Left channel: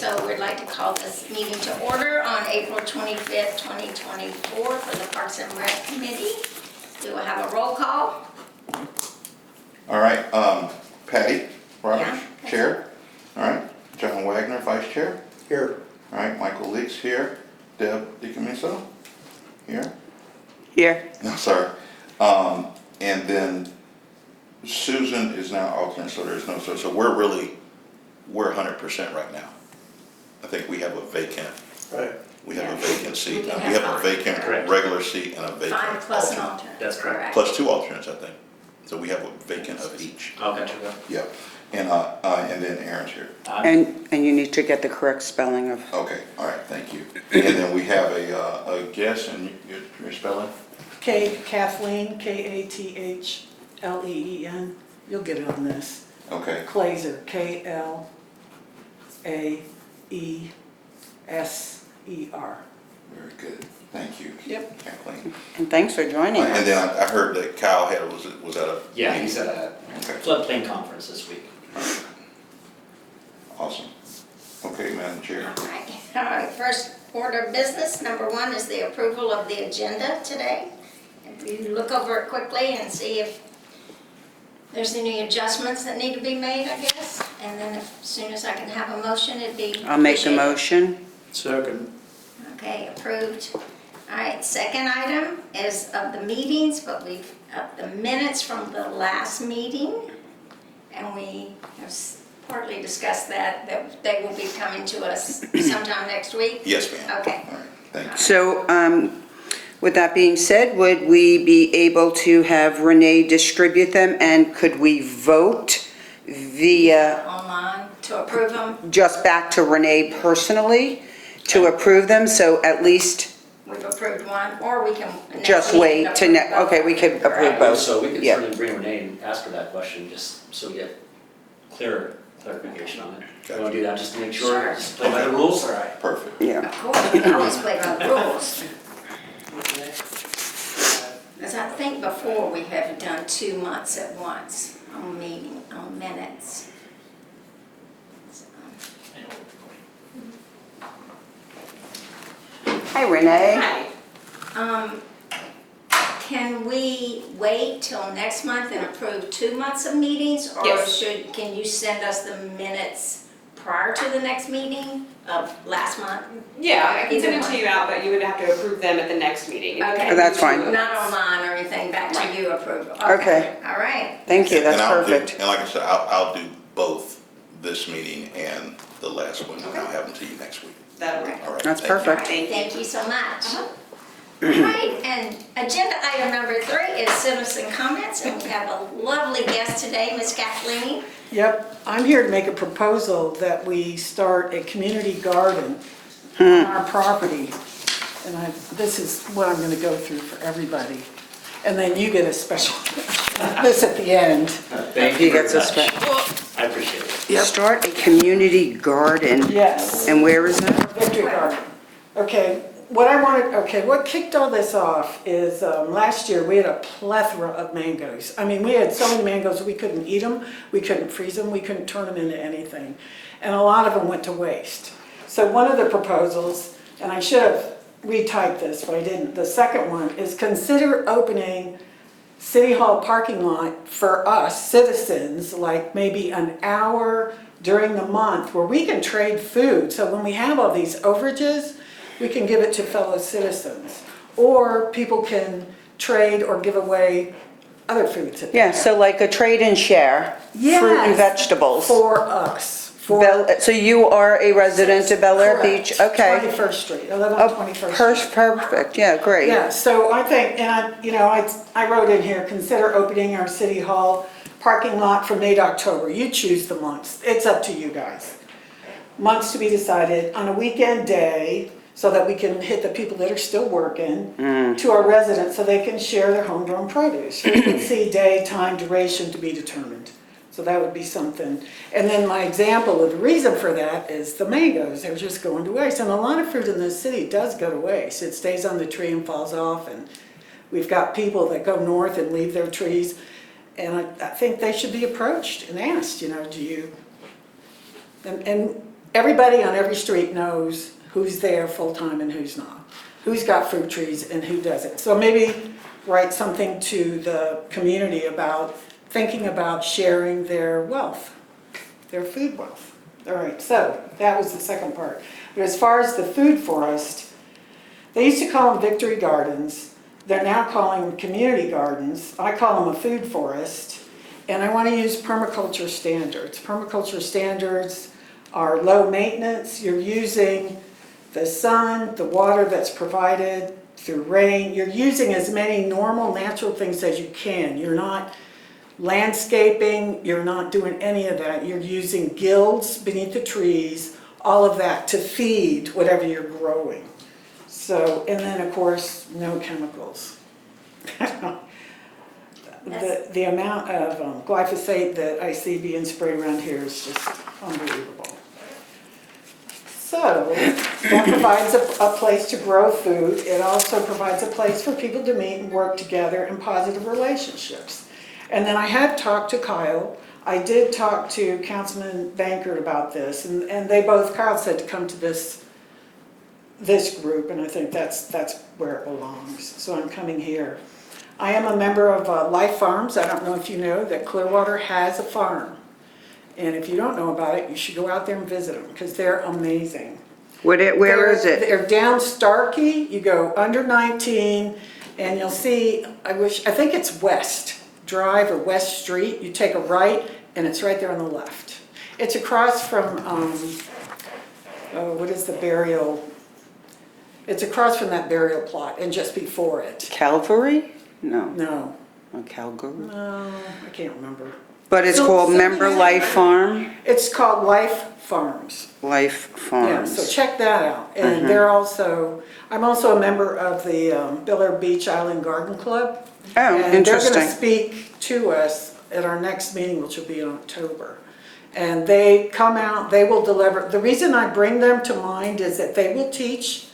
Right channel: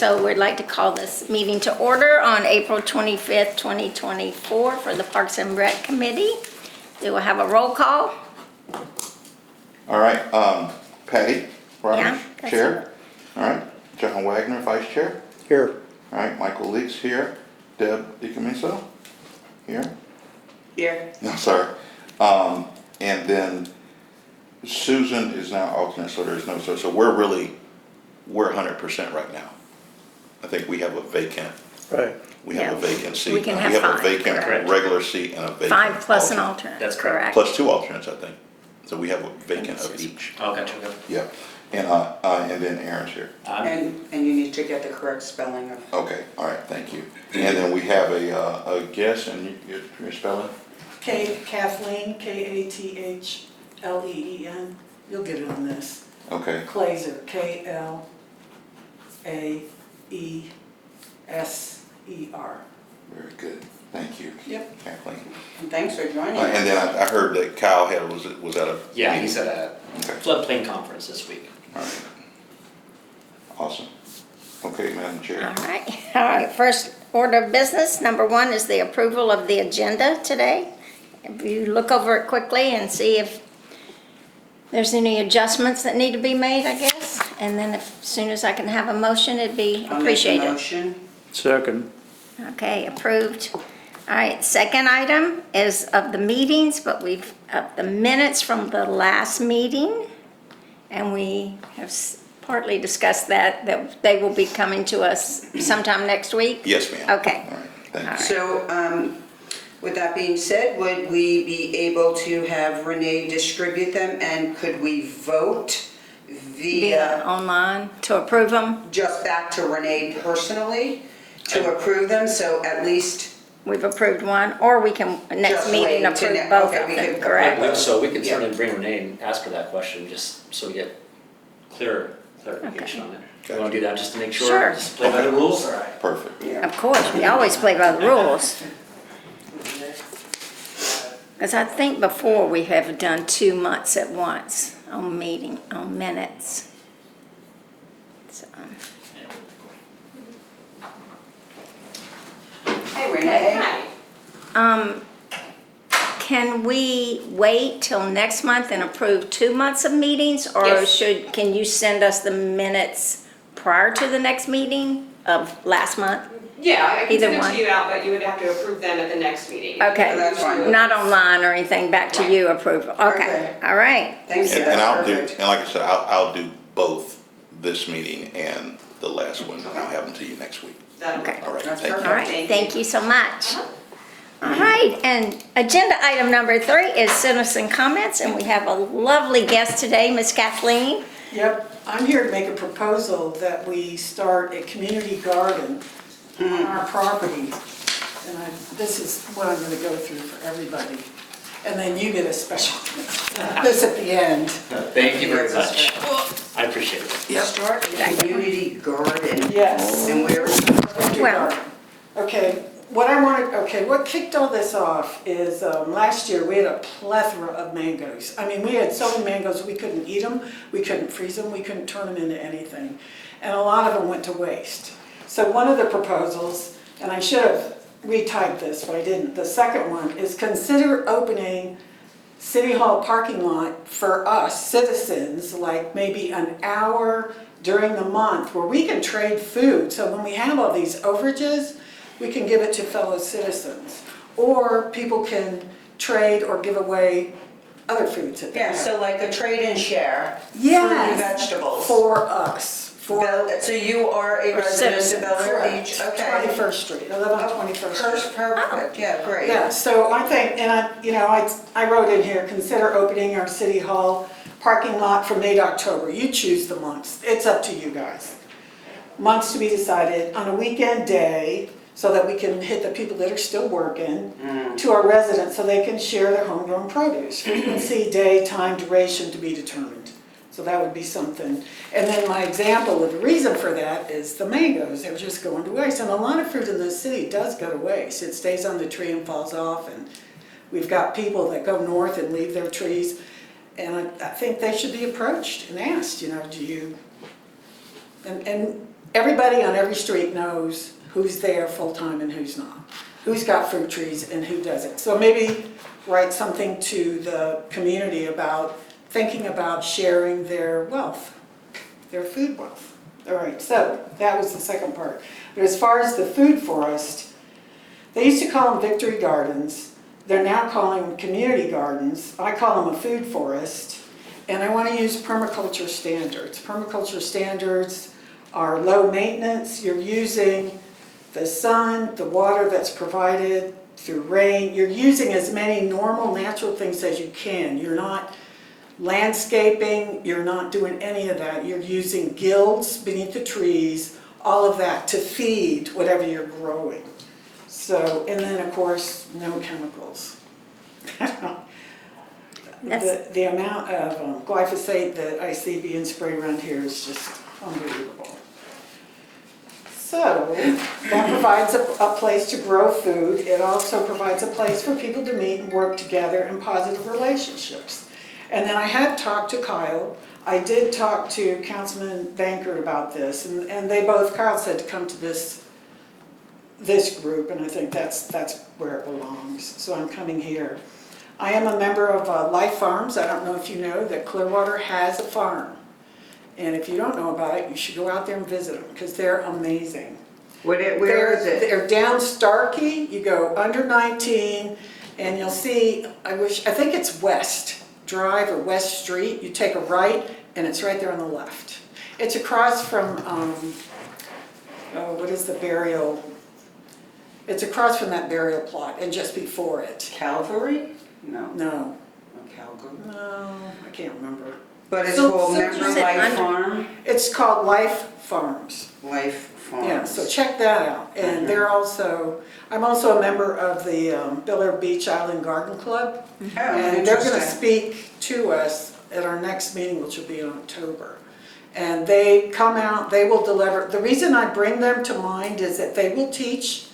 so we'd like to call this meeting to order on April 25th, 2024 for the Parks and Rec Committee. Do we have a roll call? All right, Patty Roberts, Yeah, that's Chair. All right, John Wagner, Vice Chair. Here. All right, Michael Leaks here. Deb DiCamiso here. Here. No, sorry. And then Susan is now alternate, so there's no, so we're 100% right now. I think we have a vacant, Right. we have a Yeah. vacant seat. We can We have have a five. vacant Correct. regular seat and a vacant 5 plus an alternate. alternate. That's correct. Plus 2 alternates, I think. So we have a vacant of each. Oh, gotcha. Yeah. And then Aaron's here. And you need to get the correct spelling of. Okay, all right, thank you. And then we have a guest, and your spelling? Kathleen, Kathleen. You'll get it on this. Okay, Klaser, Klaeser. very good, thank you. Yep. Kathleen. And thanks for joining And us. then I heard that Kyle was at a. Yeah, he's at a Okay, floodplain conference this week. all right. Awesome. Okay, Madam Chair. All right, first order of business, number 1 is the approval of the agenda today. If you look over it quickly and see if there's any adjustments that need to be made, I guess. And then as soon as I can have a motion, it'd be I'll make a appreciated. motion. Second. Okay, approved. All right, second item is of the meetings, but we've, the minutes from the last meeting. And we have partly discussed that they will be coming to us sometime next week. Yes, ma'am. Okay. All right, thank you. So, with that being said, would we be able to have Renee distribute them, and could we vote via, Online to approve them. just back to Renee personally to approve them? So at least We've approved one, or we can next just meeting wait to, approve both okay, of we them, could approve correct? both. So we can Yeah. certainly bring Renee and ask her that question, just so we get clarification on it. You wanna do that just to make sure? Sure. Just play by the rules? Perfect. Yeah. Of course, we always play by the rules. As I think before, we have done 2 months at once on minutes. So, Hi, Renee. Can we wait till next month and approve 2 months of meetings? Or Yes. can you send us the minutes prior to the next meeting of last month? Yeah, I can Either send it one. to you out, but you would have to approve them at the next meeting. Okay. Oh, that's fine. Not online or anything, back to you approval? Okay. All right. Thank you, And that's I'll do, perfect. and like I said, I'll do both this meeting and the last one, and I'll have them to you next week. That'll Okay. work. All right, That's thank you. All perfect. right, thank you so much. All right, and agenda item number 3 is citizen comments, and we have a lovely guest today, Miss Kathleen. Yep, I'm here to make a proposal that we start a community garden on our property. And this is what I'm gonna go through for everybody. And then you get a special, this at the end. Thank you very He gets a much. I appreciate it. Start a community garden. Yes. And where is it? Victory Garden. Okay, what kicked all this off is last year we had a plethora of mangoes. I mean, we had so many mangoes we couldn't eat them, we couldn't freeze them, we couldn't turn them into anything. And a lot of them went to waste. So one of the proposals, and I should have retyped this, but I didn't. The second one is consider opening City Hall parking lot for us citizens, like maybe an hour during the month where we can trade food. So when we have all these overages, we can give it to fellow citizens. Or people can trade or give away other foods. that they Yeah, have. so like a trade and share. Fruit and Yes, vegetables. For us. So you are a resident of Bel Air Correct. Beach? Okay. 21st Street, I live on 21st Street. Perfect, yeah, great. Yeah, so I think, and I wrote in here, consider opening our City Hall parking lot from May to October. You choose the months. It's up to you guys. Months to be decided on a weekend day so that we can hit the people that are still working to our residents so they can share their homegrown produce. Frequency, day, time, duration to be determined. So that would be something. And then my example of the reason for that is the mangoes. They're just going to waste. And a lot of fruit in this city does go to waste. It stays on the tree and falls off. And we've got people that go north and leave their trees. And I think they should be approached and asked, do you... And everybody on every street knows who's there full-time and who's not, who's got fruit trees and who doesn't. So maybe write something to the community about thinking about sharing their wealth, their food wealth. All right, so that was the second part. But as far as the food forest, they used to call them victory gardens. They're now calling them community gardens. I call them a food forest. And I want to use permaculture standards. Permaculture standards are low maintenance. You're using the sun, the water that's provided through rain. You're using as many normal natural things as you can. You're not landscaping, you're not doing any of that. You're using gills beneath the trees, all of that to feed whatever you're growing. So, and then of course, no chemicals. The amount of glyphosate that I see being sprayed around here is just unbelievable. So that provides a place to grow food. It also provides a place for people to meet and work together in positive relationships. And then I had talked to Kyle. I did talk to Councilman Bankert about this, and they both, Kyle said to come to this group, and I think that's where it belongs. So I'm coming here. I am a member of Life Farms. I don't know if you know that Clearwater has a farm. And if you don't know about it, you should go out there and visit them because they're amazing. Where is it? They're down Starkey. You go under 19 and you'll see, I think it's West Drive or West Street. You take a right and it's right there on the left. It's across from, what is the burial? It's across from that burial plot and just before it. Calvary? No. No, Calgary. no, I can't remember. But it's So- called so Member is it Life right? Farm? It's called Life Farms. Life Farms. Yeah, so check that out. And they're also, I'm also a member of the Biller Beach Island Garden Club. Oh, And they're gonna interesting. speak to us at our next meeting, which will be in October. And they come out, they will deliver. The reason I bring them to mind is that they will teach.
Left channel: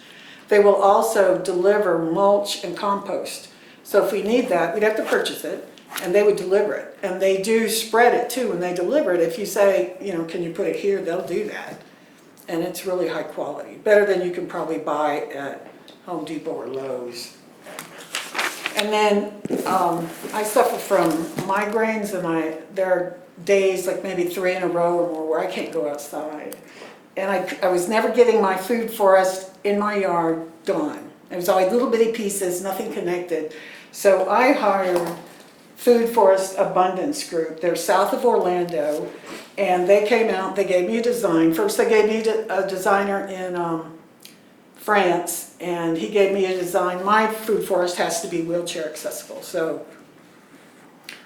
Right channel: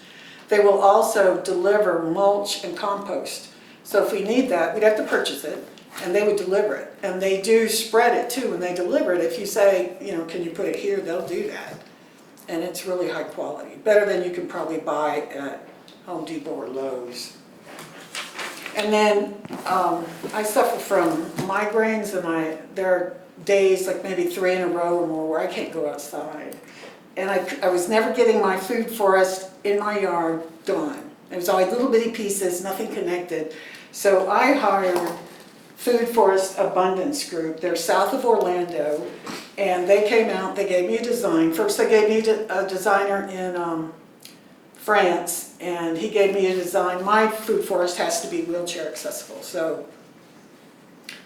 They will also deliver mulch and compost. So if we need that, we'd have to purchase it, and they would deliver it. And they do spread it too when they deliver it. If you say, can you put it here, they'll do that. And it's really high quality, better than you can probably buy at Home Depot or Lowe's. And then I suffer from migraines, and there are days, like maybe 3 in a row or more, where I can't go outside. And I was never getting my food forest in my yard done. It was always little bitty pieces, nothing connected. So I hired Food Forest Abundance Group. They're south of Orlando, and they came out, they gave me a design. First they gave me a designer in France, and he gave me a design. My food forest has to be wheelchair accessible, so,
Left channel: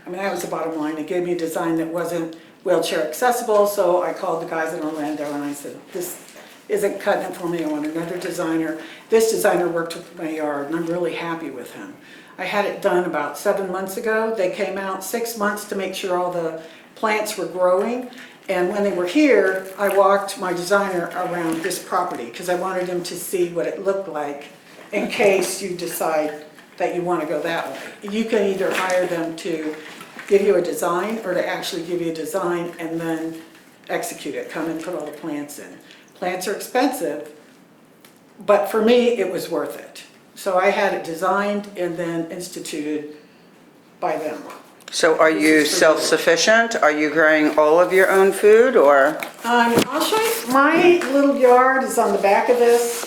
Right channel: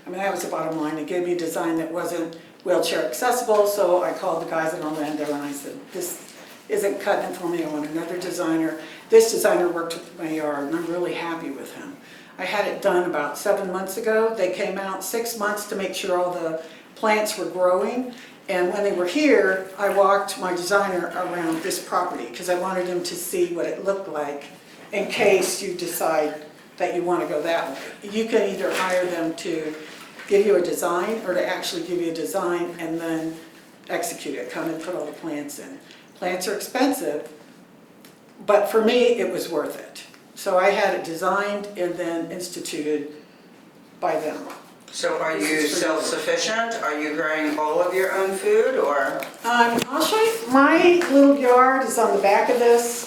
that was the bottom line. They gave me a design that wasn't wheelchair accessible, so I called the guys in Orlando and I said, this isn't cutting it for me, I want another designer. This designer worked with my yard, and I'm really happy with him. I had it done about 7 months ago. They came out 6 months to make sure all the plants were growing. And when they were here, I walked my designer around this property because I wanted him to see what it looked like in case you decide that you want to go that way. You can either hire them to give you a design or to actually give you a design and then execute it, come and put all the plants in. Plants are expensive, but for me, it was worth it. So I had it designed and then instituted by them. So are This you is for you. self-sufficient? Are you growing all of your own food, or? I'll show you, my little yard is on the back of this,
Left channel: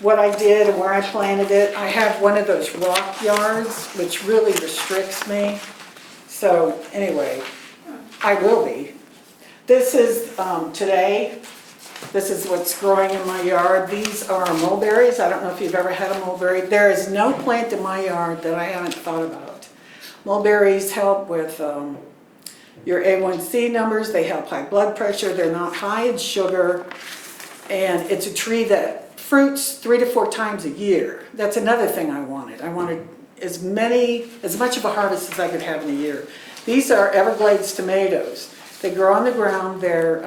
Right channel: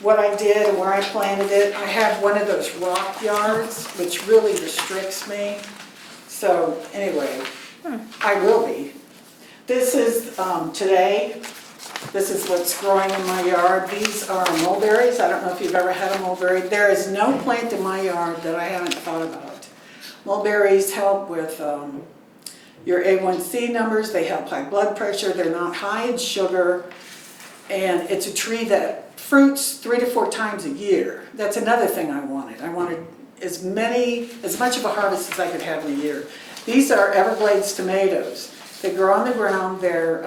what I did and where I planted it. I have one of those rock yards, which really restricts me. So anyway, I will be. This is today. This is what's growing in my yard. These are mulberries. I don't know if you've ever had a mulberry. There is no plant in my yard that I haven't thought about. Mulberries help with your A1C numbers. They help high blood pressure. They're not high in sugar. And it's a tree that fruits 3 to 4 times a year. That's another thing I wanted. I wanted as much of a harvest as I could have in a year. These are Everglades tomatoes. They grow on the ground. They're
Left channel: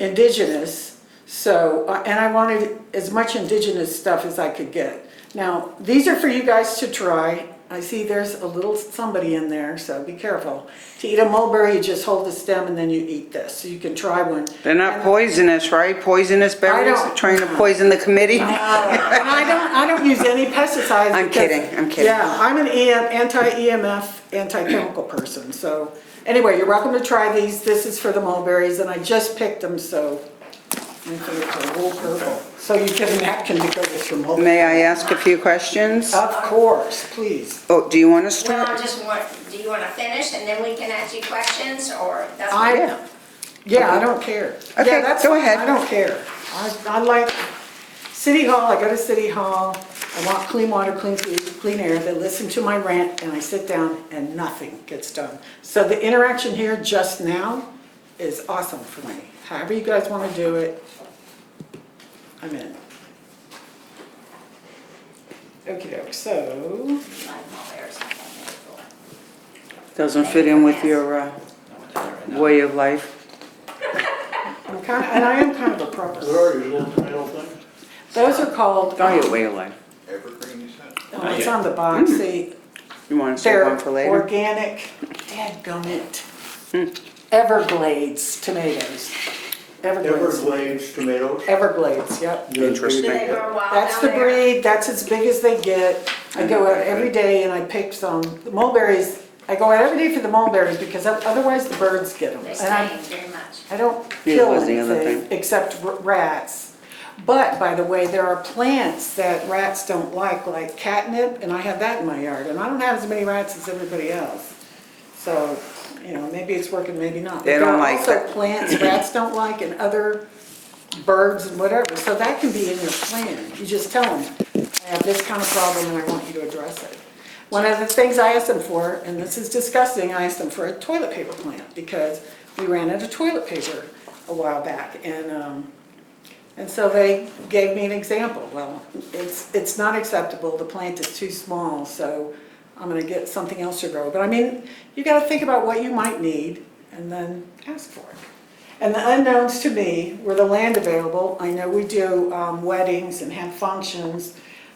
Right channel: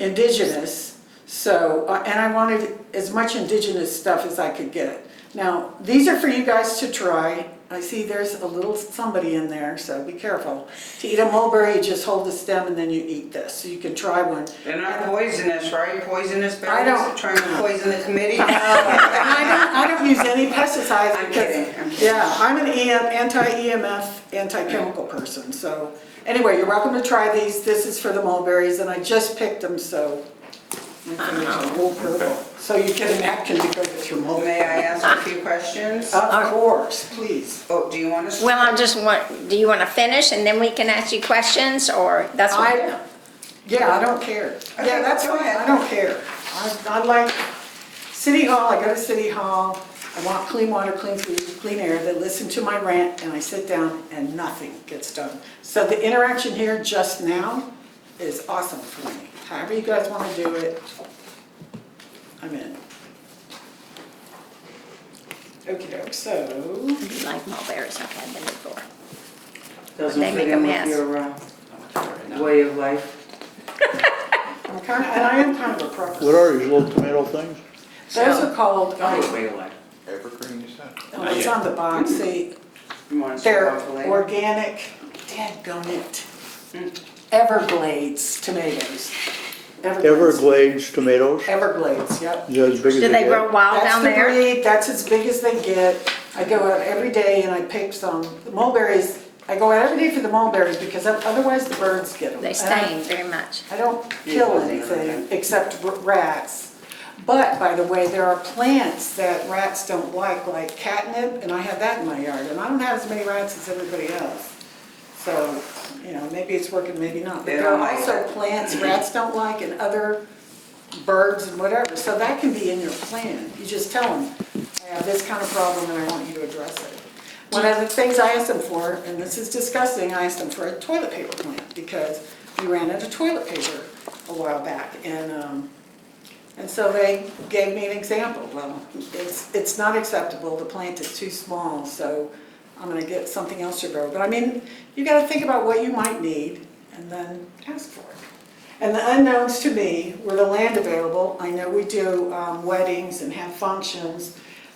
indigenous, so, and I wanted as much indigenous stuff as I could get. Now, these are for you guys to try. I see there's a little somebody in there, so be careful. To eat a mulberry, you just hold the stem and then you eat this, so you can try one. They're not poisonous, right? Poisonous berries, don't- trying to poison the committee? And I don't use any pesticides. I'm because- kidding, I'm kidding. Yeah, I'm an anti-EMF, anti-chemical person, so, anyway, you're welcome to try these, this is for the mulberries, and I just picked them, so my fingers are wool purple. So you get a napkin to go with your mulberry. May I ask a few questions? Of course, please. Oh, do you want to Well, start? I just want, do you want to finish and then we can ask you questions, or that's what you know? Yeah, I don't care. Okay, Yeah, that's go fine, ahead. I don't care. I like City Hall, I go to City Hall, I want clean water, clean food, clean air, they listen to my rant, and I sit down and nothing gets done. So the interaction here just now is awesome for me. However you guys want to do it, I'm in. Okey-doke, so, Like mulberries, I've had them before. Doesn't fit in with your I'm with that right now. way of life? I'm kind of, and I am kind of a What prepper. are these little tomato things? Those are called, Oh, way of life. Evergreen, you said? oh, it's on the box, You want to save they're one for later? organic, dadgummit, Everglades tomatoes. Everglades tomatoes? Everglades, yep. Is that as big as Do they they get? grow wild That's down the there? breed, that's as big as they get. I go out every day and I pick some. The mulberries, I go out every day for the mulberries because otherwise the birds get them. They And I- stain very much. I don't Yeah, kill that's the other anything thing. except rats. But, by the way, there are plants that rats don't like catnip, and I have that in my yard. And I don't have as many rats as everybody else. So, maybe it's working, maybe not. They But don't there are like also it. plants rats don't like and other birds and whatever. So that can be in your plan. You just tell them, I have this kind of problem and I want you to address it. One of the things I asked them for, and this is disgusting, I asked them for a toilet paper plant because we ran out of toilet paper a while back. And so they gave me an example. Well, it's not acceptable, the plant is too small, so I'm gonna get something else to grow. But I mean, you gotta think about what you might need and then ask for it. And the unknowns to me were the land available. I know we do weddings and have functions.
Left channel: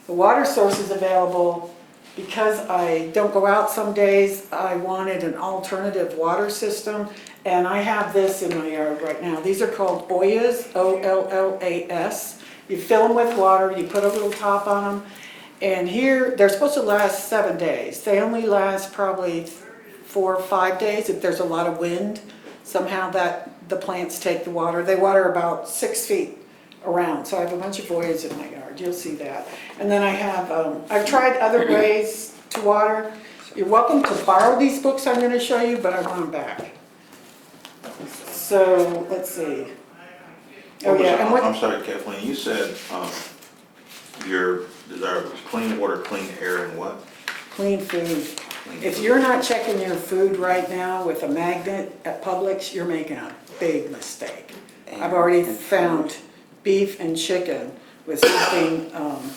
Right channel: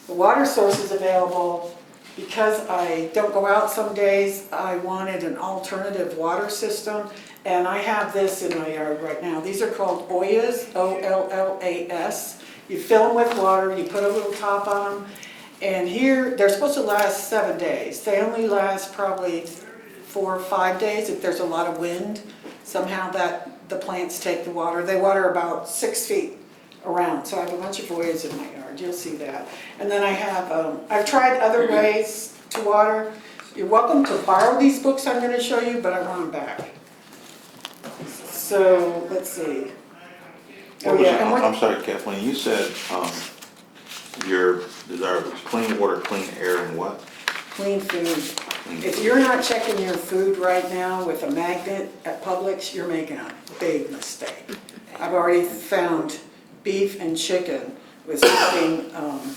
The water source is available. Because I don't go out some days, I wanted an alternative water system. And I have this in my yard right now. These are called Ollas, O-L-L-A-S. You fill them with water, you put a little top on them. And here, they're supposed to last 7 days. They only last probably 4 or 5 days if there's a lot of wind. Somehow the plants take the water. They water about 6 feet around. So I have a bunch of Ollas in my yard, you'll see that. And then I have, I've tried other ways to water. You're welcome to borrow these books I'm gonna show you, but I want them back. So, let's see. Oh, What was yeah, it? and what, I'm sorry, Kathleen, you said, your desire was clean water, clean air, and what? clean food. If you're not checking your food right now with a magnet at Publix, you're making a big mistake. I've already found beef and chicken with something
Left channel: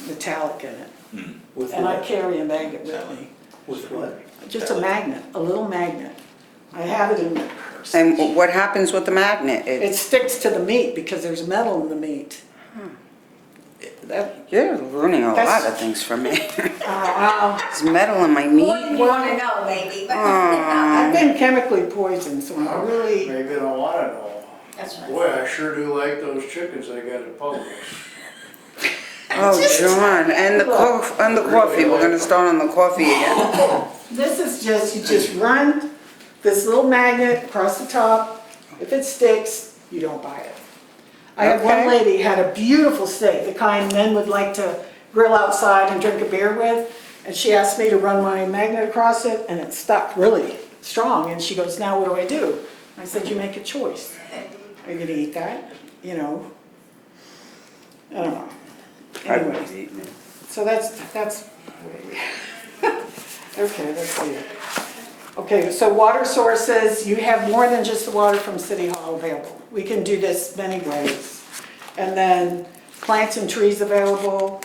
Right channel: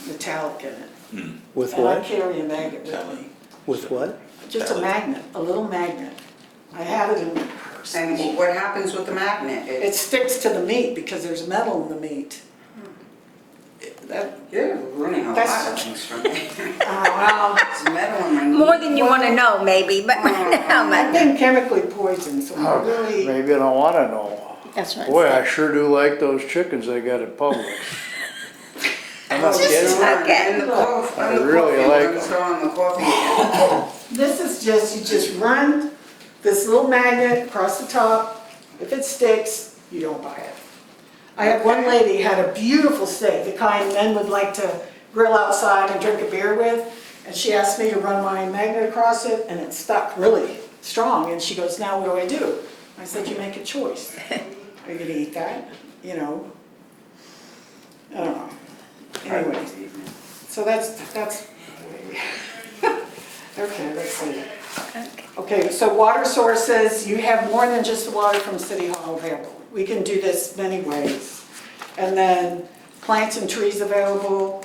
metallic in it. With And I what? carry a magnet with me. With what? Just a magnet, a little magnet. I have it in my purse. And what happens with the magnet? It sticks to the meat because there's metal in the meat. That, You're ruining a lot That's- of things for me. well, There's metal in my More meat. than you want to know, maybe, but I've been chemically poisoned, so I really, Maybe I don't wanna know. that's right. Boy, I sure do like those chickens they got at Publix. Oh, get 'em on. And the coffee, I really we're like gonna 'em. start on the coffee again. this is just, you just run this little magnet across the top. If it sticks, you don't buy it. I had one Okay. lady had a beautiful steak, the kind men would like to grill outside and drink a beer with. And she asked me to run my magnet across it and it stuck really strong. And she goes, now what do I do? I said, you make a choice. Are you gonna eat that? I don't know. Anyway, so that's, okay, let's see. Okay, so water sources, you have more than just the water from City Hall available. We can do this many ways. And then plants and trees available.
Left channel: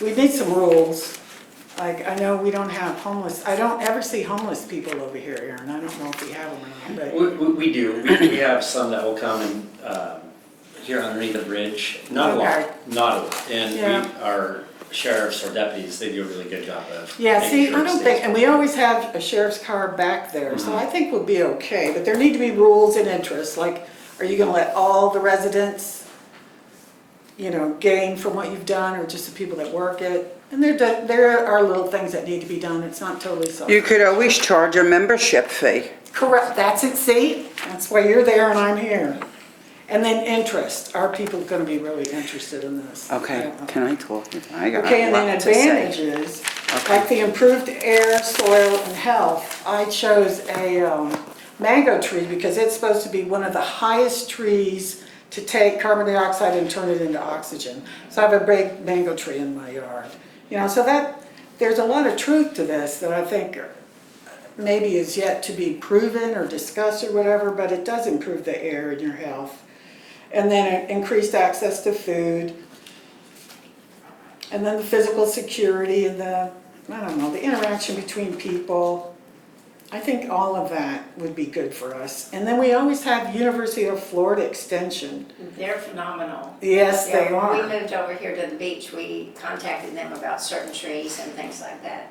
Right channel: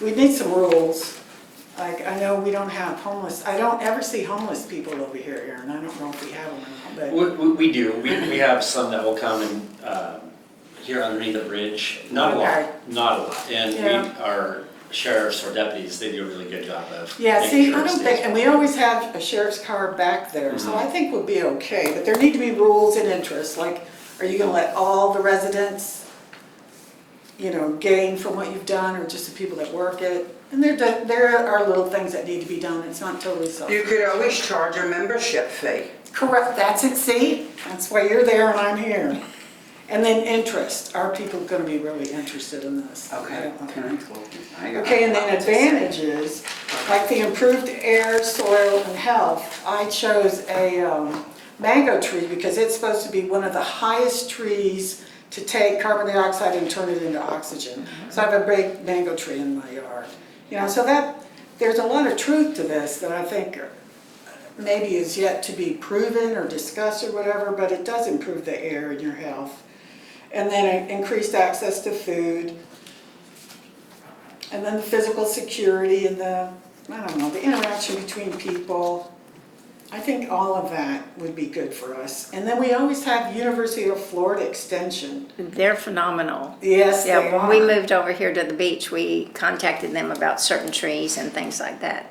We need some rules. Like, I know we don't have homeless, I don't ever see homeless people over here, Aaron. I don't know if we have them or not, but. We do, we have some that will come and, here underneath the bridge, not a Okay. lot, not a lot. And Yeah. we are sheriffs or deputies, they do a really good job of. Yeah, making see, sure I it don't stays- think, and we always have a sheriff's car back there, so I think we'll be okay. But there need to be rules and interests, like, are you gonna let all the residents, gain from what you've done, or just the people that work it? And there are little things that need to be done, it's not totally self. You could always charge a membership fee. Correct, that's it, see? That's why you're there and I'm here. And then interest, are people gonna be really interested in this? I Okay, don't know. can I talk? I got Okay, a and then lot to say. advantages, like the improved air, soil, and health, I chose a mango tree because it's supposed to be one of the highest trees to take carbon dioxide and turn it into oxygen. So I have a big mango tree in my yard. So there's a lot of truth to this that I think maybe is yet to be proven or discussed or whatever, but it does improve the air and your health. And then increased access to food. And then the physical security and the interaction between people. I think all of that would be good for us. And then we always have University of Florida Extension. They're phenomenal. Yes, they Yeah, when we are. moved over here to the beach, we contacted them about certain trees and things like that.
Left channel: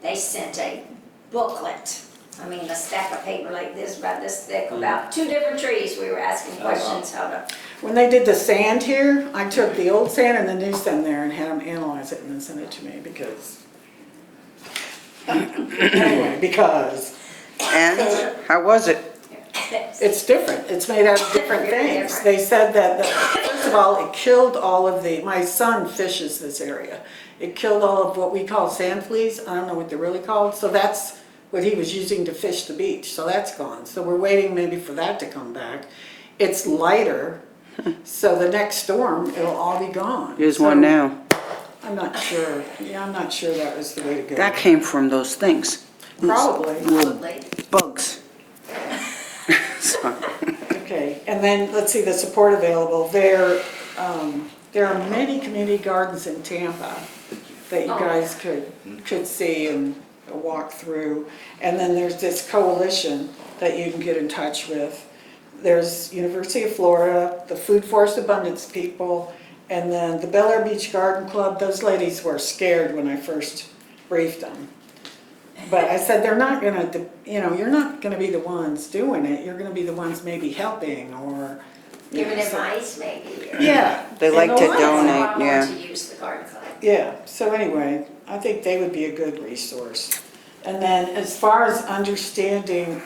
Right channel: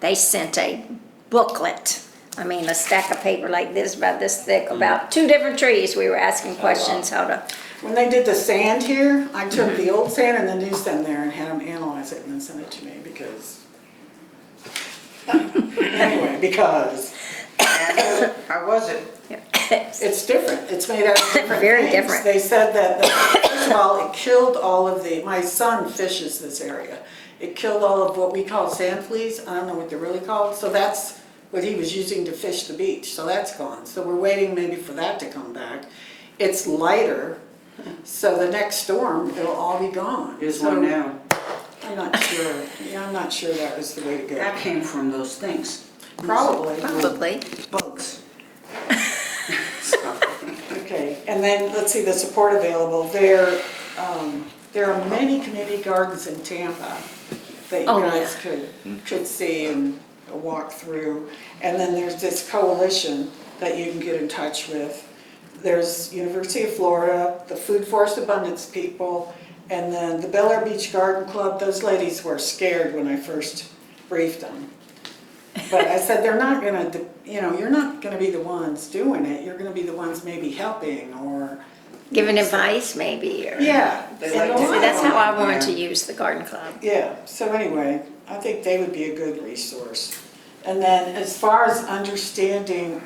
They sent a booklet. I mean, a stack of paper like this, about this thick, about 2 different trees. We were asking questions how to, When they did the sand here, I took the old sand and the new sand there and had them analyze it and then send it to me because. Anyway, because And how was it? it's different. It's made out of different Very things. different. They said that, first of all, it killed all of my son fishes this area. It killed all of what we call sand fleas. I don't know what they're really called. So that's what he was using to fish the beach. So that's gone. So we're waiting maybe for that to come back. It's lighter. So the next storm, it'll all be gone. Here's So one now. I'm not sure. Yeah, I'm not sure that was the way to go. That came from those things. Probably. probably. Bugs. Okay, and then, let's see, the support available. There are many community gardens in Tampa that you Oh, guys could see and walk through. And then there's this coalition that you can get in touch with. There's University of Florida, the Food Forest Abundance people, and then the Bel Air Beach Garden Club. Those ladies were scared when I first briefed them. But I said, they're not gonna, you're not gonna be the ones doing it, you're gonna be the ones maybe helping or. Giving so- advice maybe, or. Yeah. They and like a to lot Well, that's of- how I wanted Yeah. to use the garden club. Yeah, so anyway, I think they would be a good resource. And then as far as understanding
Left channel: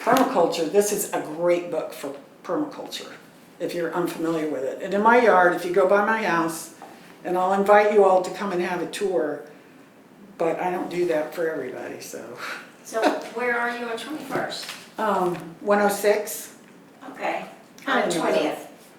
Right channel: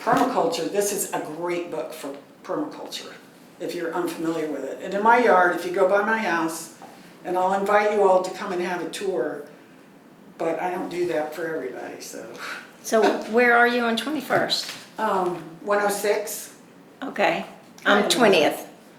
permaculture, this is a great book for permaculture, if you're unfamiliar with it. And in my yard, if you go by my house, and I'll invite you all to come and have a tour, but I don't do that for everybody, so. So where are you on 21st? 106? Okay, I on don't know. 20th.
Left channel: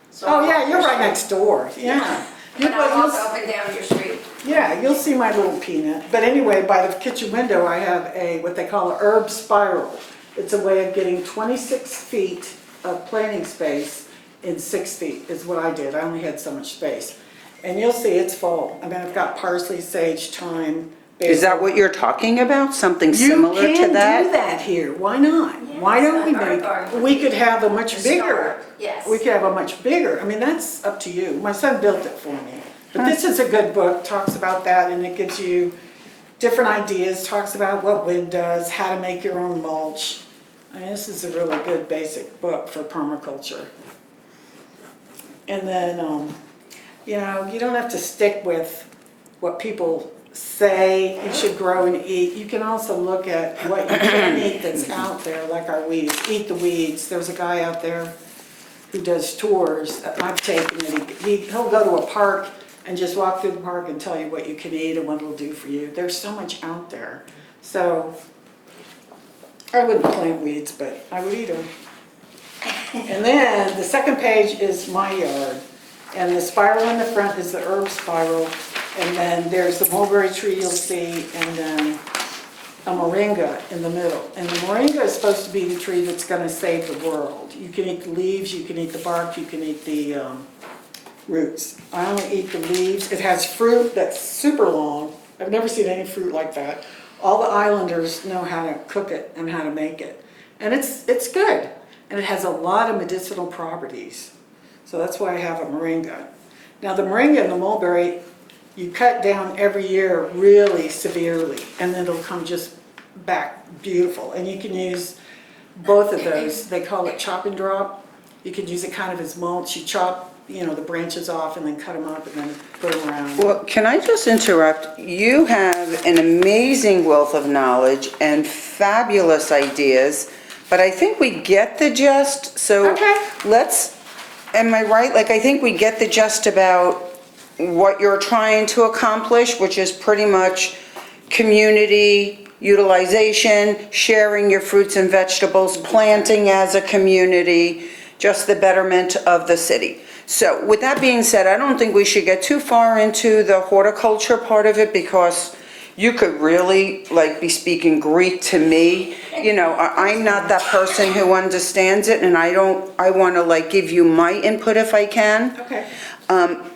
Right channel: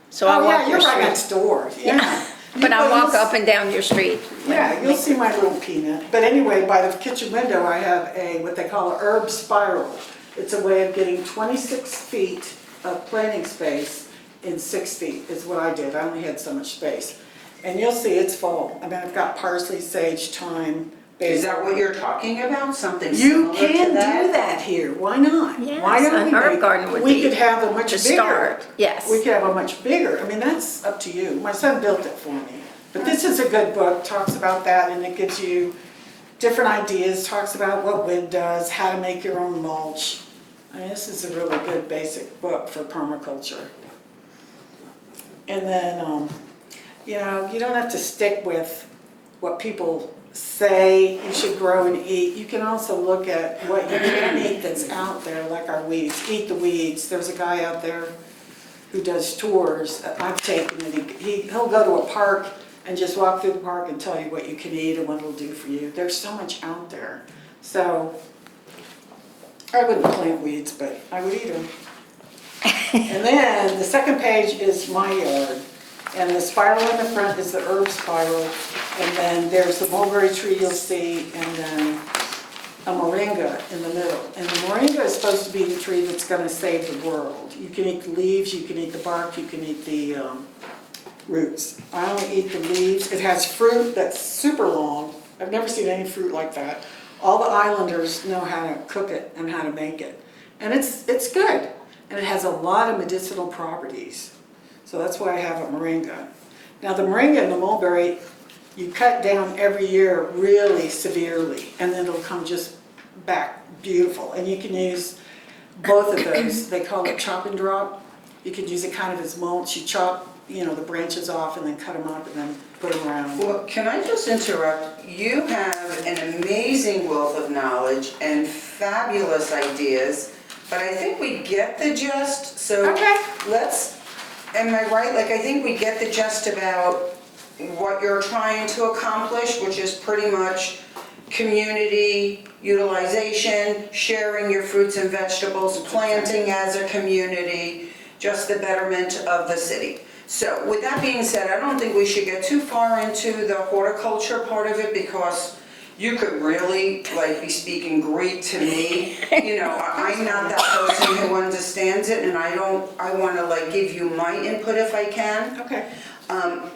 So I Oh, walk yeah, you're your right street. next door, yeah. But I you'll walk up and down your street. Yeah, you'll see my little peanut. But anyway, by the kitchen window, I have what they call a herb spiral. It's a way of getting 26 feet of planting space in 6 feet is what I did. I only had so much space. And you'll see it's full. I mean, I've got parsley, sage, thyme, basil. Is that what you're talking about? Something You similar can to that? do that here. Why not? Why Yes, don't we a herb make, garden would we be could have a much the bigger. start, yes. We could have a much bigger, I mean, that's up to you. My son built it for me. But this is a good book, talks about that, and it gives you different ideas, talks about what wood does, how to make your own mulch. I mean, this is a really good basic book for permaculture. And then, you don't have to stick with what people say you should grow and eat. You can also look at what you can eat that's out there, like our weeds. Eat the weeds. There's a guy out there who does tours that I've taken, and he'll go to a park and just walk through the park and tell you what you can eat and what it'll do for you. There's so much out there. So I wouldn't plant weeds, but I would eat them. And then the second page is my yard. And the spiral in the front is the herb spiral. And then there's the mulberry tree you'll see, and then a moringa in the middle. And the moringa is supposed to be the tree that's gonna save the world. You can eat the leaves, you can eat the bark, you can eat the roots. I only eat the leaves. It has fruit that's super long. I've never seen any fruit like that. All the islanders know how to cook it and how to make it. And it's good. And it has a lot of medicinal properties. So that's why I have a moringa. Now the moringa and the mulberry, you cut down every year really severely, and then it'll come just back beautiful. And you can use both of those. They call it chop and drop. You could use it kind of as mulch. You chop, you know, the branches off and then cut them up and then put them around. Well, can I just interrupt? You have an amazing wealth of knowledge and fabulous ideas, but I think we get the gist, so Okay. let's, am I right? Like, I think we get the gist about what you're trying to accomplish, which is pretty much community utilization, sharing your fruits and vegetables, planting as a community, just the betterment of the city. So with that being said, I don't think we should get too far into the horticulture part of it, because you could really like be speaking Greek to me. You know, I'm not that person who understands it, and I want to like give you my input if I can. Okay.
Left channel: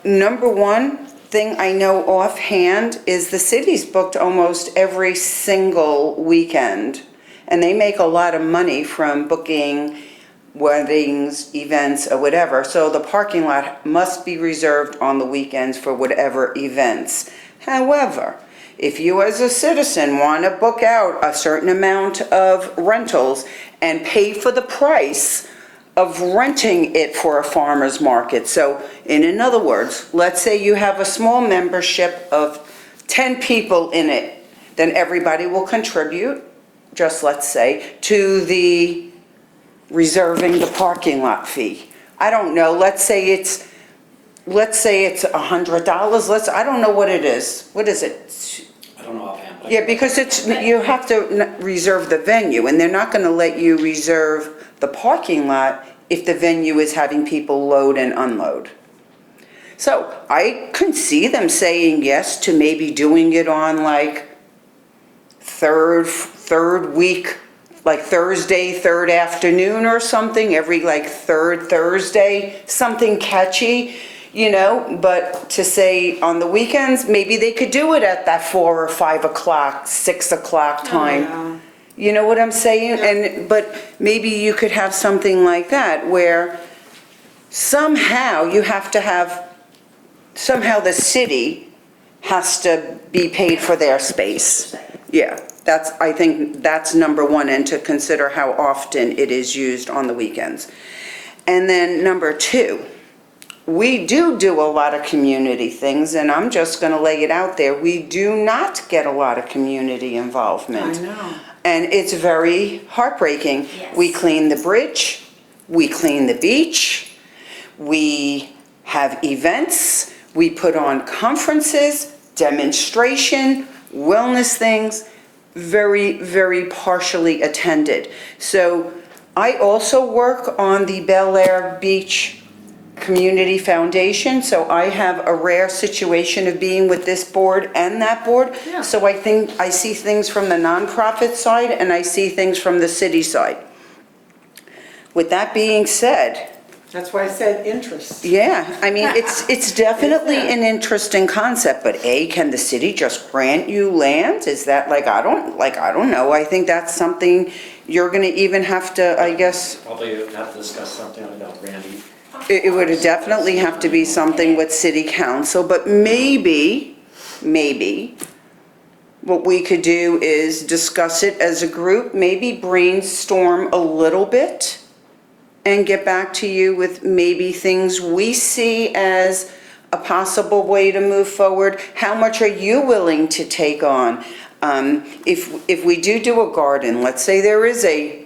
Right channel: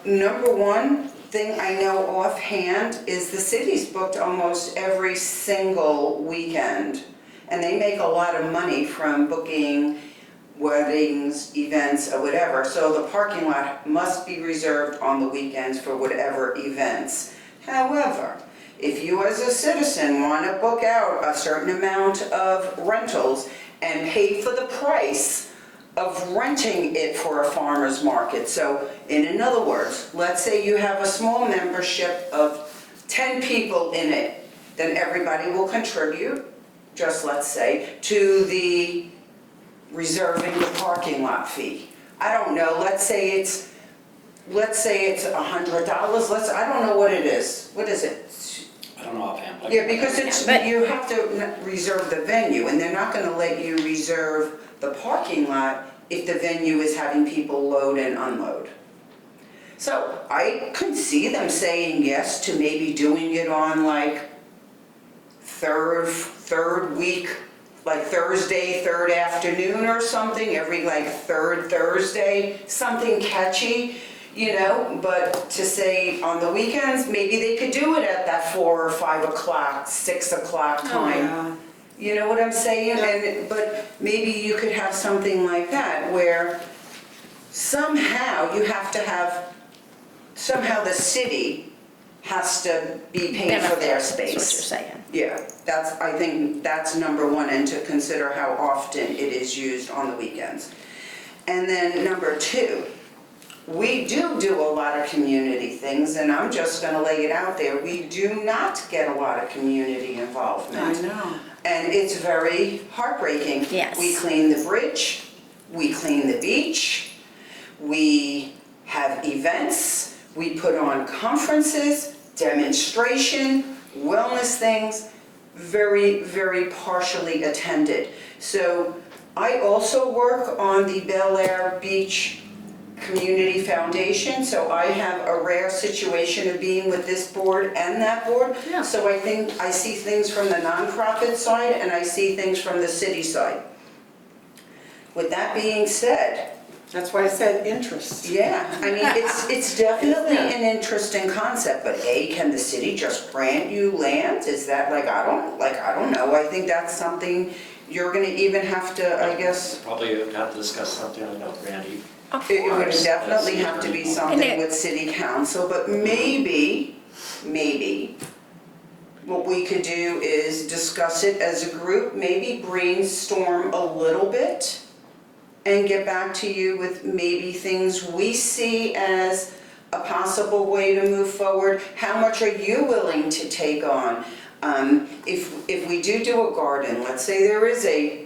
Number one thing I know offhand is the city's booked almost every single weekend, and they make a lot of money from booking weddings, events, or whatever. So the parking lot must be reserved on the weekends for whatever events. However, if you as a citizen want to book out a certain amount of rentals and pay for the price of renting it for a farmer's market. So in other words, let's say you have a small membership of 10 people in it, then everybody will contribute, just let's say, to the reserving the parking lot fee. I don't know, let's say it's $100, I don't know what it is. What is it? I don't know offhand. but- Yeah, because you have to reserve the venue, and they're not gonna let you reserve the parking lot if the venue is having people load and unload. So I could see them saying yes to maybe doing it on like third week, like Thursday, third afternoon or something, every like third Thursday, something catchy, you know, but to say on the weekends, maybe they could do it at that 4 or 5 o'clock, 6 o'clock time. Yeah. You know what I'm saying? Yeah. But maybe you could have something like that where somehow you have to have, somehow the city has to be paid for their That's what you're space. saying. Yeah, I think that's number one, and to consider how often it is used on the weekends. And then number two, we do a lot of community things, and I'm just gonna lay it out there. We do not get a lot of community involvement. I know. And it's very heartbreaking. Yes. We clean the bridge, we clean the beach, we have events, we put on conferences, demonstration, wellness things, very, very partially attended. So I also work on the Bel Air Beach Community Foundation, so I have a rare situation of being with this board and that board. Yeah. So I think I see things from the nonprofit side and I see things from the city side. With that being said, That's why I said interest. yeah, I mean, it's definitely an interesting concept, but can the city just grant you land? Is that I don't know. I think that's something you're gonna even have to, I guess, Probably have to discuss something about Randy. it would definitely have to be something with city council, but maybe, what we could do is discuss it as a group, maybe brainstorm a little bit, and get back to you with maybe things we see as a possible way to move forward. How much are you willing to take on? If we do a garden, let's say there is a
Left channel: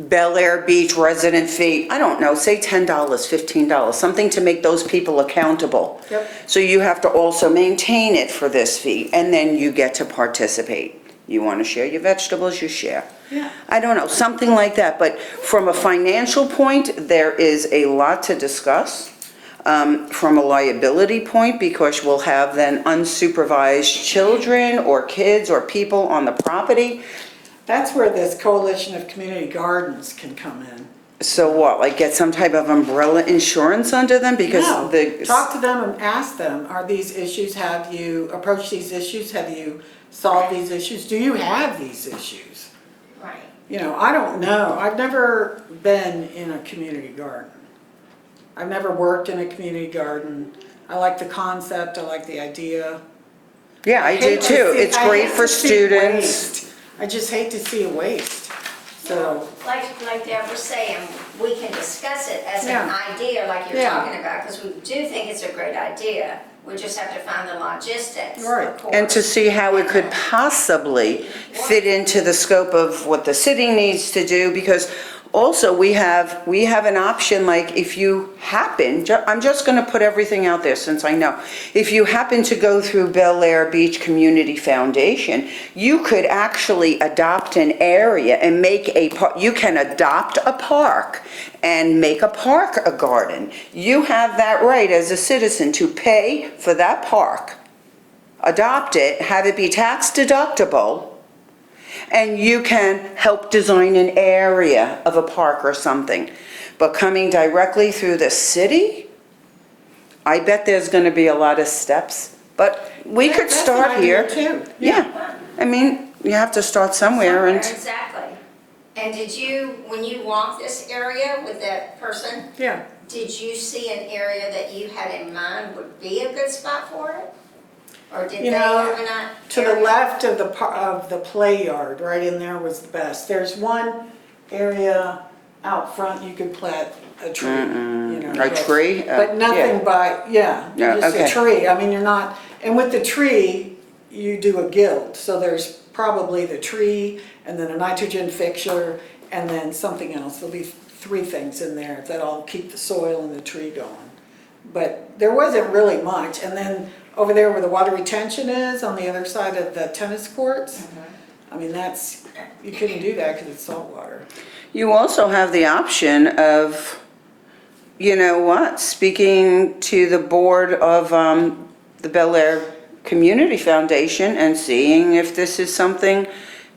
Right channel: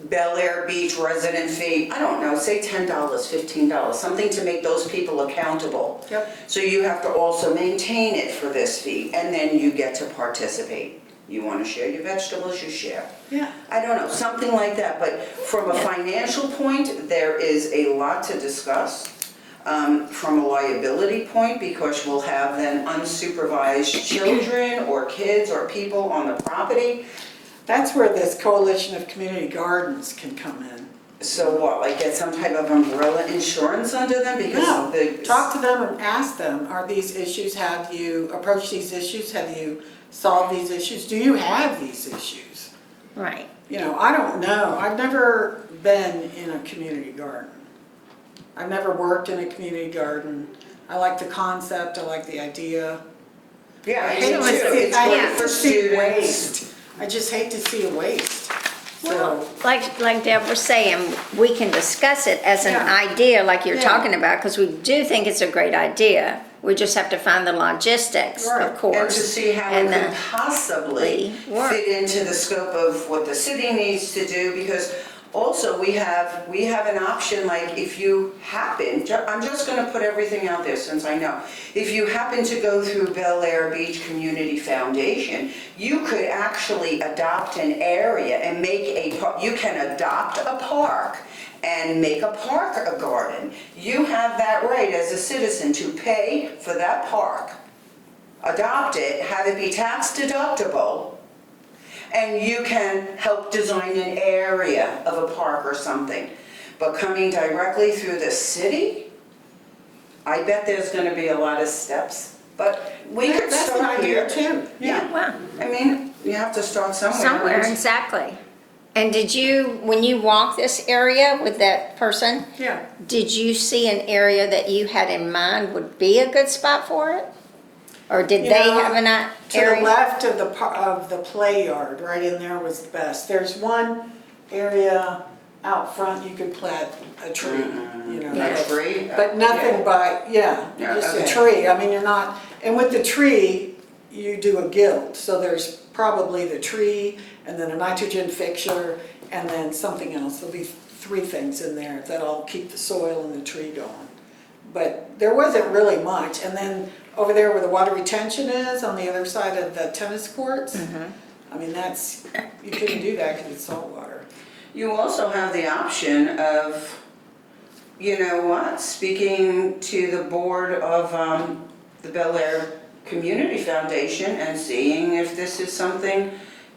Bel Air Beach resident fee, I don't know, say $10, $15, something to make those people accountable. Yep. So you have to also maintain it for this fee, and then you get to participate. You want to share your vegetables, you share. Yeah. I don't know, something like that, but from a financial point, there is a lot to discuss. From a liability point, because we'll have then unsupervised children or kids or people on the property. That's where this coalition of community gardens can come in. So what, like get some type of umbrella insurance under them because No, the. talk to them and ask them, are these issues, have you approached these issues? Have you solved these issues? Do you have these issues? Right. You know, I don't know. I've never been in a community garden. I've never worked in a community garden. I like the concept, I like the idea, Yeah, I do hate to too. see- It's I great hate for to see students. waste. I just hate to see a waste, so. Like Deb was saying, we can discuss it as an Yeah. idea like you're Yeah. talking about, because we do think it's a great idea. We just have to find the logistics, Right. of course. And to see how it And, could possibly work. fit into the scope of what the city needs to do, because also we have an option, like if you happen, I'm just gonna put everything out there since I know. If you happen to go through Bel Air Beach Community Foundation, you could actually adopt an area and make you can adopt a park and make a park a garden. You have that right as a citizen to pay for that park, adopt it, have it be tax deductible, and you can help design an area of a park or something. But coming directly through the city, I bet there's gonna be a lot of steps, but we could That's an start idea here. too. Yeah, Wow. I mean, you have to start somewhere. Somewhere, and- exactly. And did you, when you walked this area with that person, Yeah, did you see an area that you had in mind would be a good spot for it? Or did they You know, have an to the area? left of the play yard, right in there was the best. There's one area out front you could plant a tree, you know. A tree? But nothing Yeah. but, yeah, Yeah, just a okay. tree. I mean, you're not, and with the tree, you do a guild. So there's probably the tree and then a nitrogen fixture and then something else. There'll be 3 things in there that'll keep the soil and the tree going. But there wasn't really much. And then over there where the water retention is, on the other side of the tennis courts, I mean, you couldn't do that because it's salt water. You also have the option of, you know what, speaking to the board of the Bel Air Community Foundation and seeing if this is something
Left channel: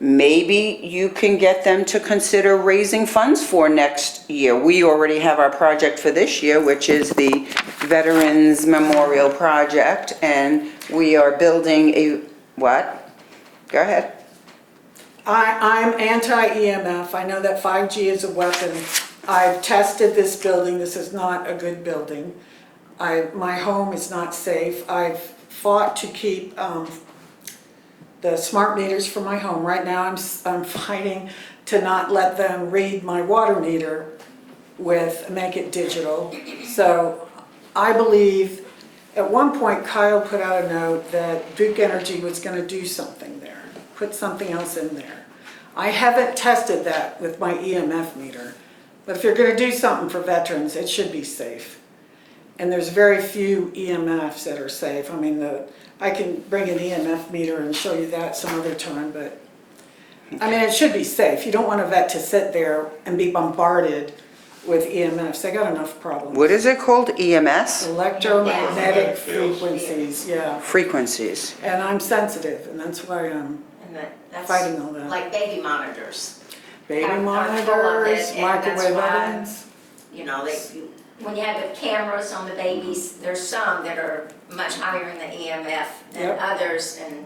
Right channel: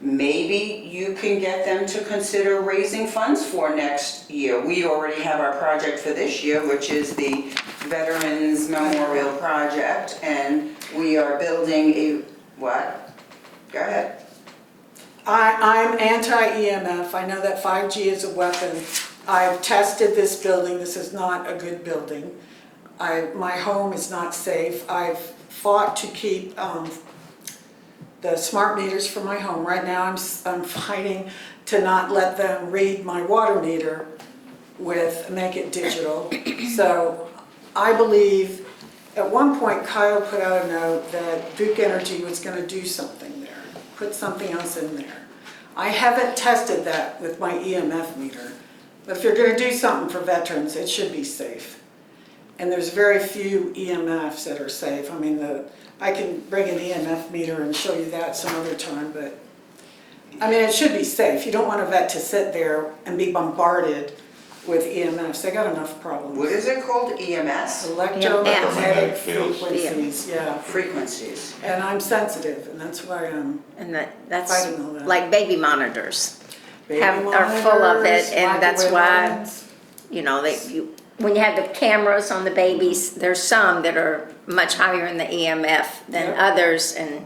maybe you can get them to consider raising funds for next year. We already have our project for this year, which is the Veterans Memorial Project, and we are building a, what? Go ahead. I'm anti-EMF. I know that 5G is a weapon. I've tested this building. This is not a good building. My home is not safe. I've fought to keep the smart meters for my home. Right now, I'm fighting to not let them read my water meter make it digital. So I believe, at one point Kyle put out a note that Duke Energy was gonna do something there, put something else in there. I haven't tested that with my EMF meter, but if you're gonna do something for veterans, it should be safe. And there's very few EMFs that are safe. I mean, I can bring an EMF meter and show you that some other time, but, I mean, it should be safe. You don't want a vet to sit there and be bombarded with EMFs. They got enough problems. What is it called, EMS? Electromagnetic Yeah. frequencies, yeah. Frequencies. And I'm sensitive, and that's why I'm And that's fighting all that. like baby monitors. baby Are full of monitors, it, and that's microwave why- ovens. You know, when you have the cameras on the babies, there's some that are much higher in the EMF than Yep. others, and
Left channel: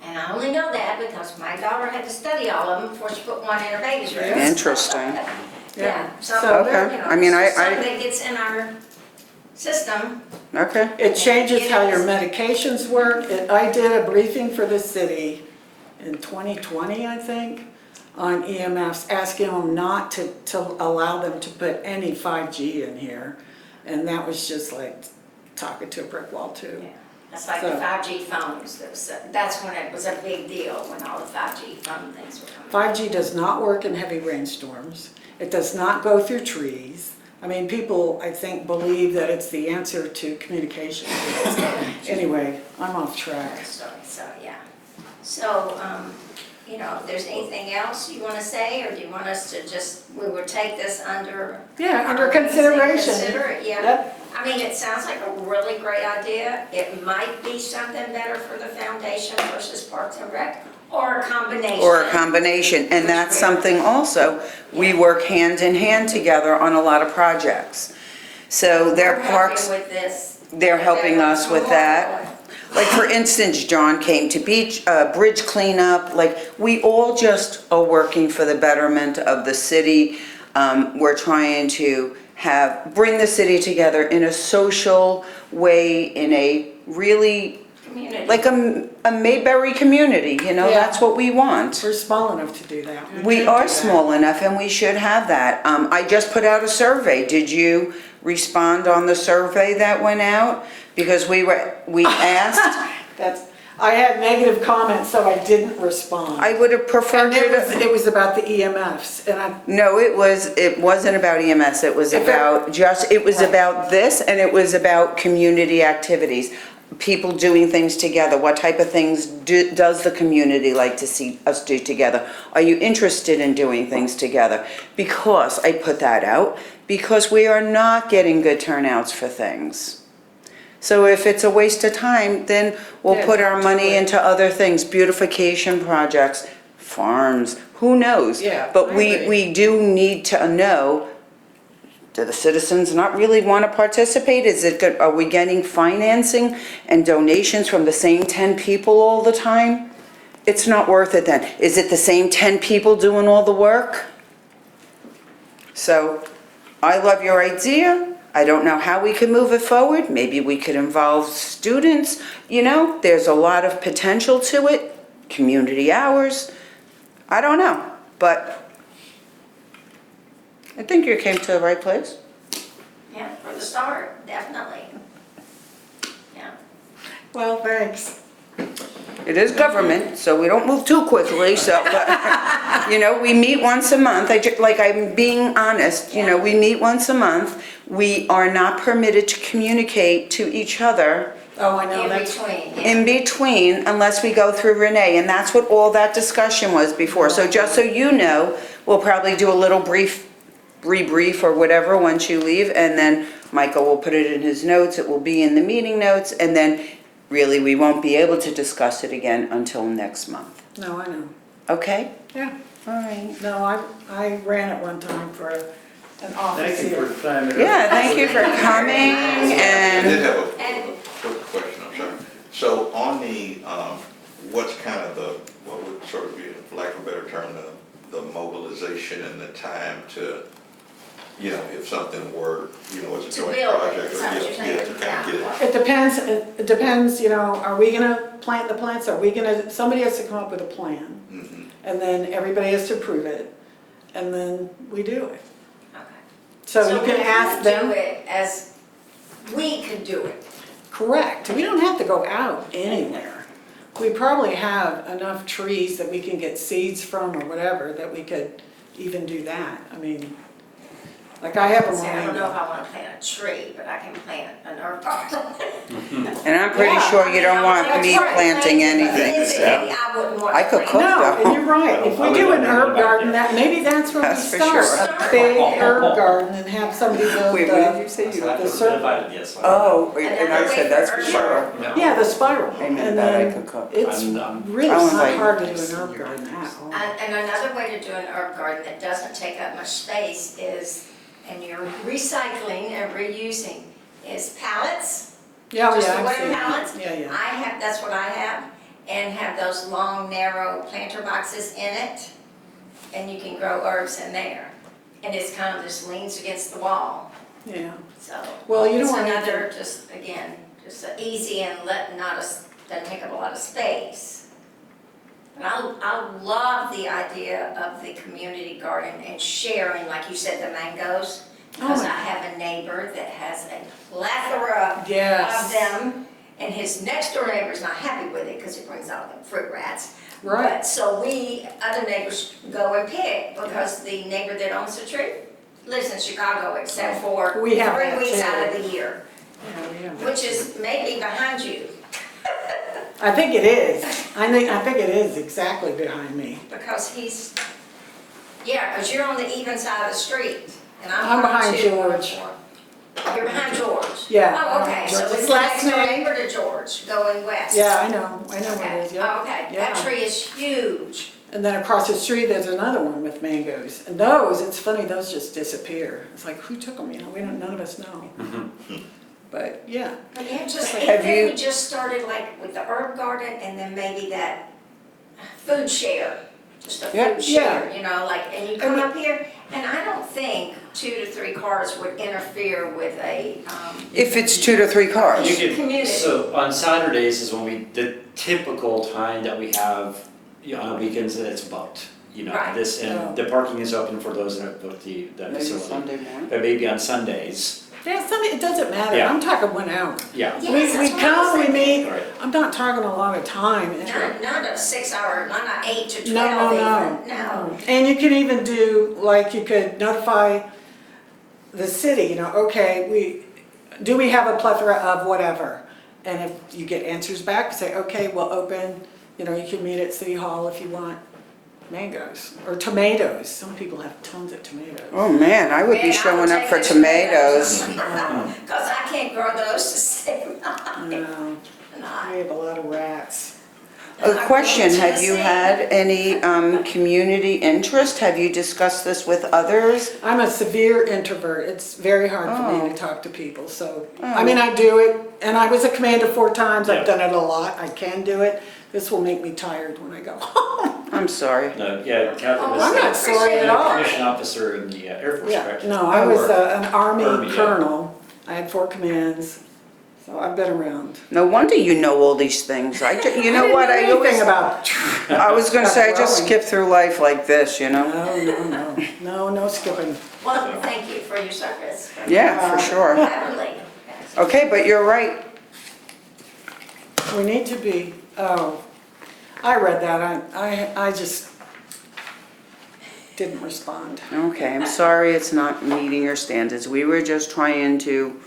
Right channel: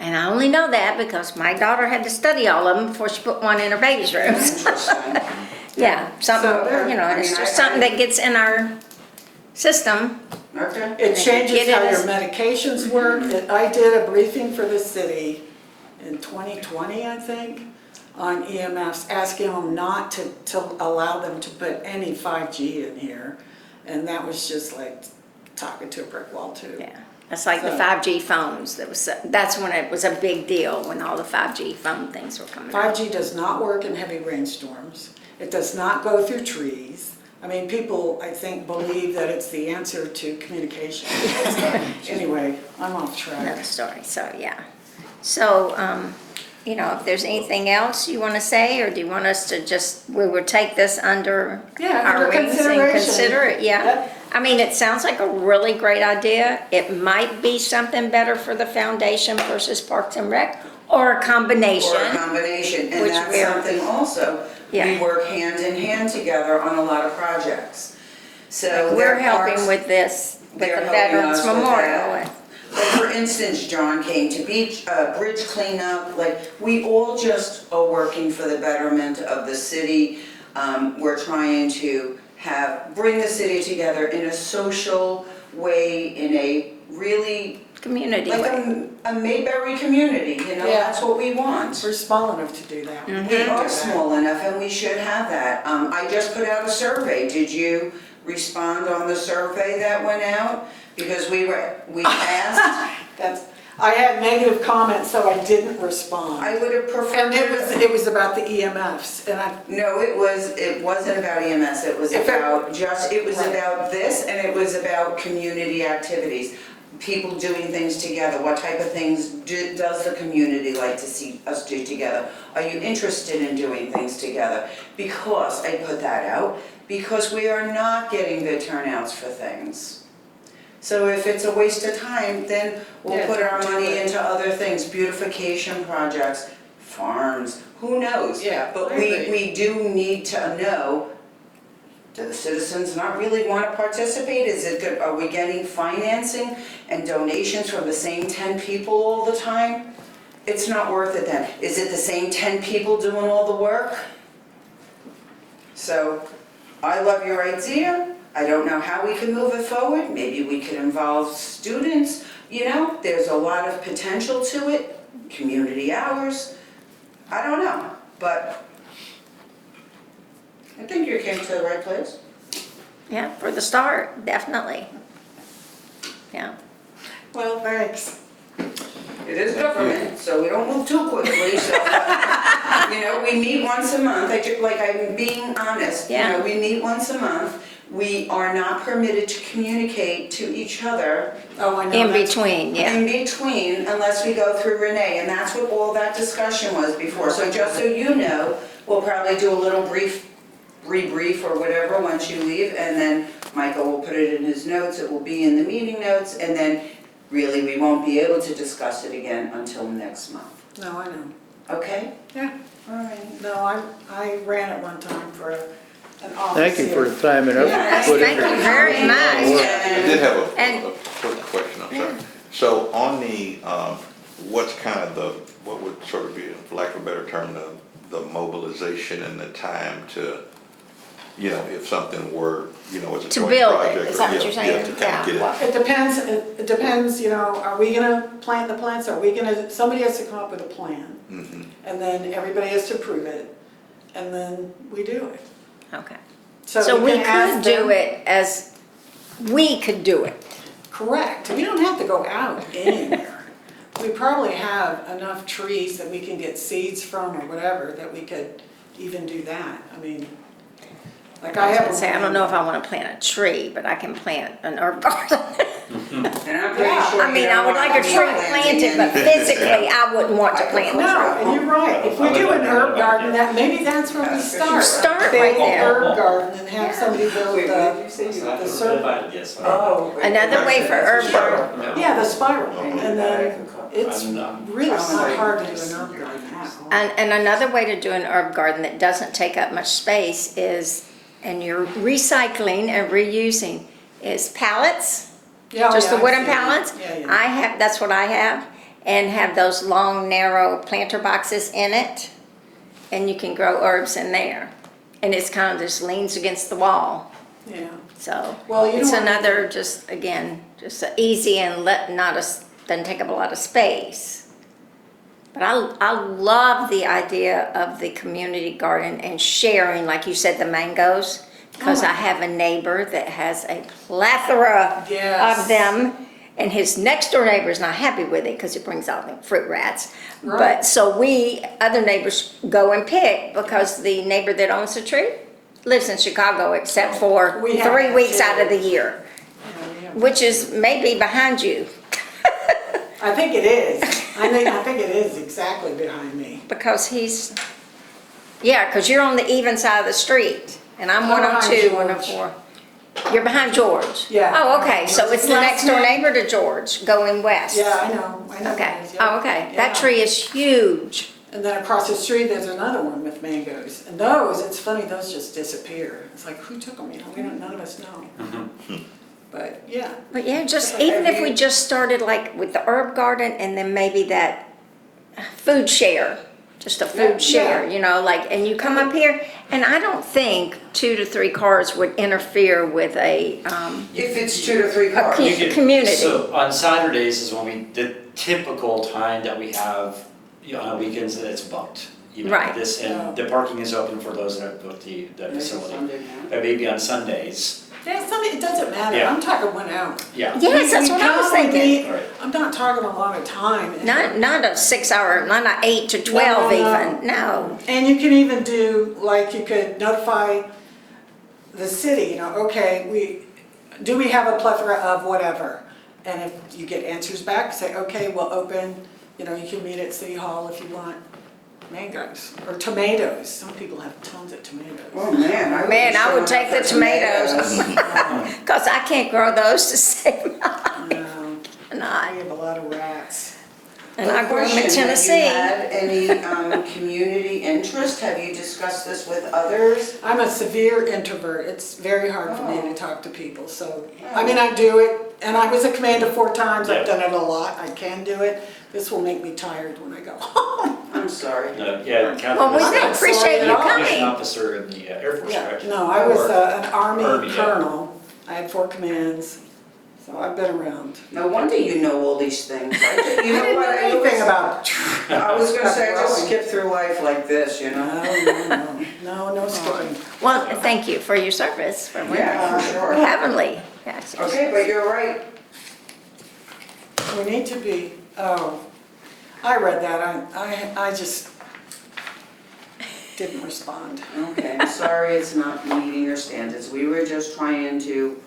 I only know that because my daughter had to study all of them before she put one in her baby's room. Interesting. Yeah, something, So there- you know, I mean, it's just I- something that gets in our system. Okay. It changes It how your is. medications work. I did a briefing for the city in 2020, I think, on EMFs, asking them not to allow them to put any 5G in here. And that was just like talking to a brick wall too. Yeah, that's like the So- 5G phones. That's when it was a big deal, when all the 5G phone things were coming. 5G does not work in heavy rainstorms. It does not go through trees. I mean, people, I think, believe that it's the answer to communication. Anyway, I'm off track. Another story, so, yeah. So, you know, if there's anything else you want to say, or do you want us to we would take this under Yeah, our under wings and consideration. Consider it, yeah. Yep. I mean, it sounds like a really great idea. It might be something better for the foundation versus Parks and Rec, or a combination. Or a combination, and Which that's we're- something also, we Yeah. work hand in hand together on a lot of projects. So We're their helping parks, with this. they're the helping Veterans us with Memorial. that. Like for instance, John came to bridge cleanup, like we all just are working for the betterment of the city. We're trying to bring the city together in a social way, in a really community. like a Mayberry community, you know, Yeah. that's what we want. We're small enough to do that. We can are do that. small enough and we should have that. I just put out a survey. Did you respond on the survey that went out? Because we asked, I had negative comments, so I didn't respond. I would have preferred And to. it was about the EMFs, and No, it wasn't about EMS, it was If it- it was Right. about this and it was about community activities. People doing things together, what type of things does the community like to see us do together? Are you interested in doing things together? Because, I put that out, because we are not getting good turnouts for things. So if it's a waste of time, then we'll Yeah, put our don't do money it. into other things, beautification projects, farms, who knows? Yeah, But I we agree. do need to know, do the citizens not really want to participate? Is it good, are we getting financing and donations from the same 10 people all the time? It's not worth it then. Is it the same 10 people doing all the work? So, I love your idea. I don't know how we can move it forward. Maybe we could involve students. You know, there's a lot of potential to it, community hours. I don't know, but I think you came to the right place. Yeah, for the start, definitely. Yeah. well, thanks. It is government, so we don't move too quickly, so, you know, we meet once a month. I'm being honest, you know, Yeah. we meet once a month. We are not permitted to communicate to each other Oh, I know, In that's, between, yeah. in between unless we go through Renee, and that's what all that discussion was before. So just so you know, we'll probably do a little rebrief or whatever once you leave, and then Michael will put it in his notes, it will be in the meeting notes, and then really we won't be able to discuss it again until next month. no, I know. Okay? Yeah, All right. no, I ran it one time for an office Thank you for here. timing up. Yeah, thank you for Thank you very coming. much. I did And have And- a quick question, I'm sorry. So on the, what's kind of the, what would sort of be, for lack of a better term, the mobilization and the time to, you know, if something were, you know, it's a To joint build it, project. is or that what yeah, you're saying? Yeah, to kind of get it. It depends, you know, are we gonna plant the plants, are we gonna, somebody has to come up with a plan, Mhm. and then everybody has to approve it, and then we do it. Okay. So you we can ask could do them. it as, we could do it. Correct, we don't have to go out anywhere. We probably have enough trees that we can get seeds from or whatever, that we could even do that. I mean, like I have a. Say, I don't know if I want to plant a tree, but I can plant an herb garden. and I'm pretty Yeah, sure I you mean, I don't would want like me to try planting planting, but anything. physically, I wouldn't want I to could plant. cook No, and you're right, if we do an herb garden, that, maybe that's where we That's for start. sure. Start A big right there. herb garden and have somebody build Wait, what did the, you say? So after The we're circle. divided, yes. Oh. Another way for herb garden. Yeah. yeah, the spiral. I knew And that I then could cook. it's I'm- really I was not like- hard to do an herb garden at all. And another way to do an herb garden that doesn't take up much space is, and you're recycling and reusing, is pallets. Yeah, Just yeah, the I've wooden seen that. pallets? Yeah, yeah. I have, that's what I have, and have those long, narrow planter boxes in it, and you can grow herbs in there. And it's kind of just leans against the wall, Yeah. so. Well, you It's don't want another, just, again, just a easy and doesn't take up a lot of space. But I love the idea of the community garden and sharing, like you said, the mangoes. Because my I have a neighbor that has a plethora Yes. of them, and his next door neighbor is not happy with it because it brings out like fruit rats. Right. But so we, other neighbors, go and pick because the neighbor that owns the tree lives in Chicago except for We have 3 that weeks too. out of the year, Yeah, we have- which is maybe behind you I think it is. I think it is exactly behind me. because he's, yeah, because you're on the even side of the street, and I'm I'm 102, behind 104. You're behind George? Yeah, Oh, I'm okay, behind so George. it's His the last next door name- neighbor to George, going west? Yeah, I know what Okay, it is, yeah. oh, okay, Yeah. that tree is huge. And then across the street, there's another one with mangoes. And those, it's funny, those just disappear. It's like, who took them, you know, none of us know. But, yeah. But yeah, just, Have even if you- we just started like with the herb garden and then maybe that food share, just a Yeah. food share, you know, like, and you come up here, and I don't think 2 to 3 cars would interfere with a, If it's 2 to 3 cars. You could- community. So on Saturdays is when the typical time that we have, you know, on weekends, and it's booked. You know, Right. this, Oh. and the parking is open for those that have booked the facility. But maybe on Sundays, Yeah, Sunday, it doesn't matter, Yeah. I'm talking 1 hour. yeah. yes, that's We what I was come, we thinking. meet, Right. I'm not talking a lot of time. and- Not a 6 hour, not 8 to 12 even, no. And you can even do, like, you could notify the city, you know, okay, do we have a plethora of whatever? And if you get answers back, say, okay, we'll open, you know, you can meet at City Hall if you want mangoes, or tomatoes, some people have tons of tomatoes. Oh, man, I would be Man, I showing would up take for the tomatoes. Cause I can't grow those to save my No, and we have a lot of rats. and A I grew question, in have you Tennessee. had any community interest? Have you discussed this with others? I'm a severe introvert. It's very hard for me Oh. to talk to people, so, I mean, I do it, and I was a commander 4 times, I've Yeah. done it a lot, I can do it. This will make me tired when I go home. I'm sorry. No, yeah, Catherine Well, was we I'm not the sorry appreciate at you all. commission coming. officer in the Air Force, Yeah, correct? no, I was Or- an Army Army, yeah. colonel, I had 4 commands, so I've been around. No wonder you know all these things. You know what? I didn't know anything always- about, I was gonna say, I just growing. skip through life like this, you know? no skipping. Well, thank you for your service. Yeah, for sure. Heavenly. Yes. Okay, but you're right. We need to be, oh, I read that, I just didn't respond. Okay, I'm sorry it's not meeting your standards. We were just trying to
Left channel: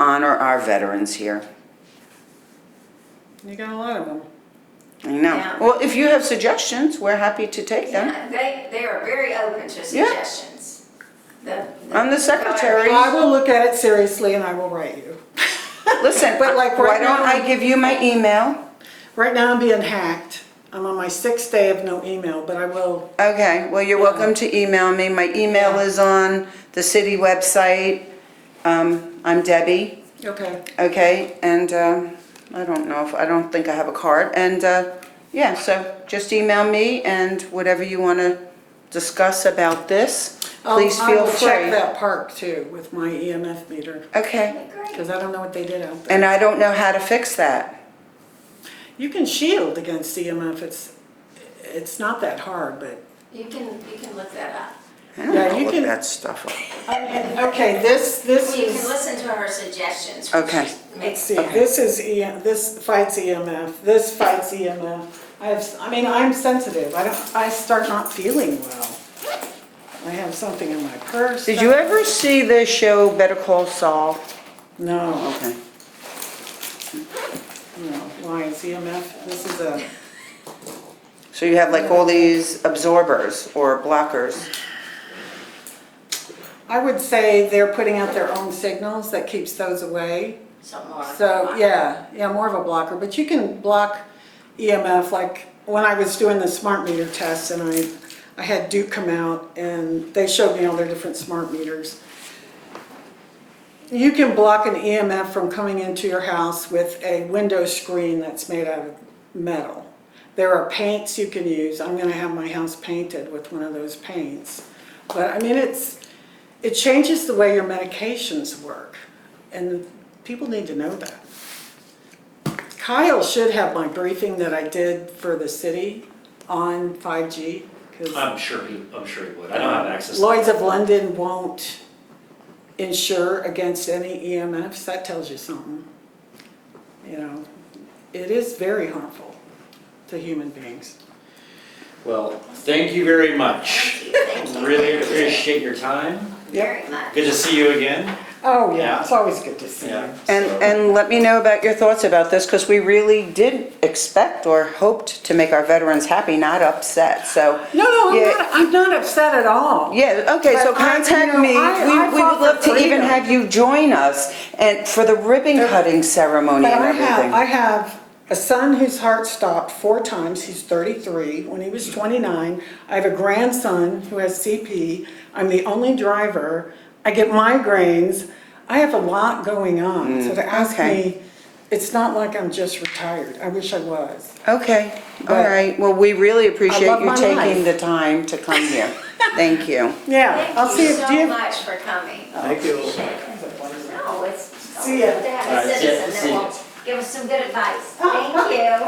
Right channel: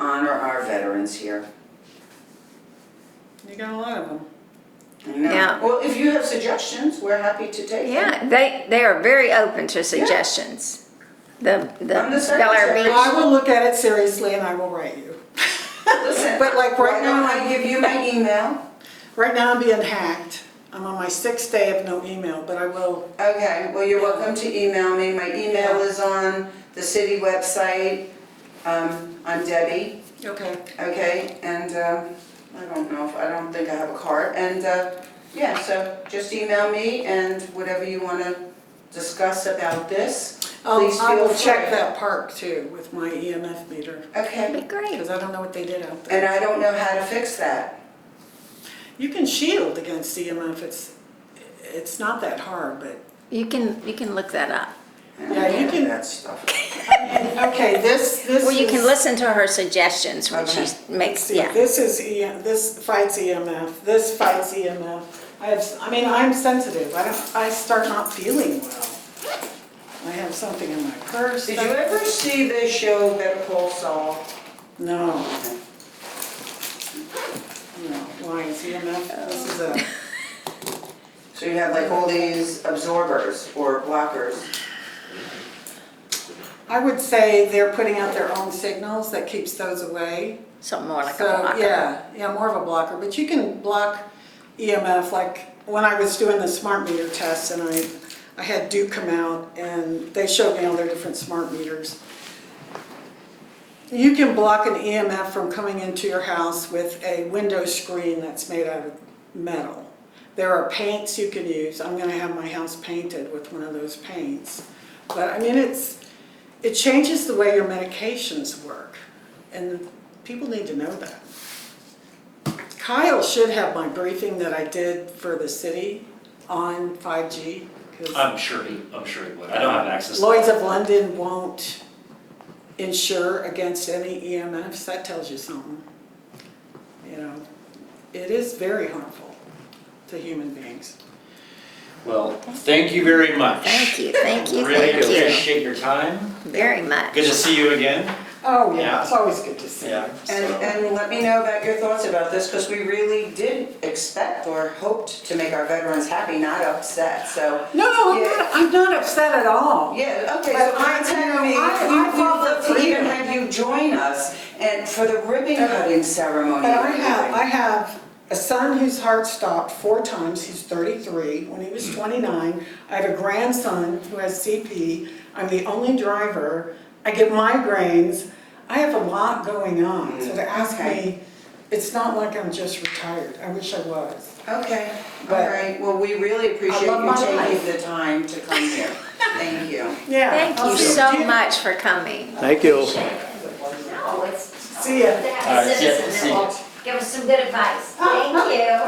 honor our veterans here. You got a lot of them. I know. Yeah. Well, if you have suggestions, we're happy to take them. Yeah, they are very open to suggestions. I'm the secretary. I will look at it seriously and I will write you. Listen, But like why right don't now, I give you my email? right now I'm being hacked. I'm on my 6th day of no email, but I will, Okay, well, you're welcome to email me. My email is on the city website. I'm Debbie, okay. okay? And I don't think I have a card. And yeah, so just email me and whatever you want to discuss about this, please I feel will check free. that park too with my EMF meter, Okay, That'd be great. because I don't know what they did out there. and I don't know how to fix that. You can shield against EMF, it's not that hard, but, You can look that up. I don't Yeah, know you what can- that stuff. okay, this Well, you can is, listen to her suggestions when Okay. she makes. see, this is, this fights EMF, this fights EMF. I'm sensitive, I start not feeling well. I have something in my purse. Did you ever see the show Better Call Saul? No, Okay. no, why, is EMF, this is a, So you have like all these absorbers or blockers. I would say they're putting out their own signals that keeps those away. So more like a So, blocker. yeah, more of a blocker, but you can block EMF, like when I was doing the smart meter test and I had Duke come out and they showed me all their different smart meters. You can block an EMF from coming into your house with a window screen that's made out of metal. There are paints you can use. I'm gonna have my house painted with one of those paints. But I mean, it changes the way your medications work, and people need to know that. Kyle should have my briefing that I did for the city on 5G, because I'm sure he would. I don't have access. to Lloyds of London won't insure against any EMFs. That tells you something. You know, it is very harmful to human beings. Well, thank you very much. Thank you. Really appreciate your time. Very much. Good to see you again. Oh, Yeah. yeah, it's always good to see you. And let me know about your thoughts about this, because we really did expect or hoped to make our veterans happy, not upset, so. No, Yeah. I'm not upset at all. Yeah, okay, so But I- contact you know, me. I We would fought love for to even freedom. have you join us and for the ribbon cutting ceremony But and everything. I have a son whose heart stopped 4 times. He's 33. When he was 29, I have a grandson who has CP. I'm the only driver. I get migraines. I have a lot going on. So to ask okay. me It's not like I'm just retired. I wish I was. Okay, all But- right. Well, we really appreciate love you my taking life. the time to come here. Thank you. Yeah. I'll Thank see you do so much for coming. Thank you. No, it's. See ya. To have All a right, see ya. citizen See that ya. will give us some good advice. Thank you.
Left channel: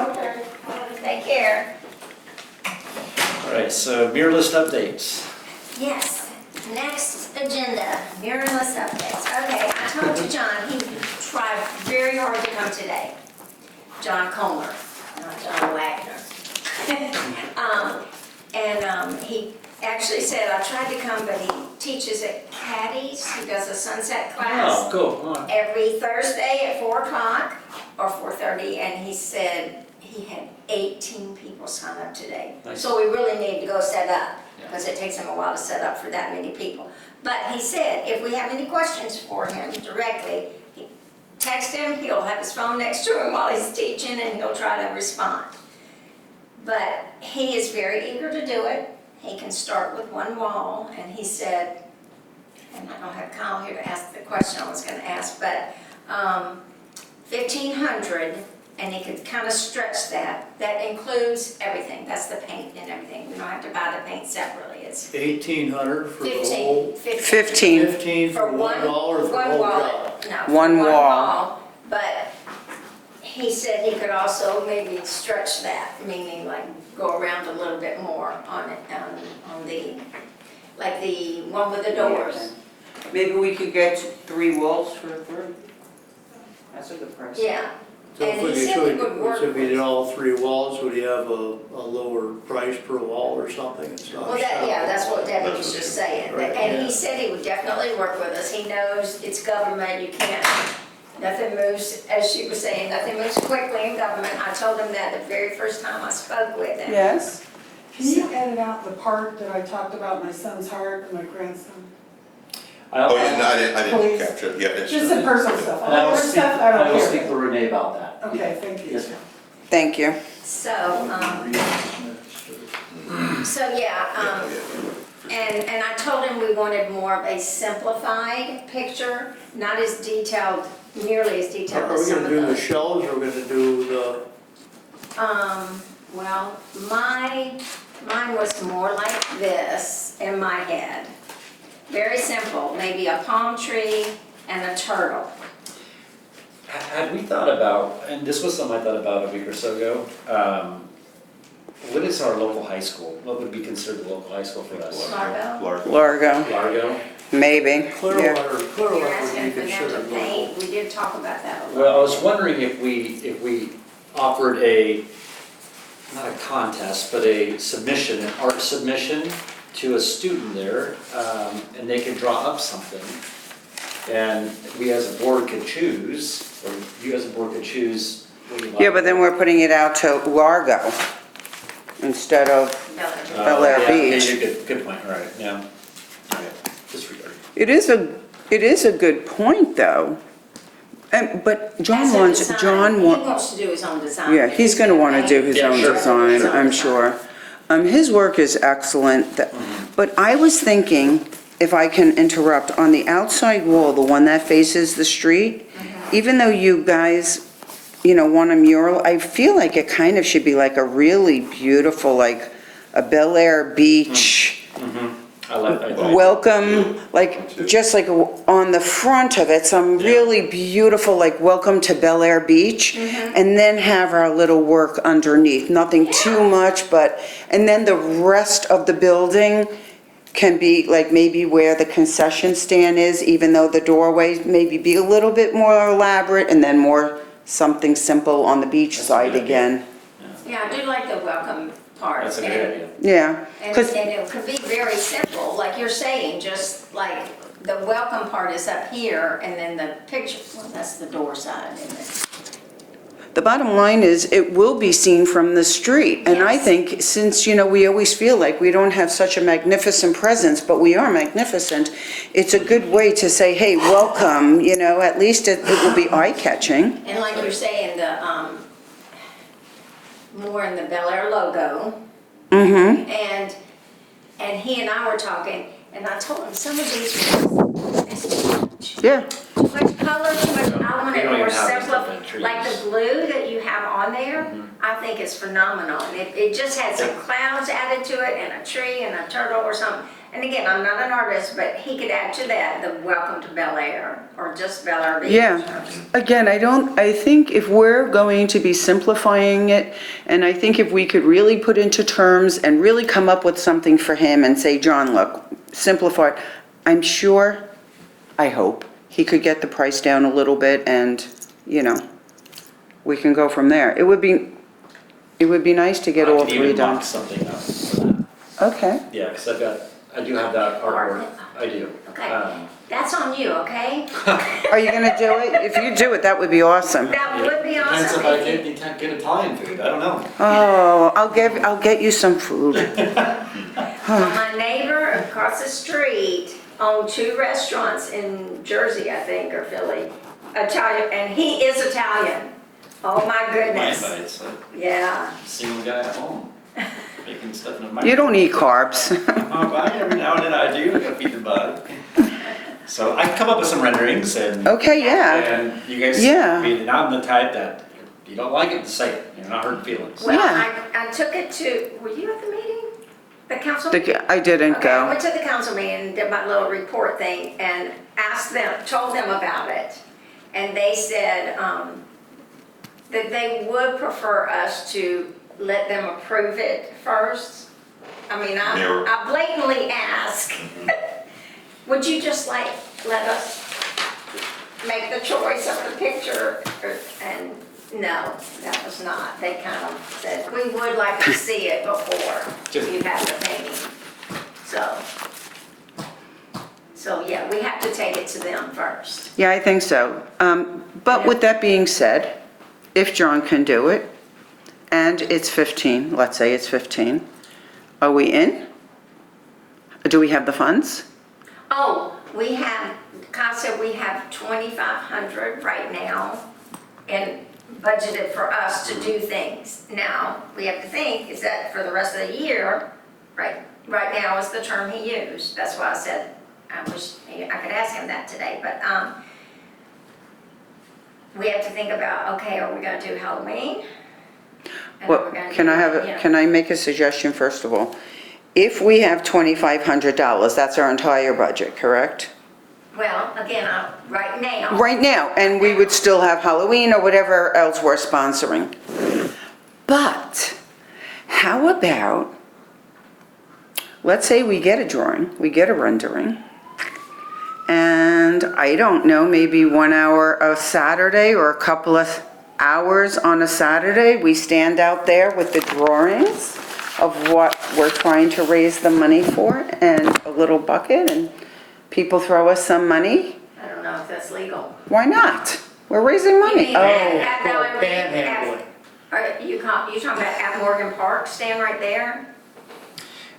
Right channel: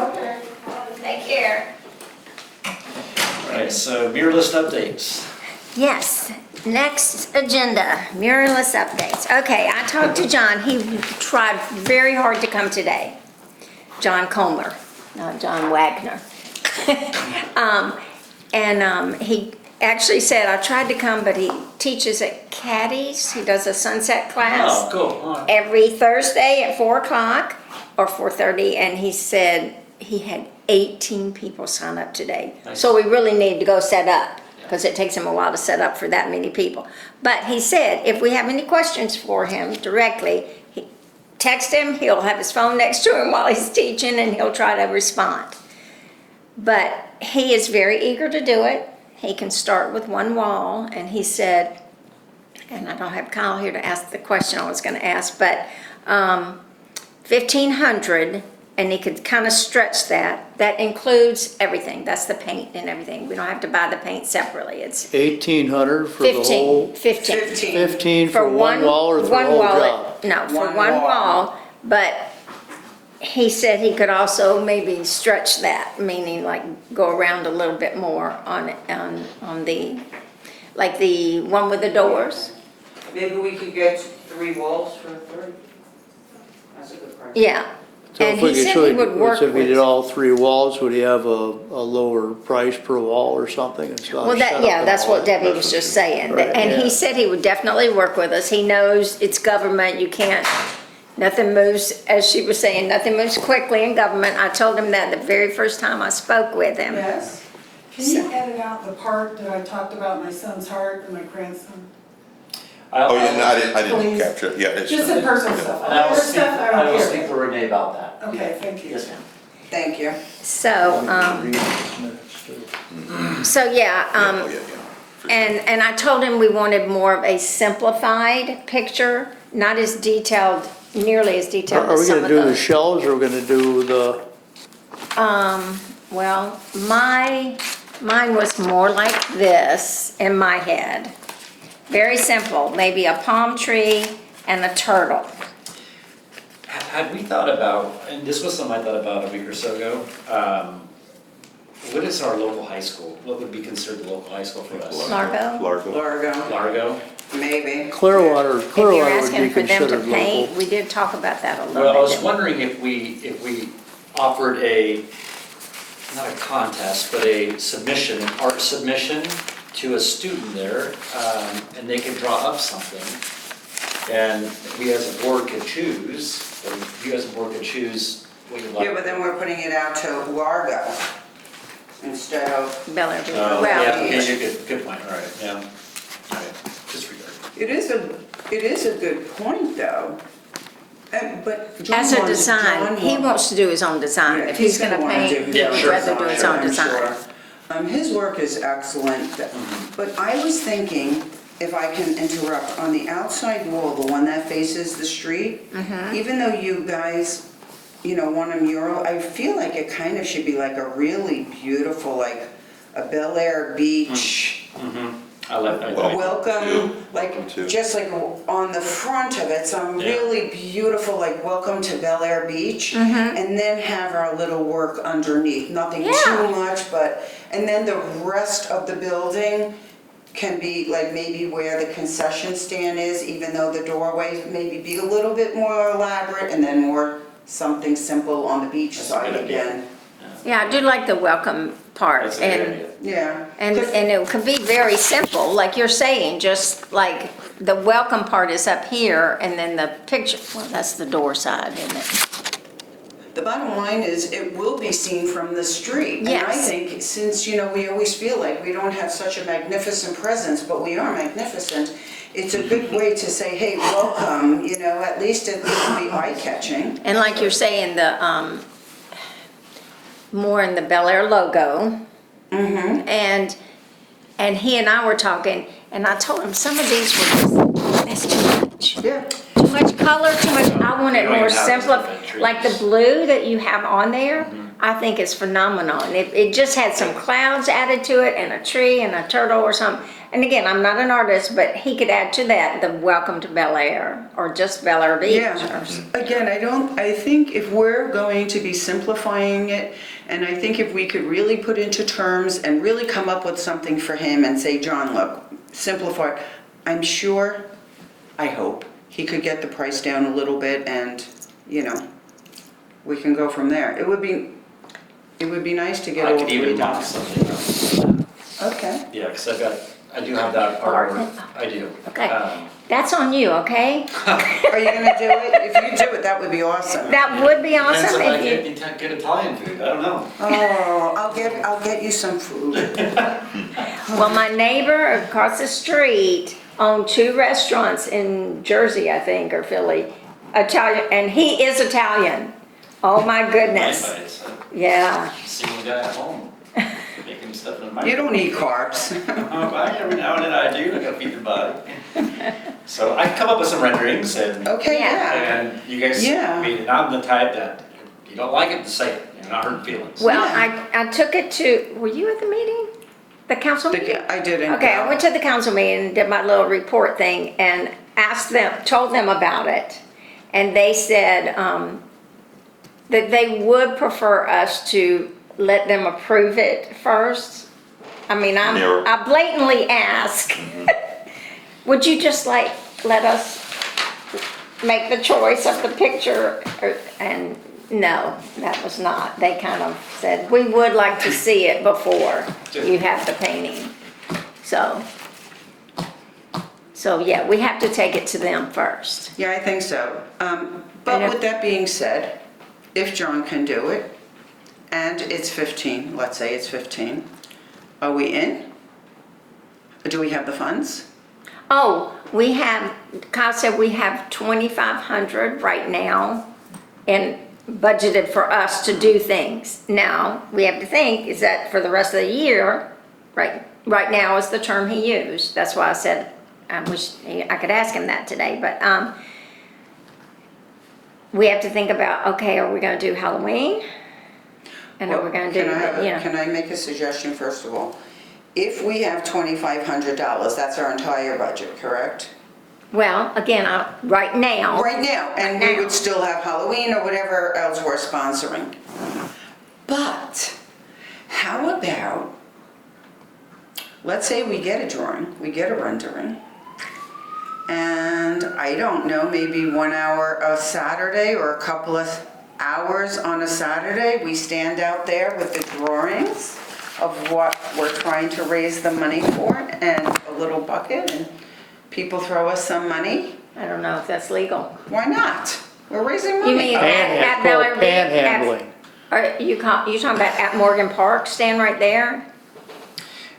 Take care. All right, so mirror list updates. Yes, next agenda, mirrorless updates. Okay, I talked to John, he tried very hard to come today. John Comer, not John Wagner. He actually said, I tried to come, but he teaches at Caddy's, he does a sunset Oh, class cool, all right. every Thursday at 4 o'clock or 4:30, and he said he had 18 people sign up today. Nice. So we really need to go set up, because it takes him a while to set up for that many people. But he said, if we have any questions for him directly, text him, he'll have his phone next to him while he's teaching, and he'll try to respond. But he is very eager to do it. He can start with one wall, and he said, and I don't have Kyle here to ask the question I was gonna ask, but 1,500, and he could kind of stretch that. That includes everything, that's the paint and everything. We don't have to buy the paint separately, it's 1,800 for the 15, whole, 15. 15 for one wall or for the one whole wall, job? No, for One one wall. wall, but he said he could also maybe stretch that, meaning like go around a little bit more on the, like the one with the doors. Maybe we could get 3 walls for 30. That's a good price. Yeah. So And if we he could, said he would work so if we did with. all 3 walls, would he have a lower price per wall or something? It's not Well, set up that's all- what Debbie was just saying. Right, And yeah. he said he would definitely work with us. He knows it's government, you can't, nothing moves, as she was saying, nothing moves quickly in government. I told him that the very first time I spoke with him. Yes? Can you edit out the part that I talked about my son's heart and my grandson? Oh, yeah, no, I didn't Please. capture it, yeah, it's. Just the personal stuff. And I will Other speak, stuff, I I don't will care. speak to Renee about that. Okay, thank you. Yes, ma'am. Thank you. So, yeah, Oh, yeah. and I told him we wanted more of a simplified picture, not as detailed, nearly as detailed Are as we some gonna of do the the. shelves or we're gonna do the, Well, mine was more like this in my head. Very simple, maybe a palm tree and a turtle. Had we thought about, and this was something I thought about a week or so ago, what is our local high school? What would be considered the local high school for us? Largo? Largo, Largo? maybe. Clearwater, If you're Clearwater would asking be for them to considered paint, local. we did talk about that a little bit. Well, I was wondering if we offered not a contest, but a submission, an art submission to a student there, and they could draw up something. And we as a board could choose, or you as a board could choose what you like. Yeah, but then we're putting it out to Largo instead of, Bel Air. Oh, Bel Air yeah, Beach. okay, good point, all right, yeah. All right, disregard. it is a good point, though. But John As a wants, design, John he wants, wants to do his own design. yeah, If he's gonna wanna paint, do his Yeah, own sure. design, his own I'm design. sure. His work is excellent, but I was thinking, if I can interrupt, on the outside wall, the one that faces the street, even though you guys, want a mural, I feel like it kind of should be like a really beautiful, like a Bel Air Beach, I like that. Well, welcome, like, too. just like on the front of it, some Yeah. really beautiful, like, welcome to Bel Air Beach. And then have our little work underneath, nothing Yeah. too much, and then the rest of the building can be like maybe where the concession stand is, even though the doorways maybe be a little bit more elaborate, and then more something simple on the beach That's a side good idea. again. Yeah, I do like the welcome part. That's a good idea. Yeah. And 'Cause- it could be very simple, like you're saying, just like the welcome part is up here, and then the picture, well, that's the door side, isn't it? The bottom line is, it will be seen from the street. And I Yes. think, since, we always feel like we don't have such a magnificent presence, but we are magnificent, it's a good way to say, hey, welcome, at least it will be eye-catching. And like you're saying, the, more in the Bel Air logo. Mm-hmm. And he and I were talking, and I told him some of these were just, that's too much. Yeah. Too much color to it, I want We it don't more even have simple, different trees. like the blue that you have on there, I think is phenomenal. And it just had some clouds added to it and a tree and a turtle or something. And again, I'm not an artist, but he could add to that the welcome to Bel Air or just Bel Air Beach. Yeah, again, I think if we're going to be simplifying it, and I think if we could really put into terms and really come up with something for him and say, John, look, simplify, I'm sure, I hope, he could get the price down a little bit and, we can go from there. It would be nice to get I all could three even done. mock something up for that. Okay, Yeah, because I do have that artwork, I do. Okay. That's on you, okay? are you gonna do it? If you do it, that would be awesome. That would be Depends awesome if I if you. get Italian food, I don't know. Oh, I'll get you some food. Well, my neighbor across the street owned 2 restaurants in Jersey, I think, or Philly, Italian, and he is Italian. Oh my goodness, It's yeah. a single guy at home, making stuff in the You microwave. don't eat carbs. Every now and then I do, I gotta feed the body. So I come up with some renderings and, Okay, yeah. and you guys, Yeah. I mean, and I'm the type that, if you don't like it, say it, you're not hurting feelings. Well, Yeah. I took it to, were you at the meeting? The council meeting? I didn't Okay, I go. went to the council meeting, did my little report thing, and asked them, told them about it. And they said that they would prefer us to let them approve it first. I mean, Yeah. I blatantly ask, would you just like, let us make the choice of the picture? And no, that was not. They kind of said, we would like to see it before you have the painting. So yeah, we have to take it to them first. Yeah, I think so. But with that being said, if John can do it, and it's 15, let's say it's 15, are we in? Do we have the funds? Oh, we have, Kyle said we have 2,500 right now and budgeted for us to do things. Now, we have to think, is that for the rest of the year, right now is the term he used. That's why I said, I could ask him that today, but we have to think about, okay, are we gonna do Halloween? And are we gonna do, Can I make a suggestion first of all? If we have $2,500, that's our entire budget, correct? Well, again, right now. Right now, and we would still have Halloween or whatever else we're sponsoring. But how about, let's say we get a drawing, we get a rendering, and I don't know, maybe 1 hour a Saturday or a couple of hours on a Saturday, we stand out there with the drawings of what we're trying to raise the money for and a little bucket, and people throw us some money. I don't know if that's legal. Why not? We're raising You money. mean Oh, at Bel Air Beach? Panhandling. Are you talking about at Morgan Park, stand right there?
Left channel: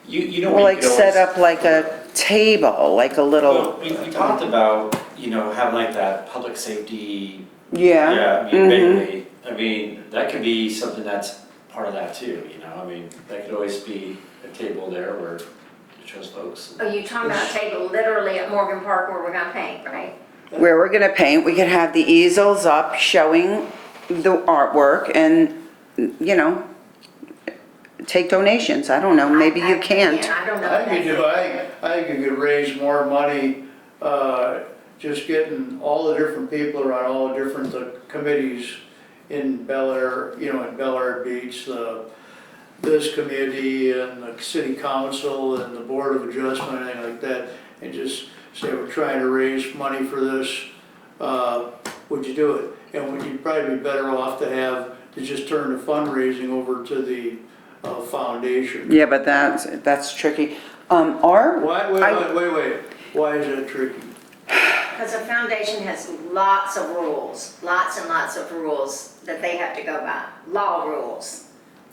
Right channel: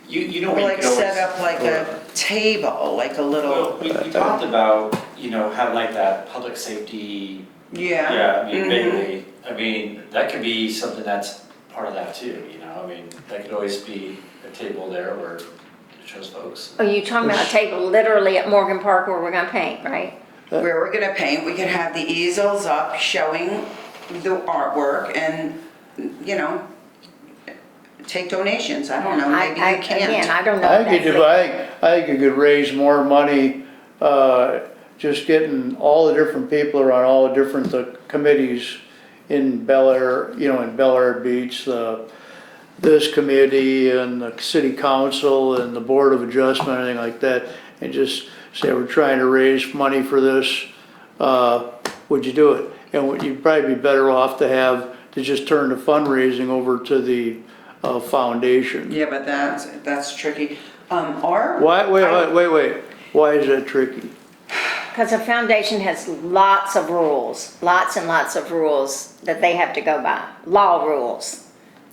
You know Or what you like could always. set up like a table, like a Well, little. we talked about, having like that public safety, Yeah. yeah, I mean, Mhm. vaguely, I mean, that could be something that's part of that too, I mean, that could always be a table there where it shows folks. Are you talking about a table literally at Morgan Park where we're gonna paint, right? Where we're gonna paint, we could have the easels up showing the artwork and, take donations. I don't know, maybe you Again, can't. I don't know. I if think that's- I think you could raise more money, just getting all the different people around all the different committees in Bel Air, in Bel Air Beach, this committee and the city council and the board of adjustment, anything like that, and just say, we're trying to raise money for this, would you do it? And you'd probably be better off to just turn the fundraising over to the foundation. Yeah, but that's tricky. Wait, why is that tricky? Because the foundation has lots of rules, lots and lots of rules that they have to go by, law rules.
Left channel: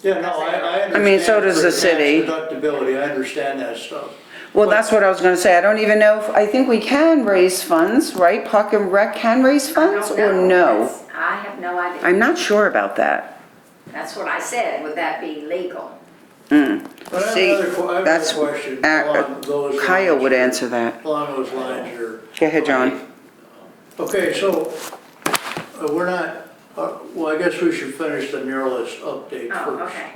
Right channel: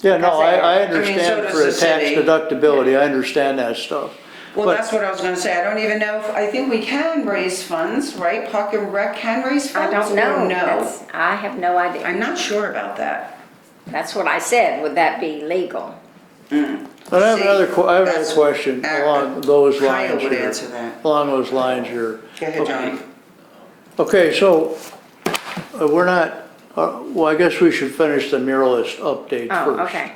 Yeah, no, I I mean, so understand does for the tax city. deductibility, I understand that stuff. Well, But- that's what I was gonna say. I don't even know I think we can raise funds, right? Park and Rec can raise I funds? don't know. Or no? That's- I have no idea. I'm not sure about that. That's what I said, would that be legal? But I have See, another that's- question along those lines. Kyle would here. answer that. Along those lines here. Go ahead, John. Okay, so, we're not, well, I guess we should finish the muralist update first. Oh, okay.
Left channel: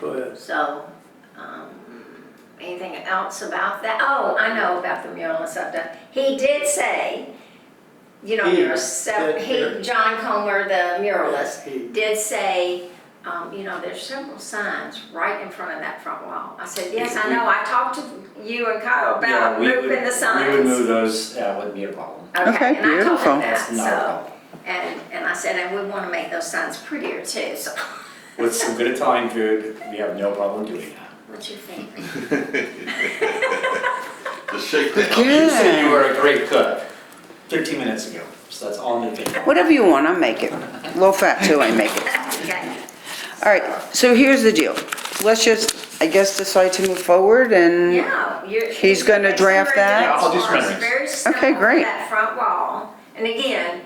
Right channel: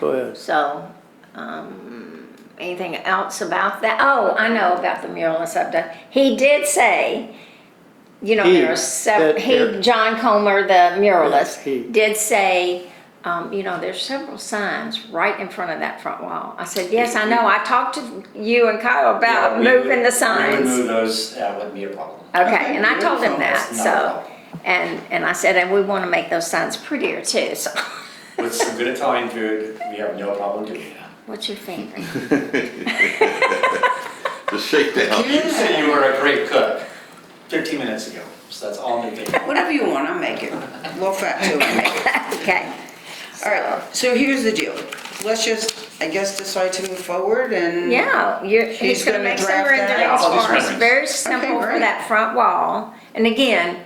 Go ahead. So, anything else about that? Oh, I know about the muralist update. He did say, you know, He, there's several, that- John Comer, the muralist, He. did say, you know, there's several signs right in front of that front wall. I said, yes, I know, I talked to you and Kyle about Yeah, moving the signs. We would move those, that wouldn't be a problem. Okay, Okay, and I told beautiful. him that, That's not a so, problem. and I said, and we want to make those signs prettier too, so, With some good Italian food, we have no problem doing that. what you think? The shakedown. You said you were a great cook 15 minutes ago, so that's all I'm thinking. Whatever you want, I'll make it. Low fat too, I make it. Okay. All right, so here's the deal. Let's just, I guess, decide to move forward and. Yeah, He's gonna make some draft that? Yeah, I'll do some renderings for us. renderings. Very simple for great. that front wall. And again,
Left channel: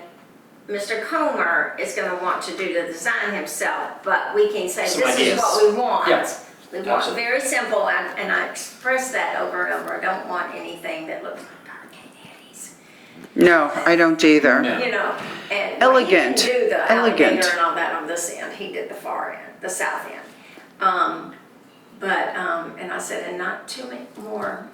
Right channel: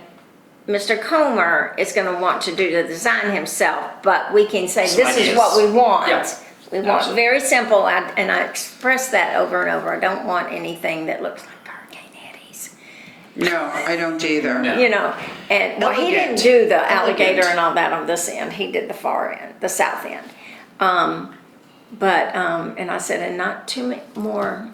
Mr. Comer is gonna want to do the design himself, but we can say, Some this is ideas. what we want. Yeah, We want absolutely. very simple, and I express that over and over. I don't want anything that looks like Hurricane Eddie's. No, I don't either. No. You know, and well, he didn't Elegant. do the alligator Elegant. and all that on this end. He did the far end, the south end. And I said, and not too more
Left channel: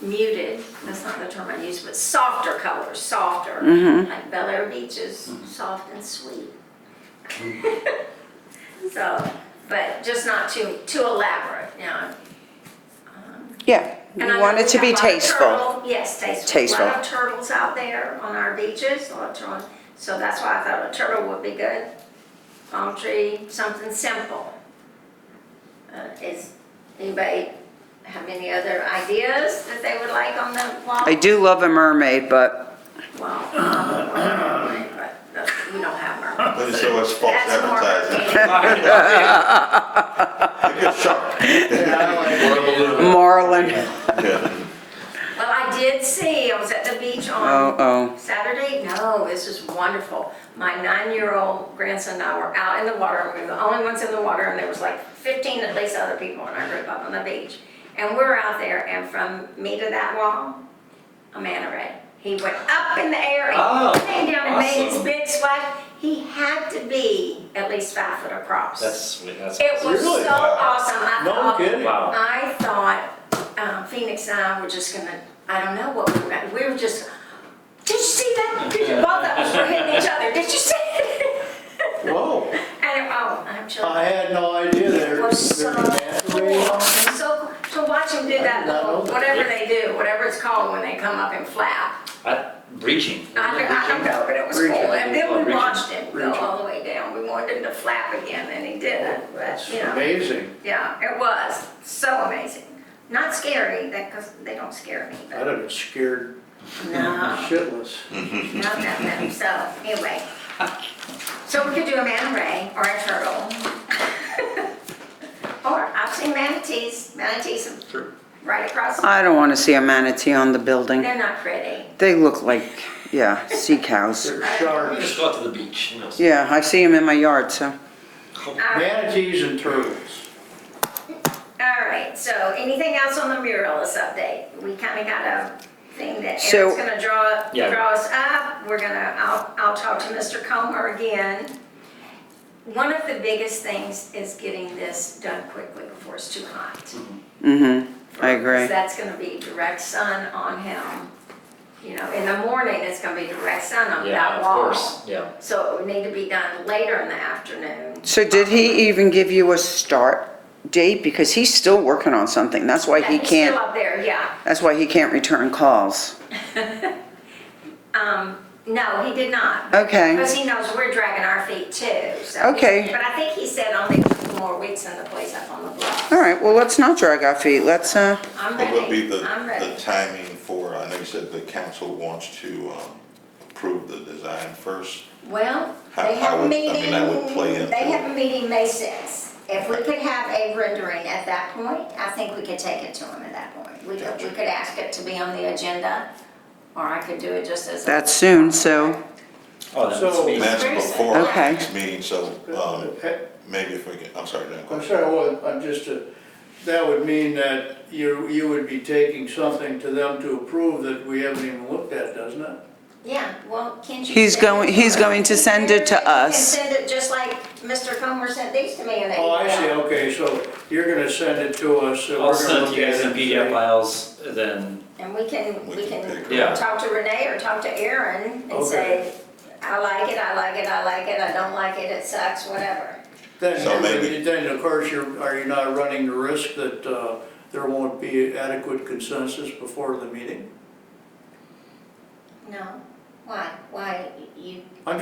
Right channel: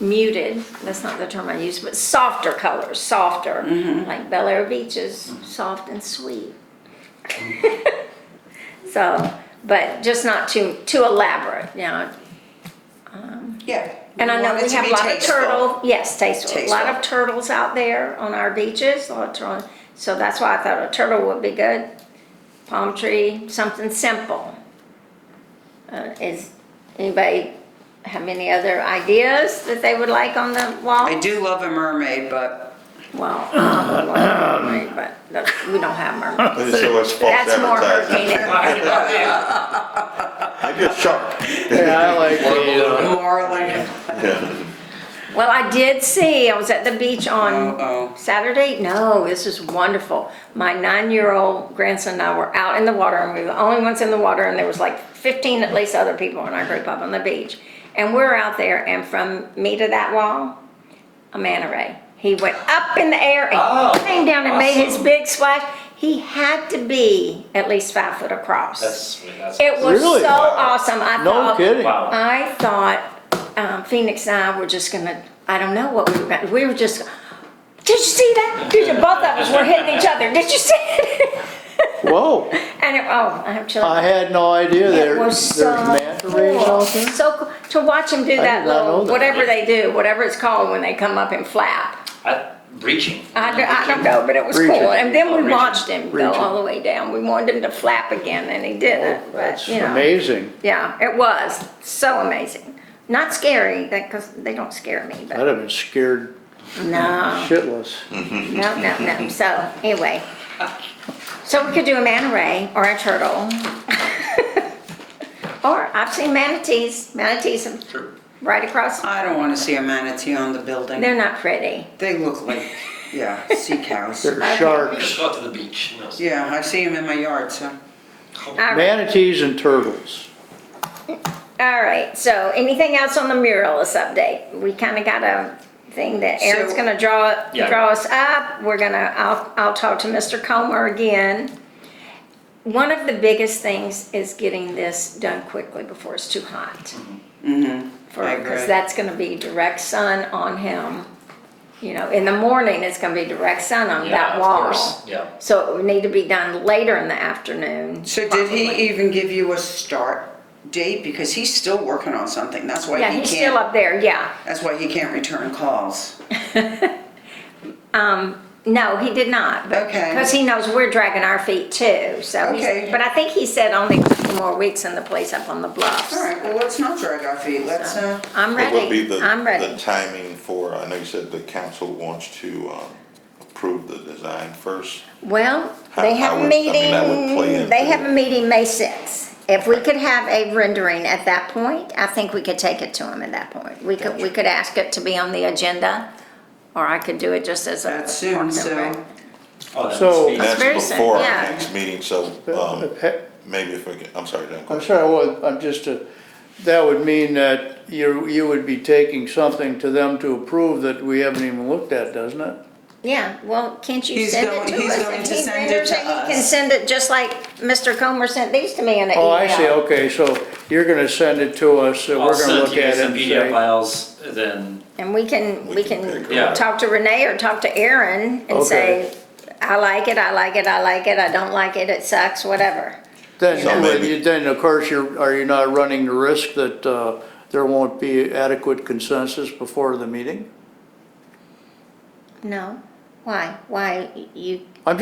muted, that's not the term I use, but softer colors, softer, like Bel Air Beaches, soft and sweet. So, but just not too elaborate, you know. Yeah, we And I want know it we to have a be lot of tasteful. turtle, yes, tasteful. A lot Tasteful. of turtles out there on our beaches, a lot of turtle. So that's why I thought a turtle would be good. Palm tree, something simple. Is anybody have any other ideas that they would like on the wall? I do love a mermaid, but Well, I don't want a mermaid, but we don't have mermaids. So it's false That's more advertising. I get shocked. Yeah, I like the, marlin. Yeah. Well, I did see, I was at the beach on Oh, Saturday. No, this is wonderful. My 9-year-old grandson and I were out in the water, and we were the only ones in the water, and there was like 15 at least other people in our group up on the beach. And we're out there, and from me to that wall, a manta ray. He went up in the air Oh, and came down and made his awesome. big splash. He had to be at least 5 foot across. That's It was Really? so awesome. I no thought, kidding. wow. I thought Phoenix and I were just gonna, I don't know what we were gonna, we were just, did you see that? Both of us were hitting each other. Did you see it? Whoa, And I'm chilling. I had no idea It there, was there's so manta rays cool. out there. So cool. To watch them do I that did not know little, that. whatever they do, whatever it's called when they come up and flap. Breaching. I don't know, but it was Breaching. cool. And then Oh, we breaching. watched him go Breaching. all the way down. We wanted him to flap again, and he didn't. But, That's you know. amazing. Yeah, it was so amazing. Not scary, because they don't scare me, I'd but have been scared no, shitless. no. So anyway, so we could do a manta ray or a turtle. Or I've seen manatees True. right across. I don't want to see a manatee on the building. They're not pretty. They look like, yeah, sea cows. They're You sharks, just go out to the beach, you know. Yeah, I see them in my yard, so. All right. manatees and turtles. All right, so anything else on the muralist update? We kind of got a thing that Aaron's So- gonna draw Yeah. us up. I'll talk to Mr. Comer again. One of the biggest things is getting this done quickly before it's too hot. Mm-hmm, I agree. Because that's gonna be direct sun on him. You know, in the morning, it's gonna be direct sun on Yeah, that of wall. course, yeah. So it would need to be done later in the afternoon. So did he even give you a start date? Because he's still working on something. That's why Yeah, he he's still can't, up there, yeah. that's why he can't return calls. No, he did not. Okay. Because he knows we're dragging our feet too, so. Okay. But I think he said only 2 more weeks in the place up on the bluffs. All right, well, let's not drag our feet. Let's, I'm What would be ready, I'm the ready. timing for, I know you said the council wants to approve the design first. Well, How- they have how a would- I mean, that would play meeting, into they have it. a meeting May 6th. If we could have a rendering at that point, I think we could take it to him at that point. We could ask it to be on the agenda, or I could do it just as a. That's soon, so- Oh, that So- must be. And that's very before soon, our yeah. next meeting, so maybe if we can, I'm sorry, Dan. I'm sorry, well, I'm just, that would mean that you would be taking something to them to approve that we haven't even looked at, doesn't it? Yeah, well, can't you He's send it going- to he's us? going to He's send it to there, You can us. send it just like Mr. Comer sent these to me in an email. Oh, I see, okay, so you're gonna send it to us, and I'll we're gonna send it look to you at guys it in and PDF say, files, then, And we can We can pick it up. talk to Renee or talk to Aaron and Okay. say, I like it, I like it, I like it, I don't like it, it sucks, whatever. So then, maybe- then of course, are you not running the risk that, there won't be adequate consensus before the meeting? No, why? Why you, I'm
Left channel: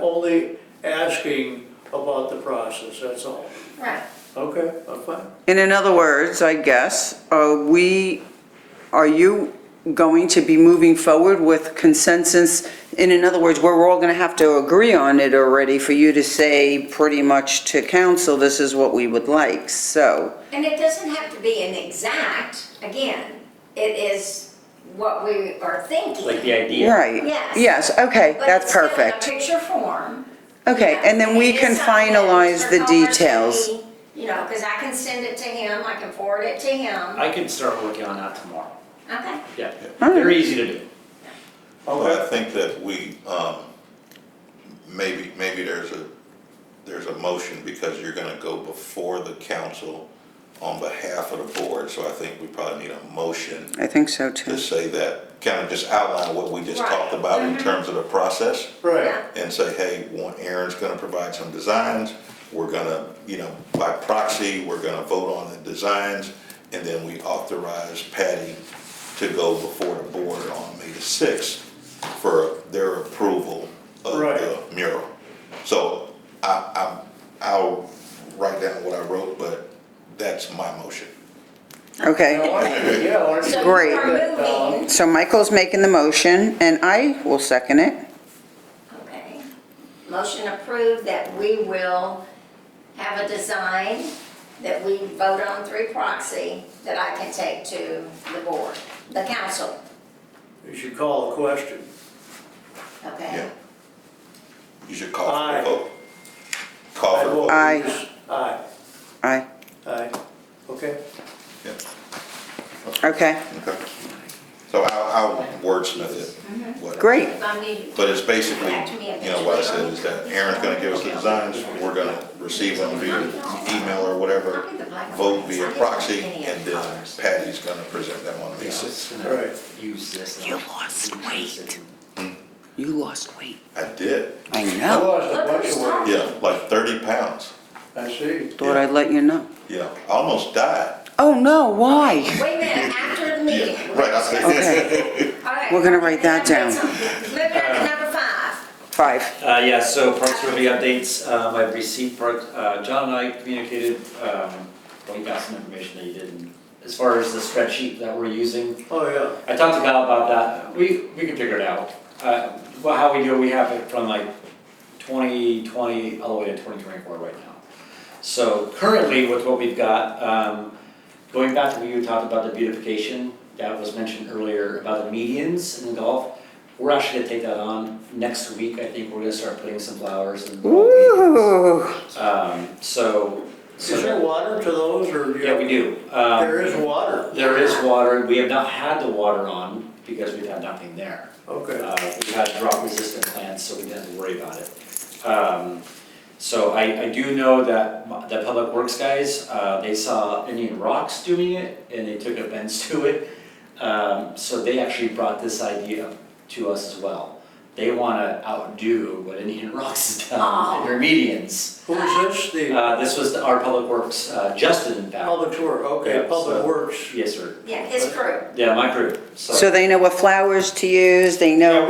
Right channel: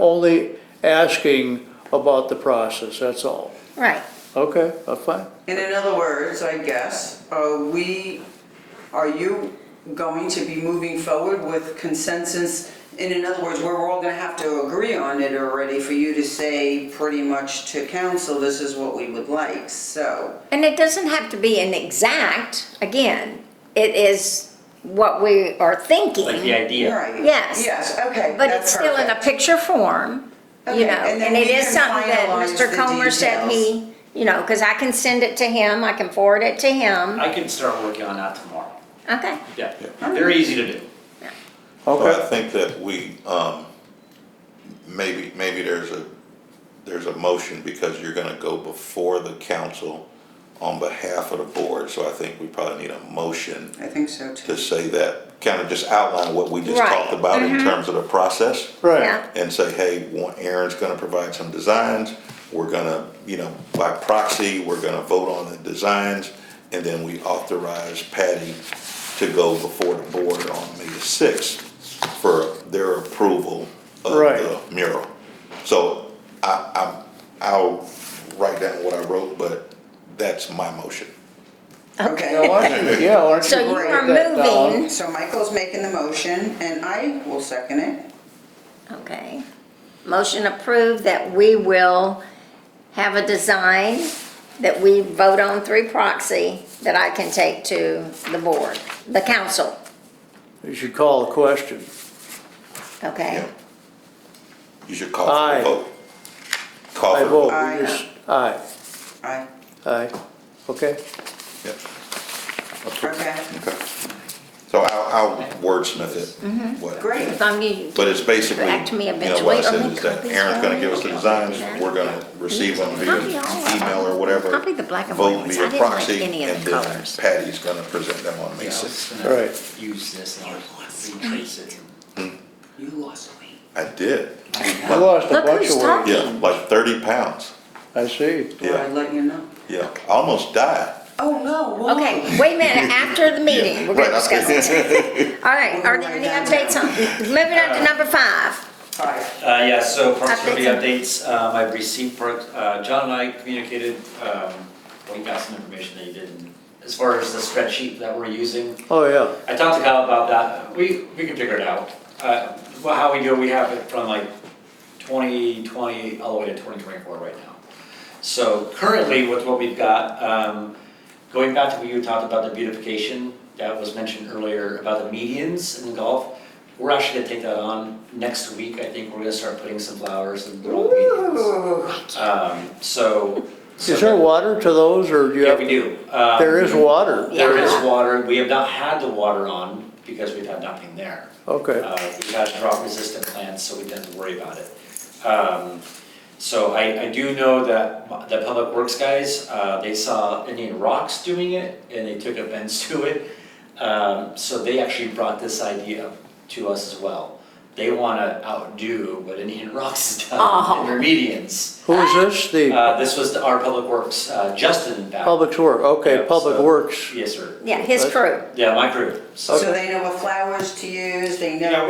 only asking about the process, that's all. right. Okay, that's fine. And in other words, I guess, are you going to be moving forward with consensus? And in other words, we're all gonna have to agree on it already for you to say pretty much to council, this is what we would like, so. And it doesn't have to be an exact, again, it is what we are thinking. like the idea. Right. Yes. Yes, okay, But it's that's still in a perfect. picture form. you Okay, know, and then we it is can something that finalize Mr. the Comer said details. he- You know, because I can send it to him, I can forward it to him. I can start working on that tomorrow. Okay, Yeah, Alright. very easy to do. So I Okay, think that we, maybe there's a motion because you're gonna go before the council on behalf of the board, so I think we probably need a motion I think so to too. say that, kind of just outline what we just Right. talked about in terms of the process, right, yeah, and say, hey, Aaron's gonna provide some designs, we're gonna, by proxy, we're gonna vote on the designs, and then we authorize Patty to go before the board on May the 6th for their approval of Right. the mural. So I'll write down what I wrote, but that's my motion. Okay. Now, why don't you- yeah, why don't so you you Great. are write that down? moving, So Michael's making the motion and I will second it. okay. Motion approved that we will have a design that we vote on through proxy that I can take to the board, the council, You should call a question. okay? Yeah. You should call for Aye. a vote. Call I for a vote vote. Aye. yes. Aye, Aye, aye, okay, Yeah. okay, Okay. So I'll wordsmith it. whatever. great. As long as you But it's basically, Back to me what I eventually. said is that Aaron's gonna give us the designs, we're gonna receive them via email or whatever, Copy the black and vote whites. I via didn't proxy, like any of and the then colors. Patty's gonna present them on May Yeah, I 6th. was gonna Right. use this. and I'll reuse it. You lost weight. I did, I I know. lost a Look bunch who's of weight, talking. yeah, like 30 pounds, I see. Thought I'd let you know. yeah, I almost died. Oh, no, why? Okay, wait a minute, after the meeting, Yeah, we're right, gonna discuss this. All right. We're gonna are there write that any updates down. on- Moving on to number 5. 5. Yeah, so Parks Review updates, I've received, John and I communicated, we got some information that you didn't, as far as the spreadsheet that we're using. Oh, yeah, I talked to Kyle about that, we can figure it out. Well, how we do it, we have it from like 2020 all the way to 2024 right now. So currently with what we've got, going back to what you talked about the beautification, that was mentioned earlier about the medians in golf. We're actually gonna take that on next week, I think we're gonna start putting some flowers and little medians. Ooh. So. is there water to those, or do you Yeah, have? we do. There is water, There is water, we have not had the water on because we've had nothing there. okay, We had drought resistant plants, so we didn't have to worry about it. So I do know that the Public Works guys, they saw Indian Rocks doing it and they took offense to it. So they actually brought this idea to us as well. They wanna outdo what Indian Rocks has done in their medians. who is this, the This was our Public Works, Justin in fact. Public Works, okay, Yeah, Public so- Works, Yeah, Yes, sir. his crew. Yeah, my crew. So they know what flowers to use, they Yeah, know.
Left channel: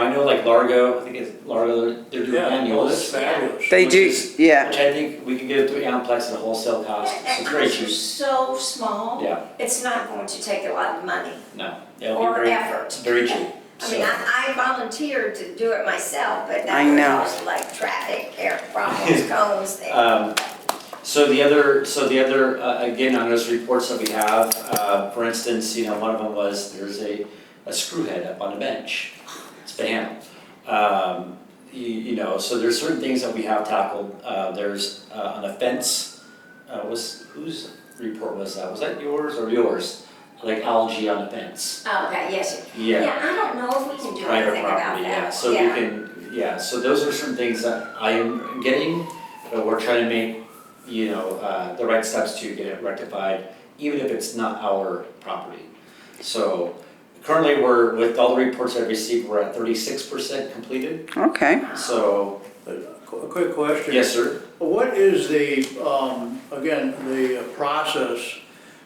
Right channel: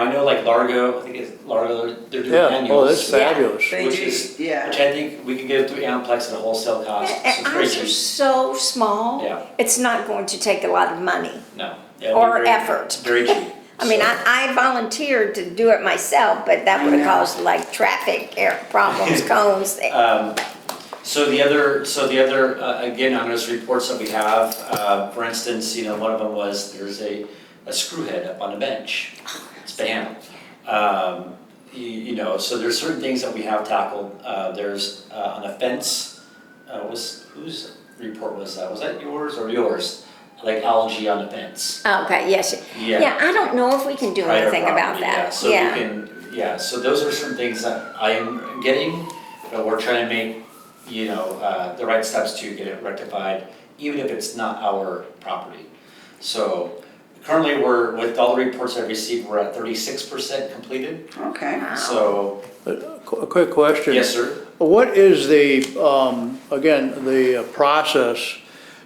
I know like Largo, I think it's Largo, they're doing yeah, annuals. oh, that's fabulous. They Which do, is- yeah. Which I think we can get it through Amplex at a wholesale cost, so it's very Ours are cheap. so small. Yeah. It's not going to take a lot of money No. it'll be or very- effort. Very cheap. I mean, So- I volunteered to do it myself, but that I would know. cause like traffic problems, cones. So the other, again, on those reports that we have, for instance, one of them was, there's a screw head up on the bench. It's been handled. So there's certain things that we have tackled. There's on a fence, whose report was that? Was that yours or yours? like algae on the fence. Okay, yes. Yeah. Yeah, I don't know if we can do Private anything about property, yeah, that. so we can, yeah, so those are certain things that I am getting, but we're trying to make, you know, the right steps to get it rectified, even if it's not our property. So currently, we're, with all the reports I've received, we're at 36% completed, Okay. so, A quick question. yes, sir. What is the, again, the process?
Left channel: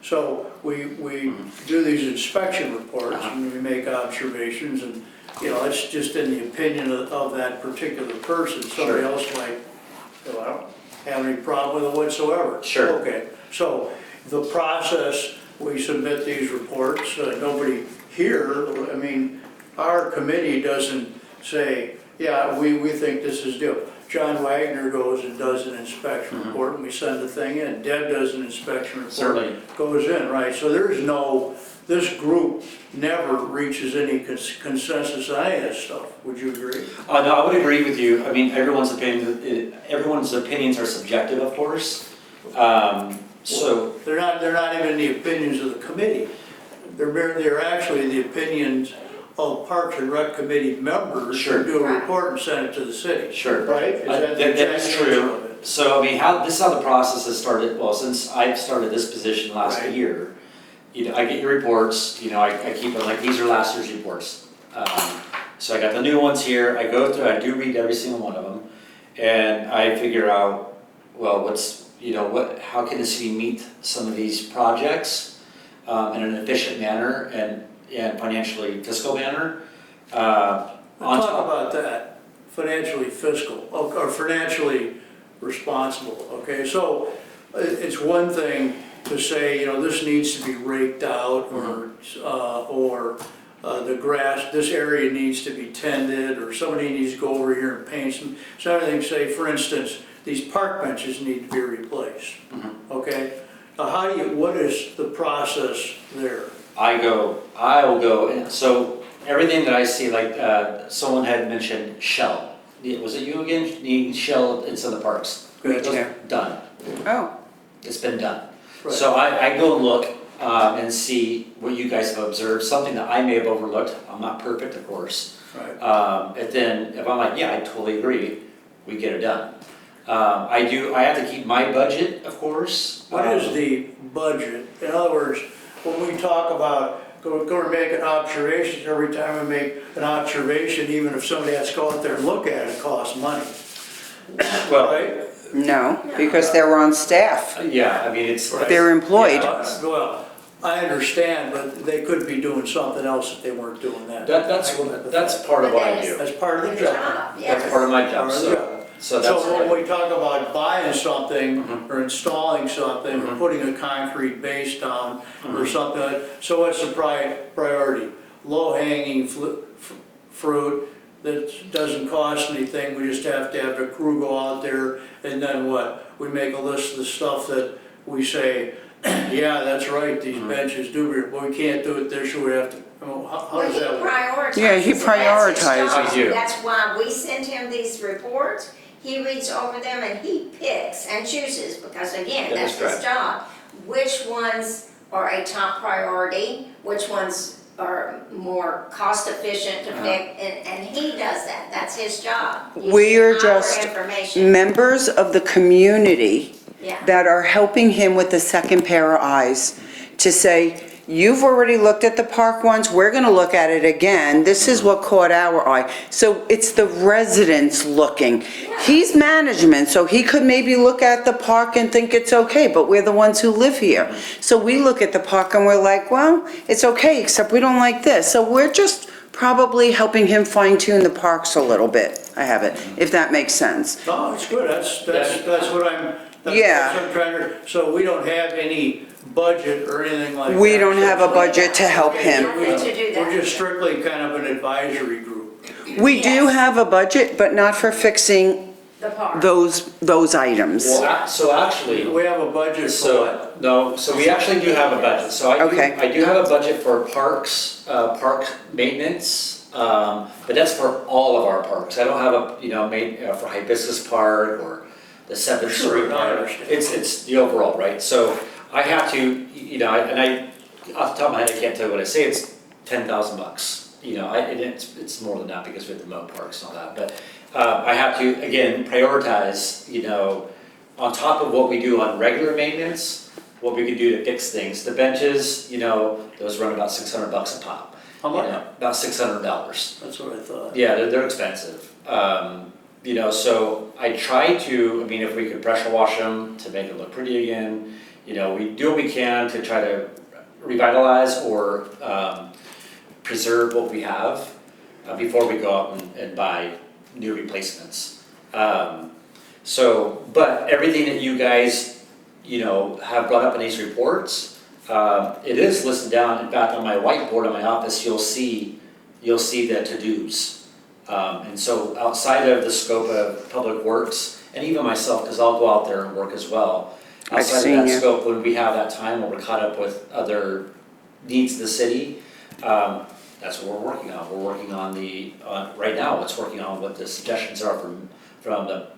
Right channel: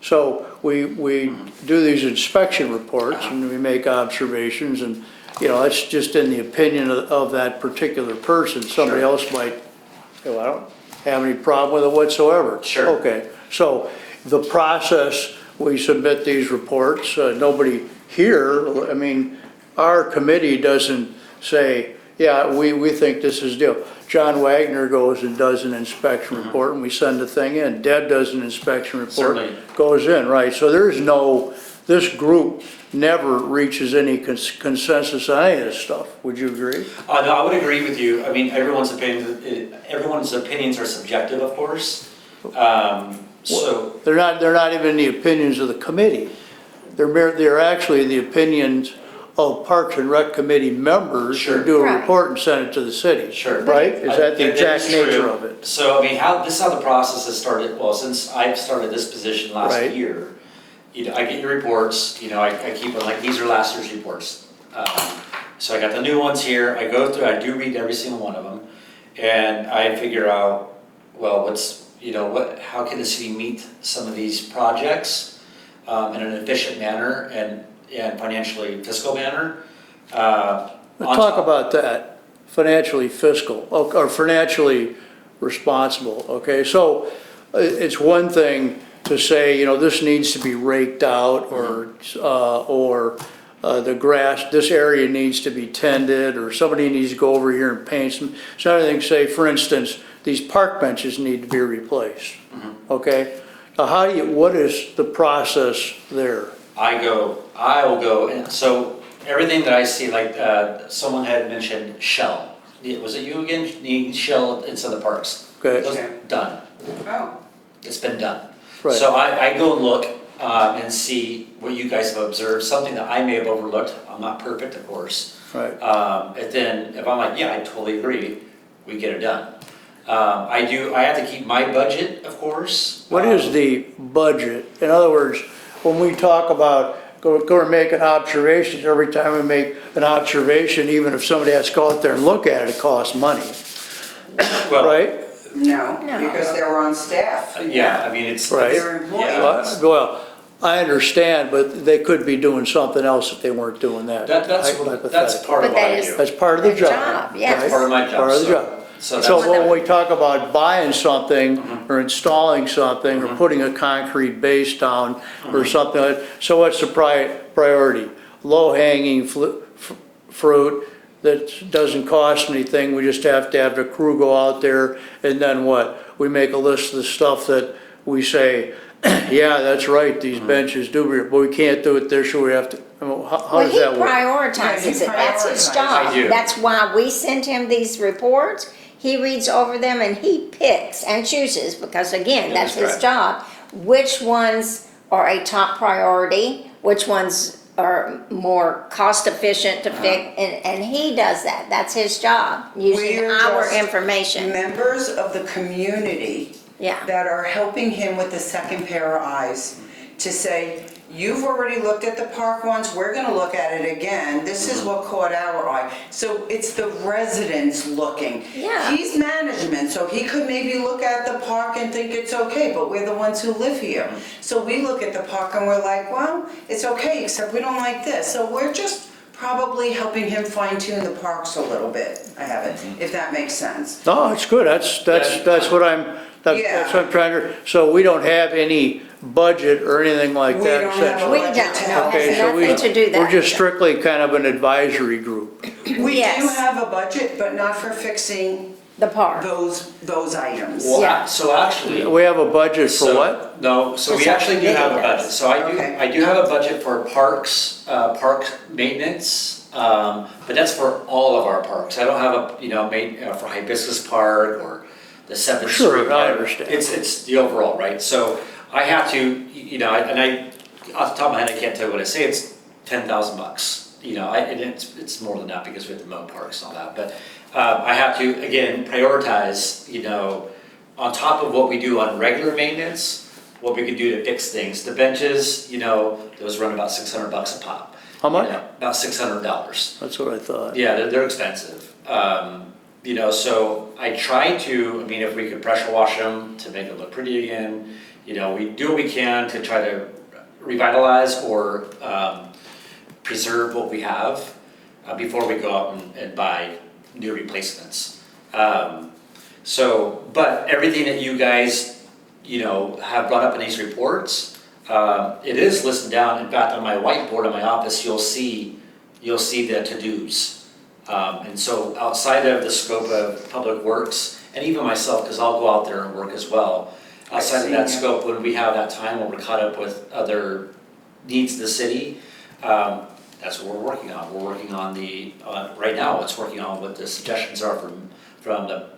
So we do these inspection reports and we make observations and, you know, that's just in the opinion of that particular person. Somebody Sure. else might, oh, I don't have any problem with it whatsoever. Sure. Okay, so the process, we submit these reports, nobody here, I mean, our committee doesn't say, yeah, we think this is due. John Wagner goes and does an inspection report and we send the thing in. Deb does an inspection report. Certainly. Goes in, right? So there's no, this group never reaches any consensus on any of this stuff. Would you agree? No, I would agree with you. I mean, everyone's opinions are subjective, of course. So, They're not even the opinions of the committee. They're actually the opinions of Parks and Rec Committee members Sure. who do a Right. report and send it to the city. Sure. Right? Is that the That exact is nature true. of it? So, I mean, this is how the process has started, well, since I've started this position last Right. year. You know, I get your reports, you know, I keep it, like, these are last year's reports. So I got the new ones here, I go through, I do read every single one of them, and I figure out, well, how can the city meet some of these projects in an efficient manner and financially fiscal manner? Let's talk about that, financially fiscal, or financially responsible, okay? So it's one thing to say, you know, this needs to be raked out, or the grass, this area needs to be tended, or somebody needs to go over here and paint some. It's another thing to say, for instance, these park benches need to be replaced, okay? Now what is the process there? I will go, and so everything that I see, like, someone had mentioned shell. Was it you again? Needing shell inside the parks. Okay. Those- Done. Oh, It's been done. Right. So I go and look and see what you guys have observed, something that I may have overlooked. I'm not perfect, of course. Right. And then if I'm like, yeah, I totally agree, we get it done. I have to keep my budget, of course. What is the budget? In other words, when we talk about go and make an observation, every time we make an observation, even if somebody has to go out there and look at it, it costs money, Well, right? no, because they're on staff. yeah, I mean, it's. Right. They're employed. Yeah. Well, I understand, but they could be doing something else if they weren't doing that. That's part of what I do. That's part of the Their job. job, yes. right? Part of my job, Part of the so- job. So So that's, when we talk about buying something Mhm. or installing something or Mhm. putting a concrete base down or something, so what's the priority? Low-hanging fruit that doesn't cost anything, we just have to have the crew go out there and then what? We make a list of the stuff that we say, yeah, that's right, these benches do, but we can't do it this year, we have to, how does that work? Well, he Yeah, he prioritizes it, that's his prioritizes. job. I do. That's why we send him these reports, he reads over them and he picks and chooses, because again, That that's is his correct. job. Which ones are a top priority, which ones are more cost efficient to pick, and he does that, that's his job, We using are our just information, members of the community yeah. that are helping him with the second pair of eyes to say, you've already looked at the park ones, we're gonna look at it again, this is what caught our eye. So it's the residents looking. Yeah. He's management, so he could maybe look at the park and think it's okay, but we're the ones who live here. So we look at the park and we're like, well, it's okay, except we don't like this. So we're just probably helping him fine tune the parks a little bit, I have it, if that makes sense. No, it's good, that's what that's what I'm trying to, so we don't have any budget or anything like that. We don't have a We budget to don't. help Okay, him. so we- to do that. We're just strictly kind of an advisory group. We do Yes. have a budget, but not for fixing The park. those items. Well, so actually. We have a budget for So, what? no, so we actually do have a budget, so Okay. I do have a budget for parks, park maintenance, but that's for all of our parks. I don't have a, for Hibiscus Park or the Seventh Sure, Street. I understand. It's the overall, right? So I have to, and off the top of my head, I can't tell you what I say, it's $10,000. You know, and it's more than that because we have the mow parks and all that, but I have to, again, prioritize, you know, on top of what we do on regular maintenance, what we can do to fix things. The benches, you know, those run about $600 a pop. How much? You know, about $600. That's what I thought. Yeah, they're expensive. You know, so I try to, I mean, if we could pressure wash them to make them look pretty again, you know, we do what we can to try to revitalize or preserve what we have before we go out and buy new replacements. So, but everything that you guys, you know, have brought up in these reports, it is listed down. In fact, on my whiteboard in my office, you'll see the to-dos. And so outside of the scope of Public Works, and even myself, because I'll go out there and work as well, outside of that scope, when we have that time, when we're caught up with other needs of the city, that's what we're working on. We're working on right now, it's working on what the suggestions are from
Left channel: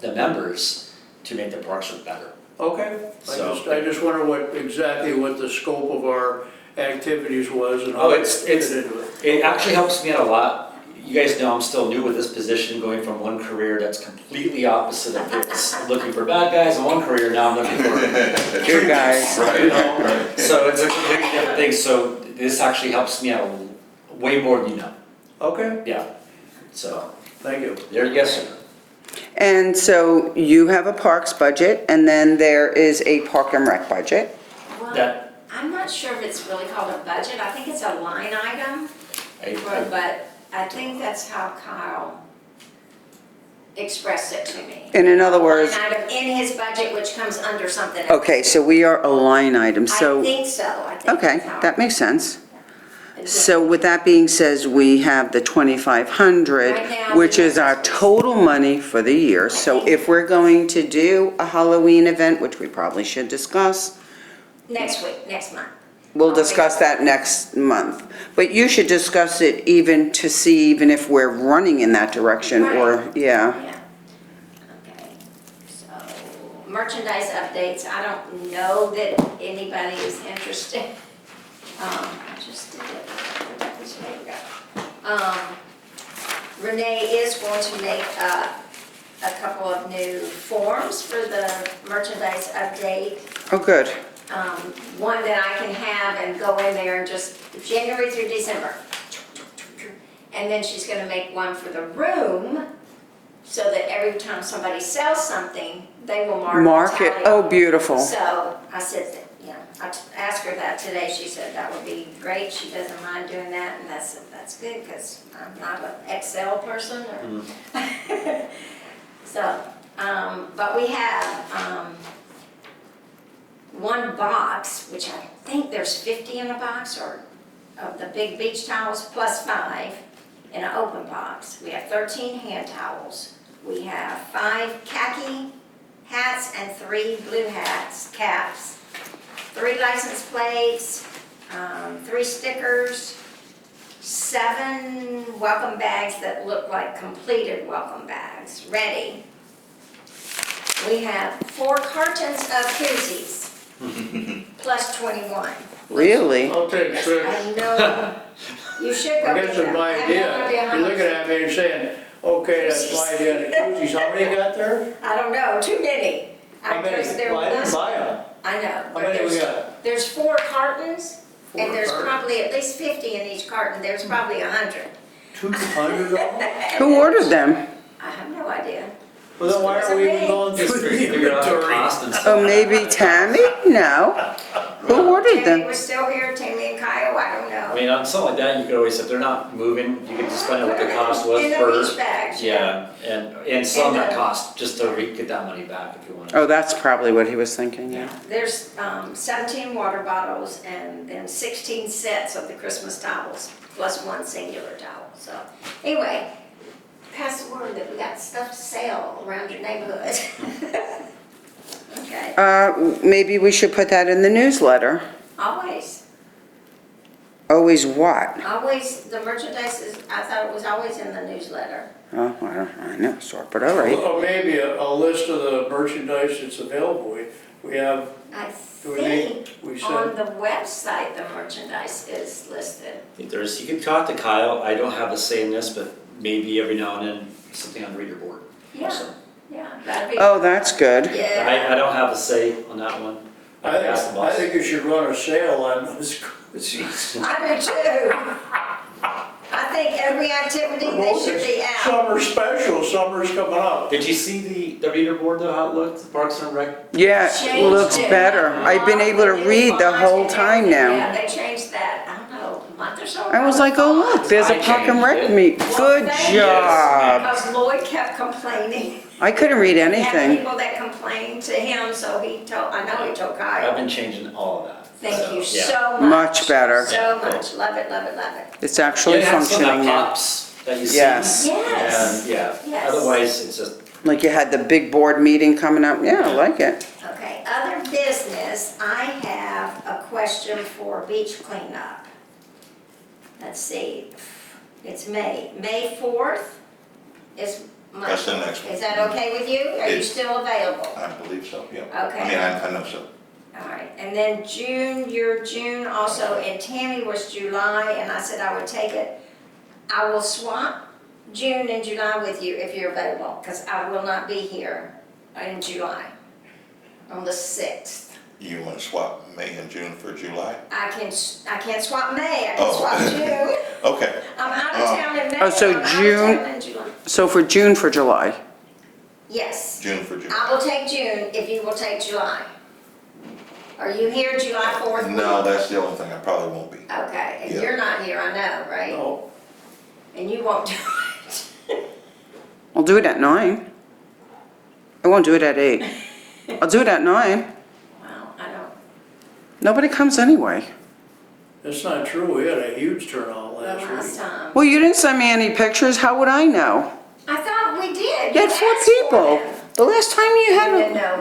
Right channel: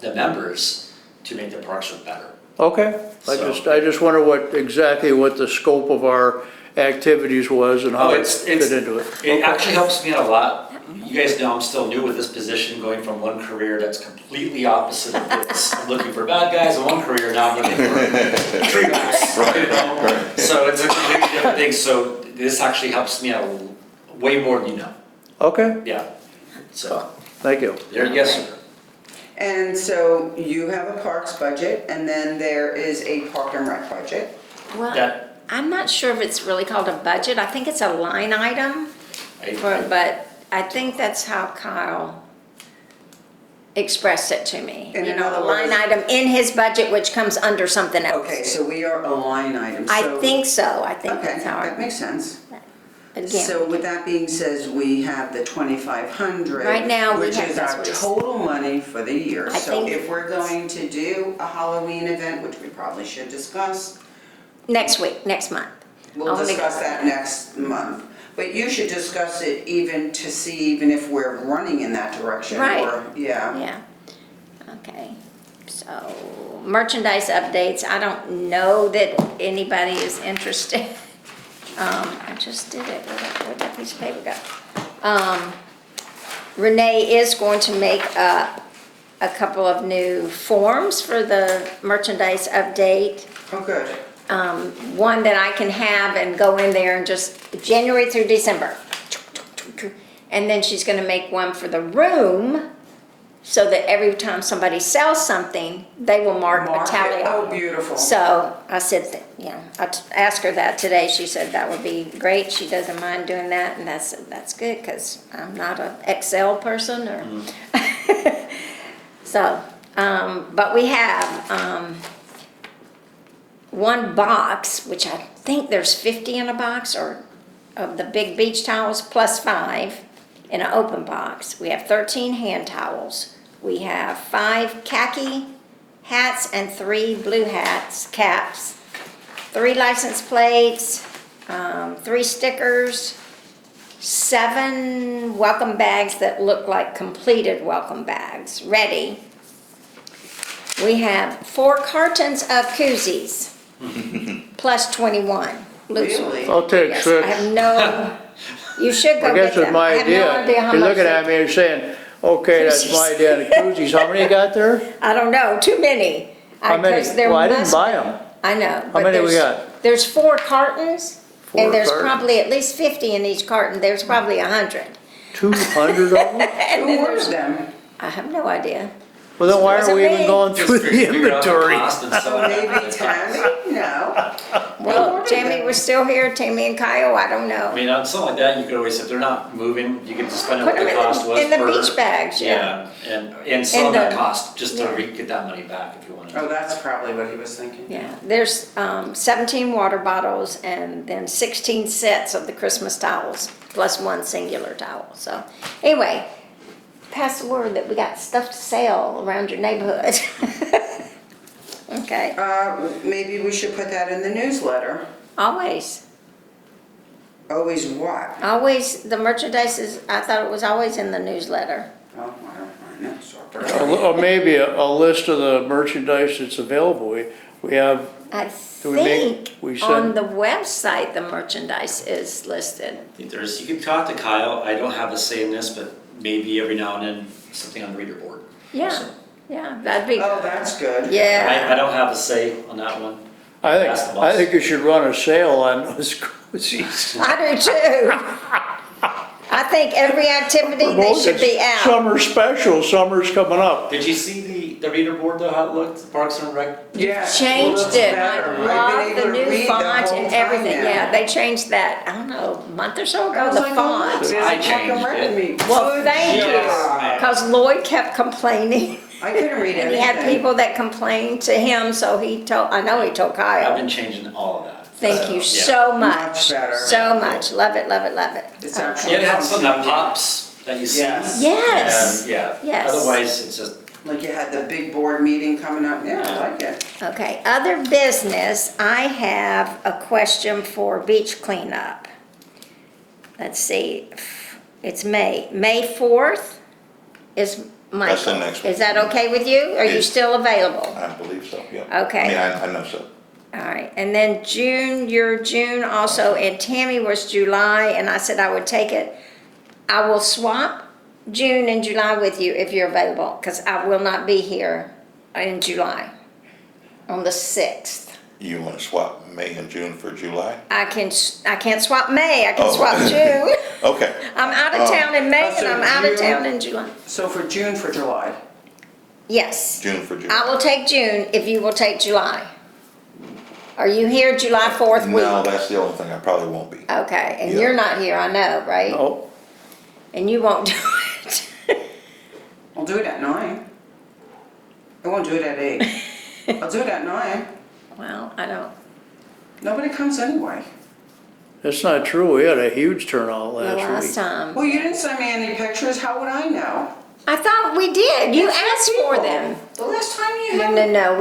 the members to make the parks look better. Okay, So- I just wonder exactly what the scope of our activities was and how Oh, it it's- fit into it. It actually helps me out a lot. You guys know I'm still new with this position, going from one career that's completely opposite of this. I'm looking for bad guys in one career, now I'm looking for true guys, you know? So it's a completely different thing, so this actually helps me out way more than you know, Okay, yeah. So, thank you. there, yes, sir. And so you have a parks budget, and then there is a park and rec budget. Well, That- I'm not sure if it's really called a budget. I think it's a line item, but I think that's how Kyle expressed it to me. And in other words- A line item in his budget, which comes under something else. Okay, so we are a line item, so. I think so. I think Okay, that's how. that makes sense. Again, So with that being said, we have the 2,500. Right now, we Which have is our this. total money for the year. So think- if we're going to do a Halloween event, which we probably should discuss, Next week, next month. we'll I'll make- discuss that next month. But you should discuss it even to see even if we're running in that direction or, yeah. Yeah. Okay, so merchandise updates, I don't know that anybody is interested. I just did it, where'd that piece of paper go? Renee is going to make a couple of new forms for the merchandise update. Oh, good. One that I can have and go in there and just January through December. And then she's gonna make one for the room so that every time somebody sells something, they will mark Mark the it, tally. oh, beautiful. So I said, that, you know, asked her that today. She said that would be great. She doesn't mind doing that, and that's good because I'm not an Excel person or. So, but we have one box, which I think there's 50 in a box, or of the big beach towels plus 5 in an open box. We have 13 hand towels. We have 5 khaki hats and 3 blue caps, 3 license plates, 3 stickers, 7 welcome bags that look like completed welcome bags, ready. We have 4 cartons of koozies, plus 21. Really? I'll take Yes, 6. I have no, you should go I get guess them. it's my I have no idea. how You're much looking they- at me and saying, okay, that's my idea, the koozies, how many you got there? I don't know, too many. How many? 'cause there Well, I didn't must- buy them. I know. How but many we there's- got? There's 4 cartons, 4 and there's cartons? probably at least 50 in each carton. There's probably 100. 200 of them? Who ordered them? I have no idea. Well, then why aren't we even Wasn't me. going Just through the figure out the inventory? cost and Oh, stuff. maybe Tammy? No. Who ordered Tammy them? was still here, Tammy and Kyle, I don't know. I mean, on something like that, you could always, if they're not moving, you could just find out what Put the them cost was in the per. beach bags, yeah. And sell And that the- cost, just to get that money back if you wanted. Oh, that's probably what he was thinking. Yeah, there's 17 water bottles and then 16 sets of the Christmas towels, plus 1 singular towel. So anyway, pass the word that we got stuff to sell around your neighborhood. Okay, Maybe we should put that in the newsletter. always, Always what? always, the merchandise is, I thought it was always in the newsletter. Oh, well, I know, sort it out. Or maybe a list of the merchandise that's available. We have, I Do we make- think we on send- the website, the merchandise is listed. I think there's, you can talk to Kyle, I don't have a say in this, but maybe every now and then, something on the reader board. Yeah, also. yeah, that'd be. Oh, that's good. Yeah. I don't have a say on that one. Ask the I boss. think you should run a sale on those cruises. I do too. I think every activity, they should be out. Summer special, summer's coming up. Did you see the reader board though, how it looked, the Parks and Rec? Yeah, it Changed looks it. better. I've been Love able to new read the font whole and time everything. Yeah, now. they changed that, I don't know, a month or so ago. I was the like, oh, font. look, there's I a Park and changed Rec it. meet. Well, Good thank you. job. Because Lloyd kept complaining. I couldn't read And he had anything. people that complained to him, so he told, I know he told I've Kyle. been changing all of that. Thank you yeah. so much. Much better. So much, love it, love it, love it. It's Yeah, actually it has something that functioning now. pops that you see. Yes. Yes. And, yeah, Yes. otherwise it's just, Like you had the big board meeting coming up. Yeah, I like it. Okay, other business, I have a question for beach cleanup. Let's see, it's May 4th is my. That's the next one. Is that okay with you? Are you Yes. still available? I believe so, yeah. Okay. I mean, I know so. All right, and then June, your June also, and Tammy was July, and I said I would take it. I will swap June and July with you if you're available, because I will not be here in July, on the 6th. You wanna swap May and June for July? I can't swap May, I can Oh. swap June. Okay, I'm out of town in May, Oh, and so I'm out of June- town in July. So for June for July. Yes, June for July. I will take June if you will take July. Are you here July 4th week? No, that's the only thing, I probably won't be. Okay, and Yeah. you're not here, I know, right? Oh, And you won't do it. I'll do it at 9. I won't do it at 8. I'll do it at 9. Well, I don't, Nobody comes anyway. that's not true. We had a huge turnout the last last week. time. Well, you didn't send me any pictures. How would I know? I thought we did, you That's for asked for people. them. The last time you No, had. no,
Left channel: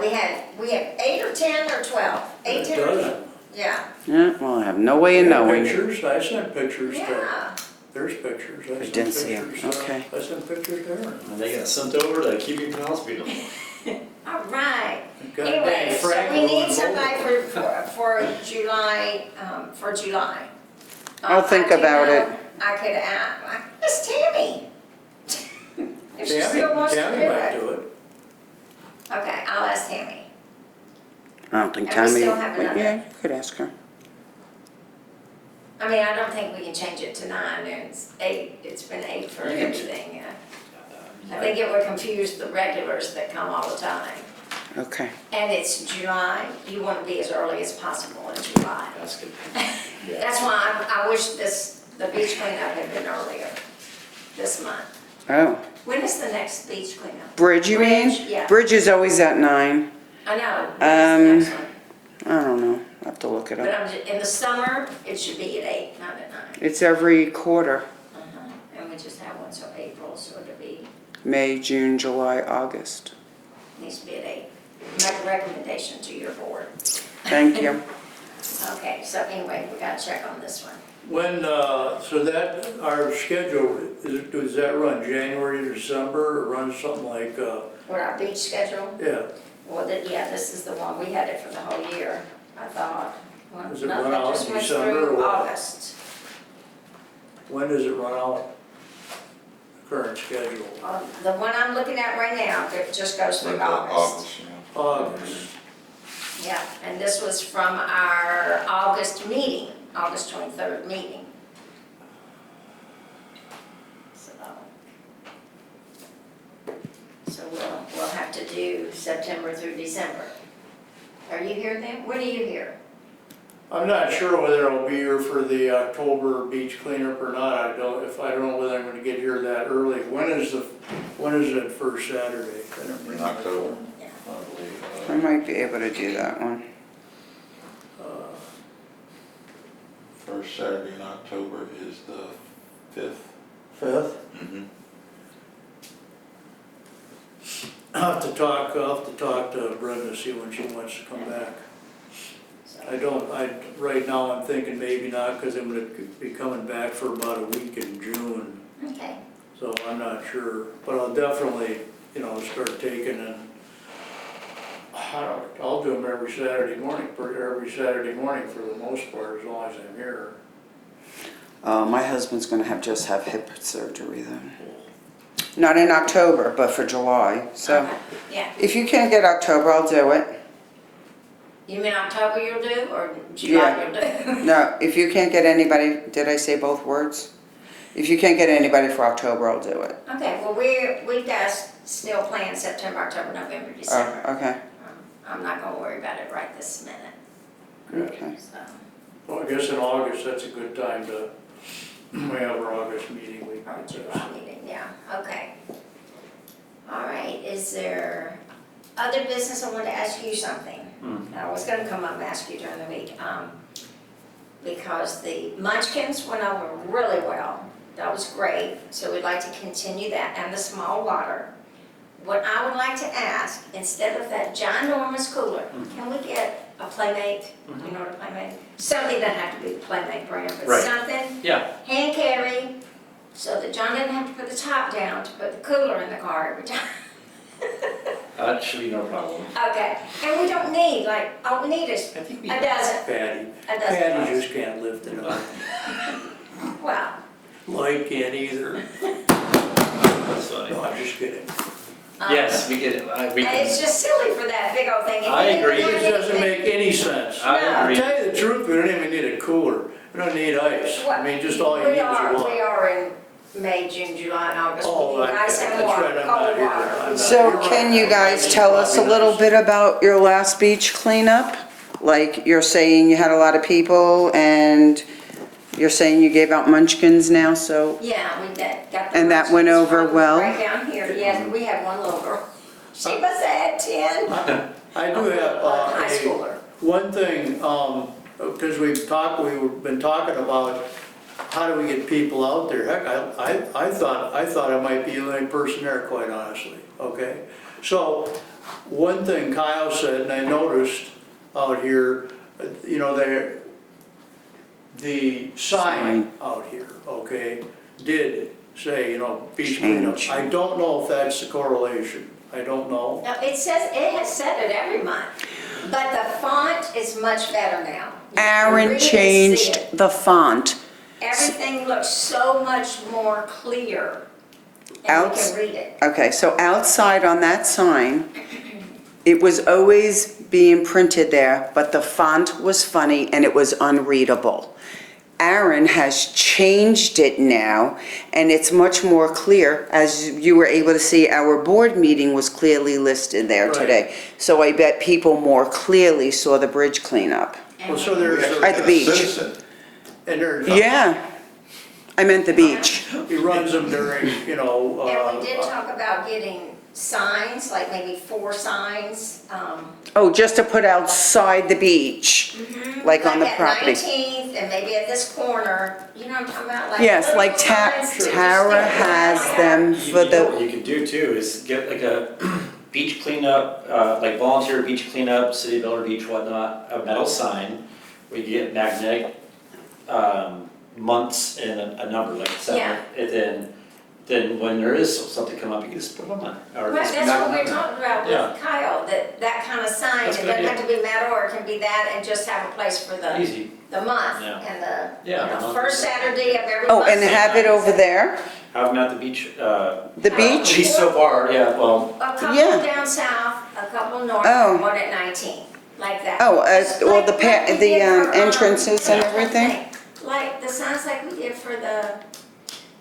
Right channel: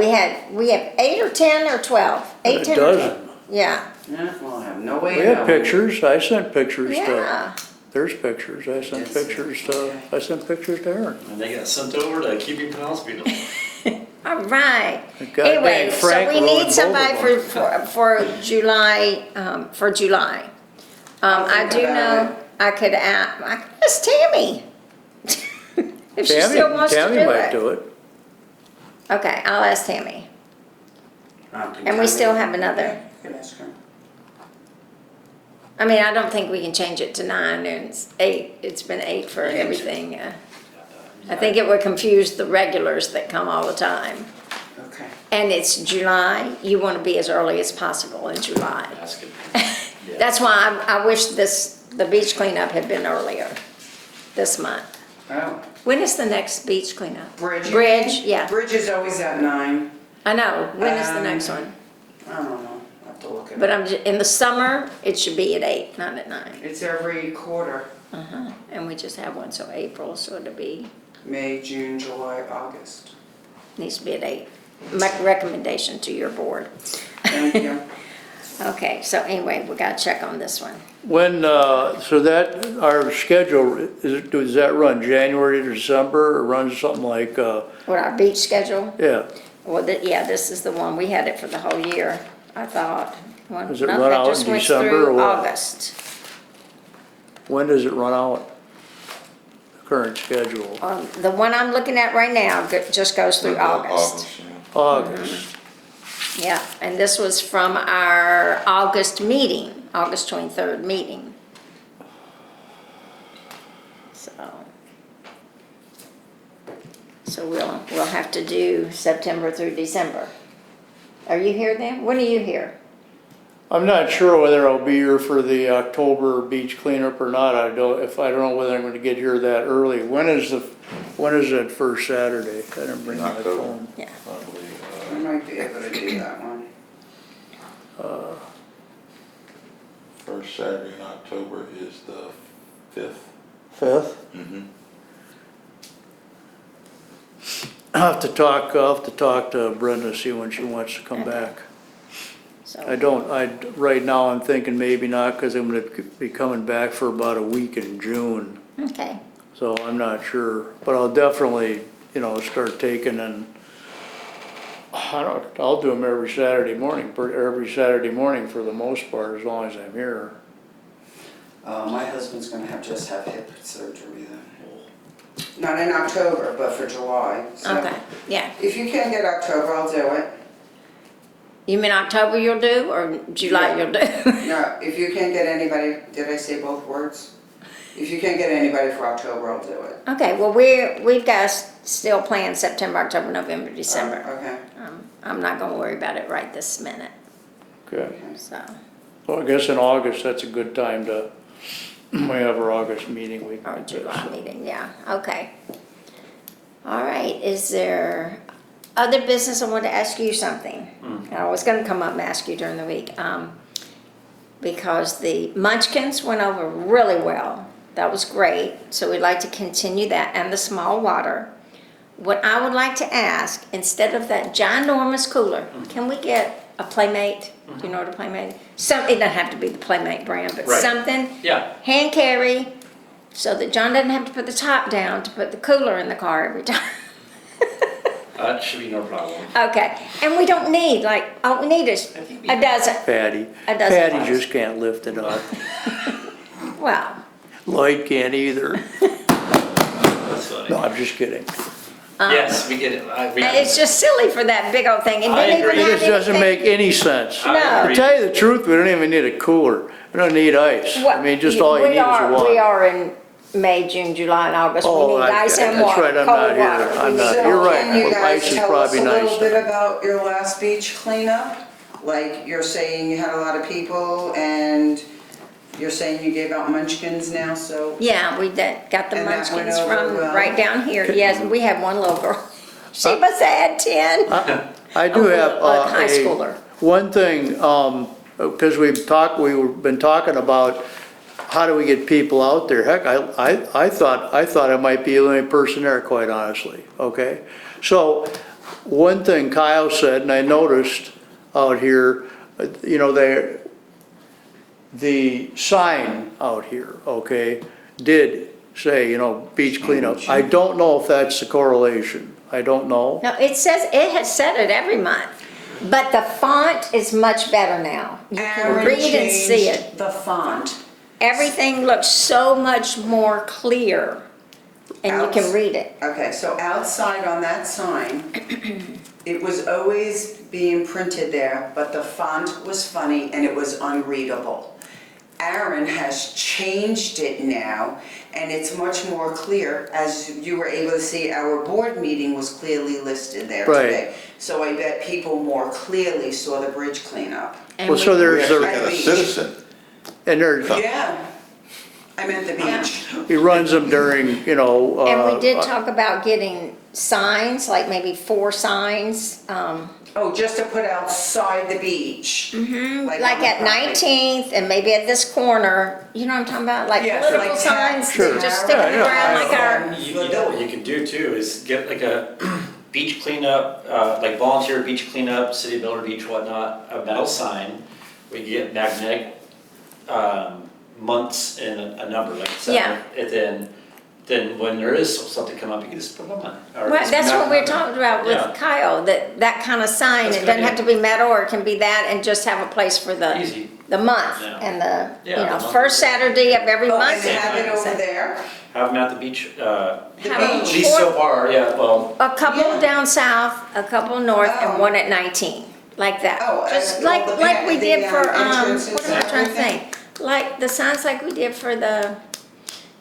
we have 8 or 10 or 12. 8, A 10 or 12. dozen. Yeah, Yeah, well, I have no way We of had knowing. pictures. I sent pictures to, yeah. there's pictures. I did sent see it. pictures Okay. to, I sent pictures to Aaron. and they got sent over to keeping Pinellas beautiful. All right. God Anyway, dang, so Frank we need ruined somebody both of for July, for July. I'll think I do about know I could ask Tammy. If she still wants to do Tammy might it. do it. Okay, I'll ask Tammy. I don't think And we Tammy- still have another. Yeah, you could ask her. I mean, I don't think we can change it to 9 and it's 8. It's been 8 for everything. I think it would confuse the regulars that come all the time. Okay. And it's July, you want to be as early as possible in July. That's good. Yeah. That's why I wish the beach cleanup had been earlier this month. Oh, When is the next beach cleanup? Bridge, you mean? Bridge, yeah. Bridge is always at 9. I know, when is the next one? I don't know. I have to look it But up. in the summer, it should be at 8, not at 9. It's every quarter. Uh-huh. And we just have one, so April, so it'll be, May, June, July, August. needs to be at 8. Make a recommendation to your board. Thank you. Okay, so anyway, we gotta check on this one. When, so that, our schedule, does that run January to December, or run something like, What, our beach schedule? yeah, Well, yeah, this is the one, we had it for the whole year, I thought. Well, Does it no, run that out just in went December through or what? August. when does it run out? Current schedule, The one I'm looking at right now just goes through August. yeah. August. Yeah, and this was from our August meeting, August 23rd meeting. So we'll have to do September through December. Are you here then? When are you here? I'm not sure whether I'll be here for the October beach cleanup or not, I don't know whether I'm gonna get here that early. When is that first Saturday? I didn't bring my October. phone. Yeah. I might be able to do that one. First Saturday in October is the 5th. 5th? Mm-hmm. I'll have to talk to Brenda, see when she wants to come back. So, Right now I'm thinking maybe not, cause I'm gonna be coming back for about a week in June, okay, so I'm not sure. But I'll definitely, start taking and I'll do them every Saturday morning for the most part, as long as I'm here. My husband's gonna just have hip surgery then. Not in October, but for July, so. Okay, yeah. If you can't get October, I'll do it. You mean October you'll do, or July Yeah. you'll do? No, if you can't get anybody, did I say both words? If you can't get anybody for October, I'll do it. Okay, well, we've got still planned September, October, November, December. Okay, I'm not gonna worry about it right this minute, Good. so. Well, I guess in August, that's a good time to, we have our August meeting week. Or July meeting, yeah, okay. All right, is there other business? I want to ask you something. I was gonna come up and ask you during the week, because the Munchkins went over really well. That was great, so we'd like to continue that, and the small water. What I would like to ask, instead of that ginormous cooler, can we get a Playmate? Do you know what a Playmate is? Something, doesn't have to be the Playmate brand, but Right. something Yeah, hand carry, so that John doesn't have to put the top down to put the cooler in the car every time. that should be no problem. Okay, and we don't need, like, all we need is I think we- a dozen, Patty, a dozen. Patty bucks. just can't lift it up. Well, Lloyd can't either. That's funny. No, I'm just kidding. Yes, we can, we and can. it's just silly for that big old thing. And I you didn't agree. even It have doesn't anything- make any sense. No. I To agree. tell you the truth, we don't even need a cooler. We don't need ice. I mean, just all you We need is are- water. We are in May, June, July, and August. Oh, We need I- ice and that's water, right, I'm cold not here. water. I'm not- so you're right. can you Ice guys is tell us a probably little nice. bit about your last beach cleanup? Like, you're saying you had a lot of people, and you're saying you gave out munchkins now, so. Yeah, we did, got the And that went munchkins over from well? right down here. Yes, we had one little girl. She must have had 10. I do have A high a, schooler. one thing, because we've been talking about how do we get people out there? Heck, I thought I might be the only person there, quite honestly, okay? So, one thing Kyle said, and I noticed out here, you know, the sign out here, okay, did say, you know, beach cleanup. I don't know if that's the correlation. I don't know. No, it has said it every month, but the font is much better now. You can Aaron read and see it. changed the font. Everything looks so much more clear, and you can read it. Okay, so outside on that sign, it was always being printed there, but the font was funny and it was unreadable. Aaron has changed it now, and it's much more clear. As you were able to see, our board meeting was clearly listed there Right. today. So I bet people more clearly saw the bridge cleanup. And Well, so we- there's, At And the a beach. citizen, and there's, Yeah, I meant the beach. he runs them during, you know. And we did talk about getting signs, like maybe 4 signs, Oh, just to put outside the beach, like on like the at property. 19th and maybe at this corner, you know what I'm talking about? Like Yes, little like signs to just Tara stick around has like our- them You for know what the, you could do too, is get like a beach cleanup, like volunteer beach cleanup, City of Bel Air Beach, whatnot, a metal sign. We could get magnetic, months and a number, like Yeah. 7, and then when there is something come up, you can just put them on. Or Right, just that's what we're magnet them. talking about Yeah. with Kyle, that kind of sign, That's a it good doesn't have idea. to be metal, or it can be that, and just have a place for the Easy, month, Yeah. and the, you Yeah, the know, month. first Saturday of every oh, month. and have it over there, have them at the beach, the Have at beach? least so far, yeah, well, A couple Yeah. down south, a couple north, Oh. and one at 19, like that. Oh, Just well, like- the like we the, did for, entrances what's and I'm trying to everything? think? Like the signs like we did for the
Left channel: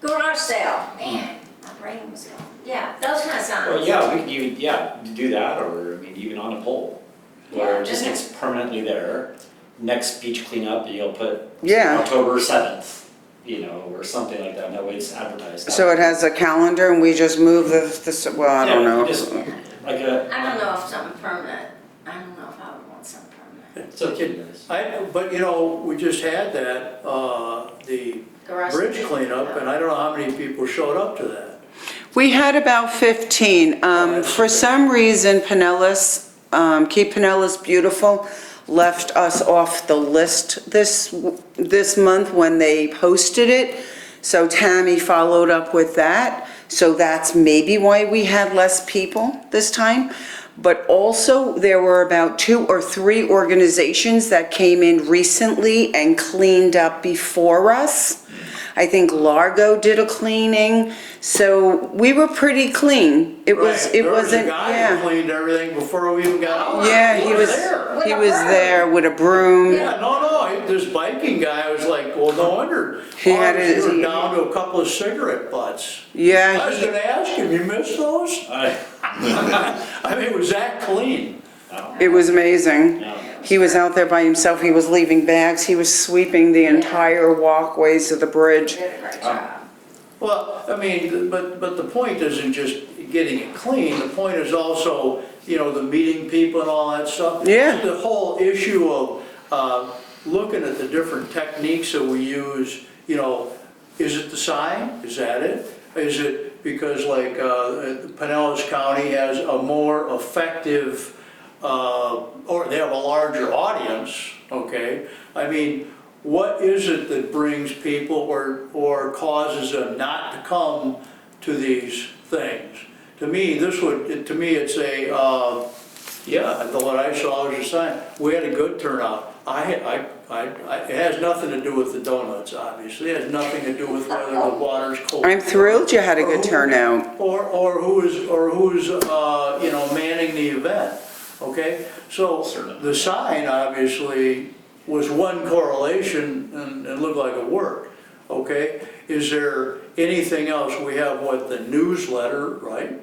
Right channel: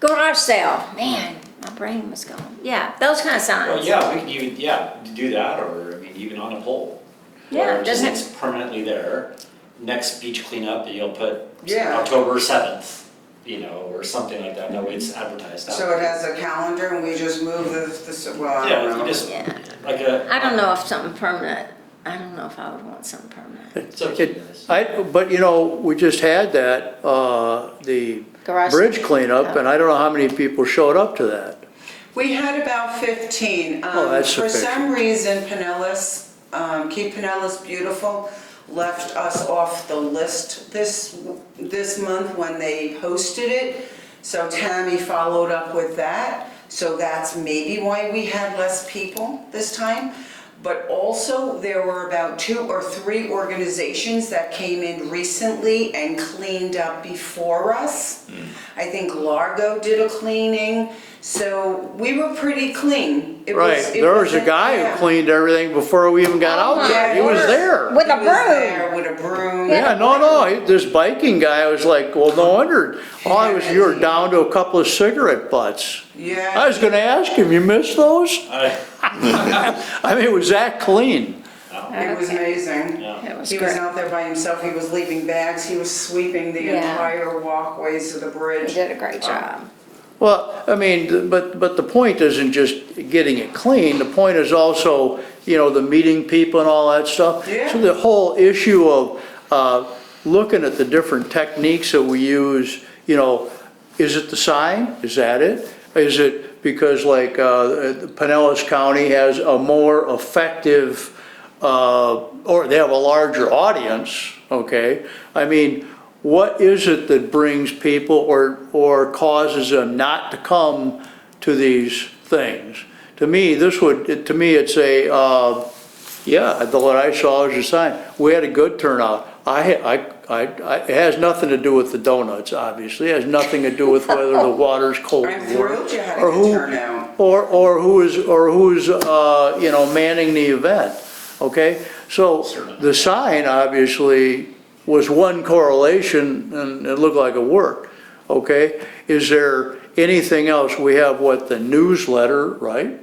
garage sale, man, my brain was gone. Yeah, those kind of signs. well, yeah, we could even, do that, or, I mean, even on a pole. Where Yeah, it just doesn't- it's permanently there, next beach cleanup, you'll put Yeah. October 7th, you know, or something like that, that way it's advertised. So it has a calendar and we just move well, I don't Yeah, know. you just, Yeah. like a. I don't know if something permanent, I don't know if I would want something permanent. It's up to you guys. But you know, we just had that, the Garage bridge sale. cleanup, and I don't know how many people showed up to that. We had about 15. that's For sufficient. some reason, Pinellas, Keep Pinellas Beautiful, left us off the list this month when they posted it. So Tammy followed up with that. So that's maybe why we had less people this time. but also there were about 2 or 3 organizations that came in recently and cleaned up before us. I think Largo did a cleaning, so we were pretty clean. It Right, was, it there was a wasn't- guy yeah. who cleaned everything before we even got out Yeah, there. He was there. With He a was broom. there with a broom. Yeah, no, this biking guy, I was like, well, no wonder. He All I had was, his- you were down to a couple of cigarette butts. I Yeah, was gonna ask him, you missed those? I mean, it was that clean. it was amazing. It was He was great. out there by himself, he was leaving bags, he was sweeping the Yeah. entire walkways of the He bridge. did a great job. Well, I mean, but the point isn't just getting it clean, the point is also, you know, the meeting people and all that stuff. Yeah. So the whole issue of looking at the different techniques that we use, you know, is it the sign? Is that it? Is it because like Pinellas County has a more effective, or they have a larger audience, okay? I mean, what is it that brings people or causes them not to come to these things? To me, to me, it's a, what I saw was a sign. We had a good turnout. It has nothing to do with the donuts, obviously. It has nothing to do with whether the water's cold. I'm thrilled you had a or good who- turnout. Or who's, you know, manning the event, okay? So the sign obviously was one correlation and it looked like it worked, okay? Is there anything else? We have the newsletter, right?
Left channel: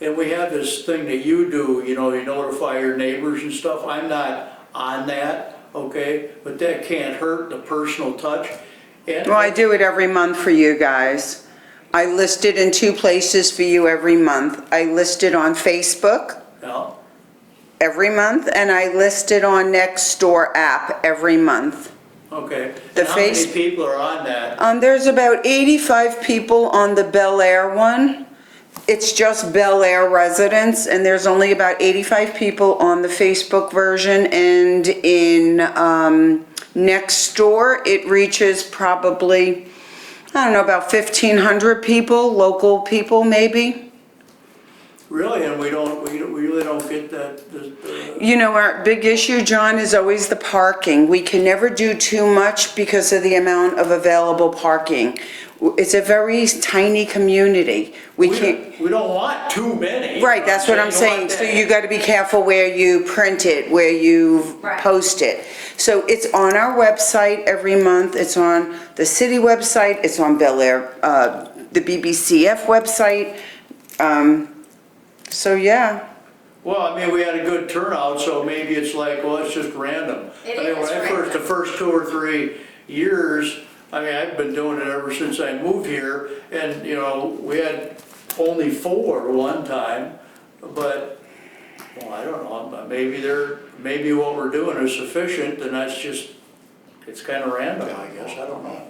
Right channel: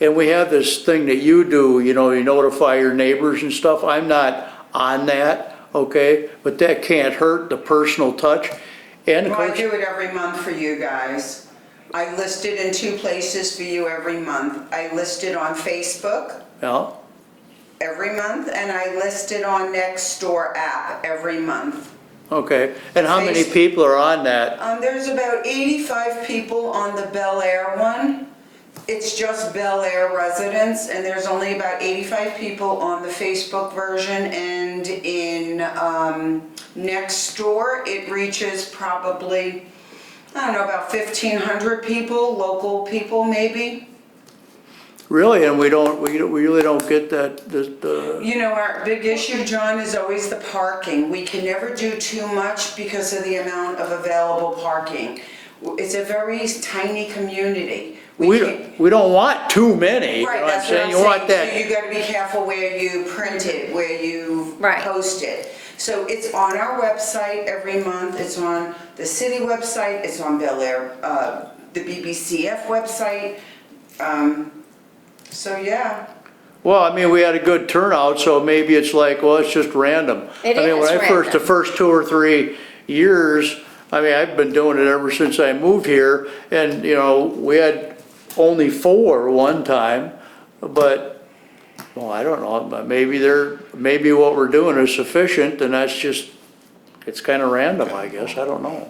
And we have this thing that you do, you know, you notify your neighbors and stuff. I'm not on that, okay? But that can't hurt the personal touch. And Well, I do it every month for you guys. I list it in 2 places for you every month. I list it on Facebook Yeah, every month, and I list it on Nextdoor app every month. okay. And how many face- people are on that? There's about 85 people on the Bel Air one. It's just Bel Air residents, and there's only about 85 people on the Facebook version, and in Nextdoor, it reaches probably, I don't know, about 1,500 people, local people maybe. Really, and we really don't get that, You know, our big issue, John, is always the parking. We can never do too much because of the amount of available parking. It's a very tiny community. We can't. we don't want too many. Right, that's what I'm You want saying. So that- you gotta be careful where you print it, where you Right. post it. So it's on our website every month, it's on the city website, it's on Bel Air, the BBCF website. So yeah, Well, I mean, we had a good turnout, so maybe it's like, well, it's just random. It I mean, is the first 2 or 3 years, I mean, I've been doing it ever since I moved here, and, you know, we had only 4 one time, but, well, I don't know, maybe what we're doing is sufficient, and that's just, it's kinda random, I guess, I don't know.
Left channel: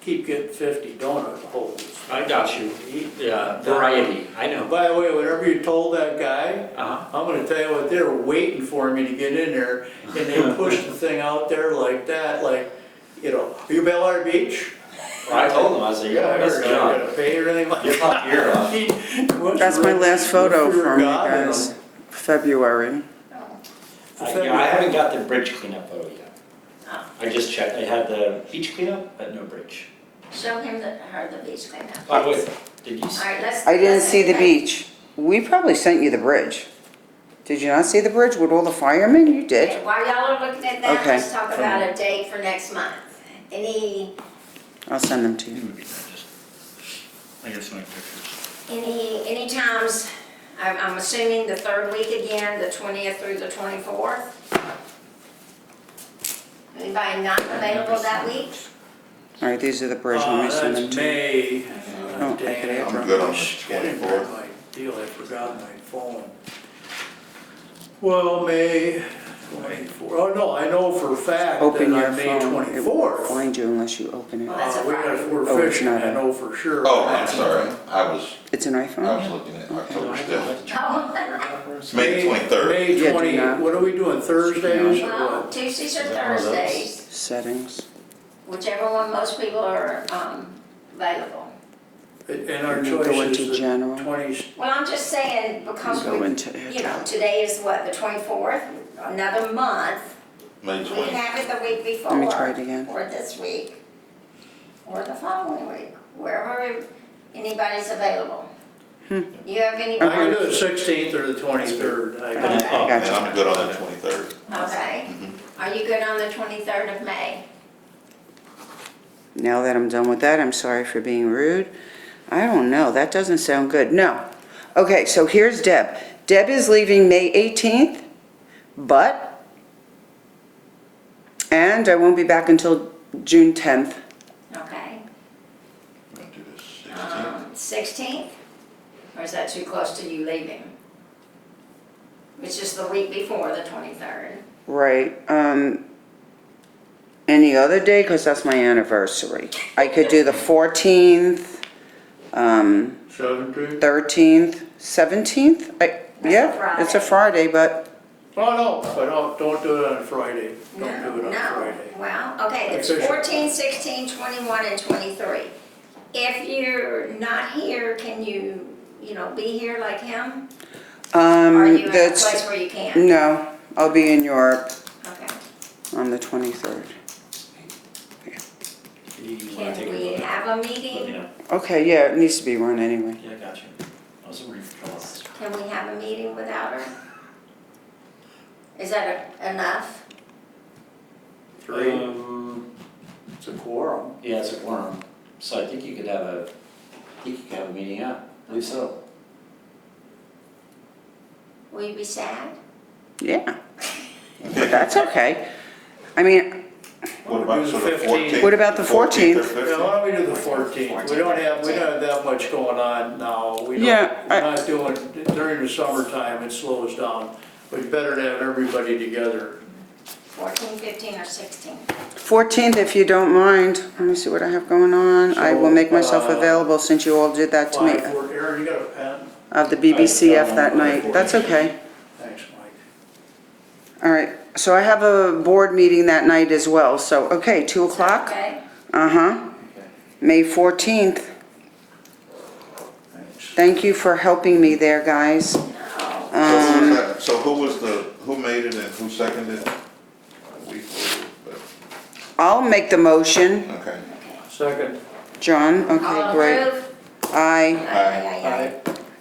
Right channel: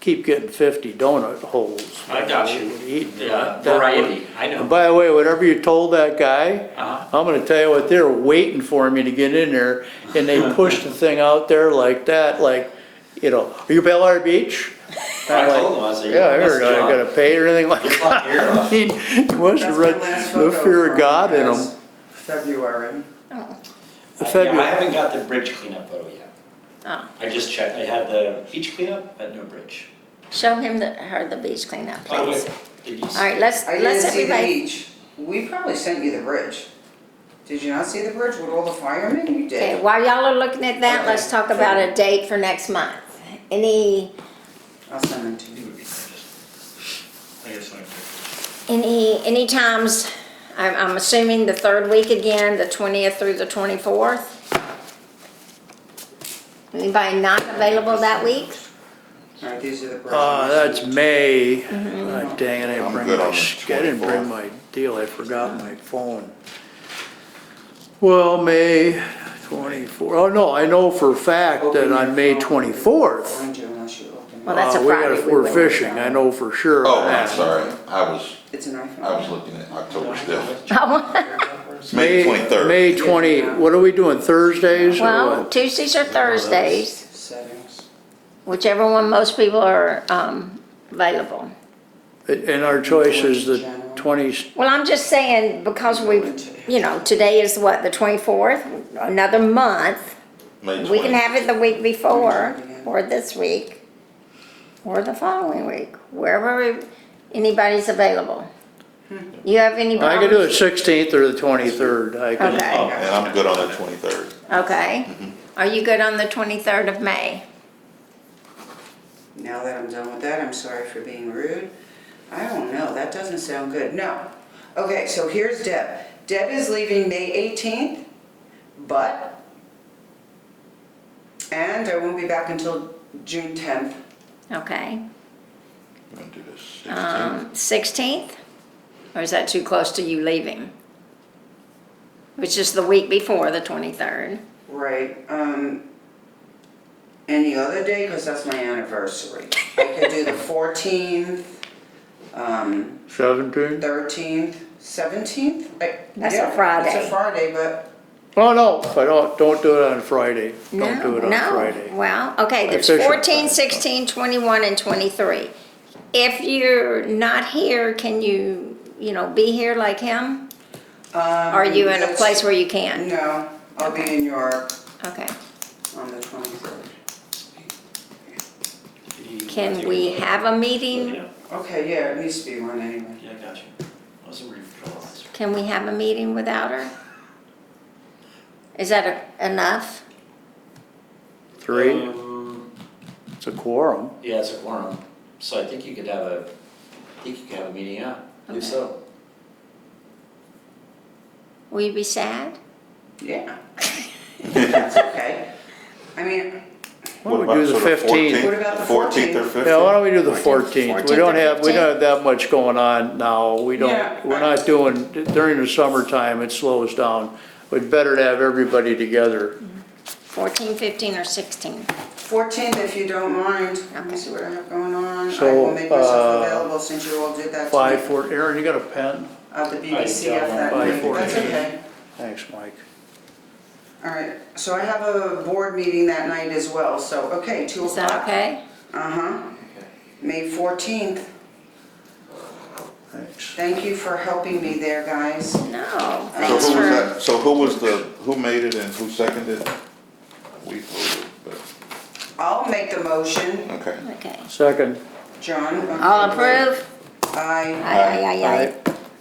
Keep getting 50 donut holes. I got you. Eat Yeah, that. variety, I And know. by the way, whatever you told that guy, Uh-huh. I'm gonna tell you what, they were waiting for me to get in there, and they pushed the thing out there like that, like, you know, are you Bel Air Beach? I told him, I said, Yeah, I you're heard, I gotta pay or anything like You're that. not here, huh? I mean, must that's have my read last the photo fear of from God in you guys. them. February. Yeah, I haven't got the bridge cleanup photo yet. Oh. I just checked, I had the beach cleanup, but no bridge. Show him her the beach cleanup, By the way, please. did you All see? right, let's. I didn't let's see the everybody- beach. We probably sent you the bridge. Did you not see the bridge with all the firemen? You Okay, did. while y'all are looking at that, Okay. let's talk about a date for next month. Any I'll send them to you. Any times, I'm assuming the 3rd week again, the 20th through the 24th? Anybody not available that week? All right, these are the bridge. That's May. Mm-hmm. Oh, dang it, I I'm didn't good bring on my, the I didn't bring 24th. my deal, I forgot my phone. Well, May 24, oh no, I know for a fact Open that your on May phone. It won't 24th, Find you unless you open it. Well, that's a Friday, we we're will. fishing, I know for sure. Oh, I'm sorry, I was It's an iPhone. looking at October still. Oh, May 23rd. May 20, Yeah. what are we doing, Thursdays or well, what? Tuesdays or Thursdays, Oh, Settings. whichever one most people are available. And our choice is the General. 20, Well, I'm just saying, because Go into it. today is what, the 24th? Another month. May We can 20th. have it the week Let me before, try it again. or this week, or the following week, wherever anybody's available. You have anybody? I can do it 16th or the 23rd. I can, Okay. Oh, and I'm good on the 23rd. Okay. Are you good on the 23rd of May? Now that I'm done with that, I'm sorry for being rude. I don't know, that doesn't sound good. No. Okay, so here's Deb. Deb is leaving May 18th, and I won't be back until June 10th. Okay. You want to do the 16th? 16th? Or is that too close to you leaving? Which is the week before the 23rd. Right, any other day, because that's my anniversary. I could do the 14th, 17th? 13th, 17th? That's a Yeah, Friday. it's a Friday, but Oh, no, but don't do it on Friday. Don't No, do it on no. Friday. Well, okay, there's Official. 14, 16, 21, and 23. If you're not here, can you, be here like him? Are you in a that's- place where you can't? No, I'll be in Europe Okay. on the 23rd. Can we have a meeting? Okay, yeah, it needs to be run anyway. Yeah, I got you. I was reading for Can we have a meeting without her? Is that enough? 3, it's a quorum. Yeah, it's a quorum, so I think you could have a meeting out, I believe so. Will you be sad? Yeah. That's okay. I mean, Why don't we do the 15th? What about the 14th or 14th? Yeah, why 15th? don't we do the 14th? We don't have that much going on now. We're not doing, during the summertime, it slows down. But better to have everybody together. 14, 15, or 16? 14th, if you don't mind. Let me see what I have going on. I So, will make myself uh, available since you all did that to 5, me. 4, Aaron, you got a pen? Of the BBCF that I night. don't know. That's okay. Thanks, Mike. All right, so I have a board meeting that night as well, so, okay, 2 Is that o'clock? okay? Uh-huh, Okay. May 14th. Thanks. Thank you for helping me there, guys. No. So who was that, so who made it and who seconded it? We voted, but, I'll make the motion. okay. Okay. Second. John, All okay, great. approve? Aye. Aye.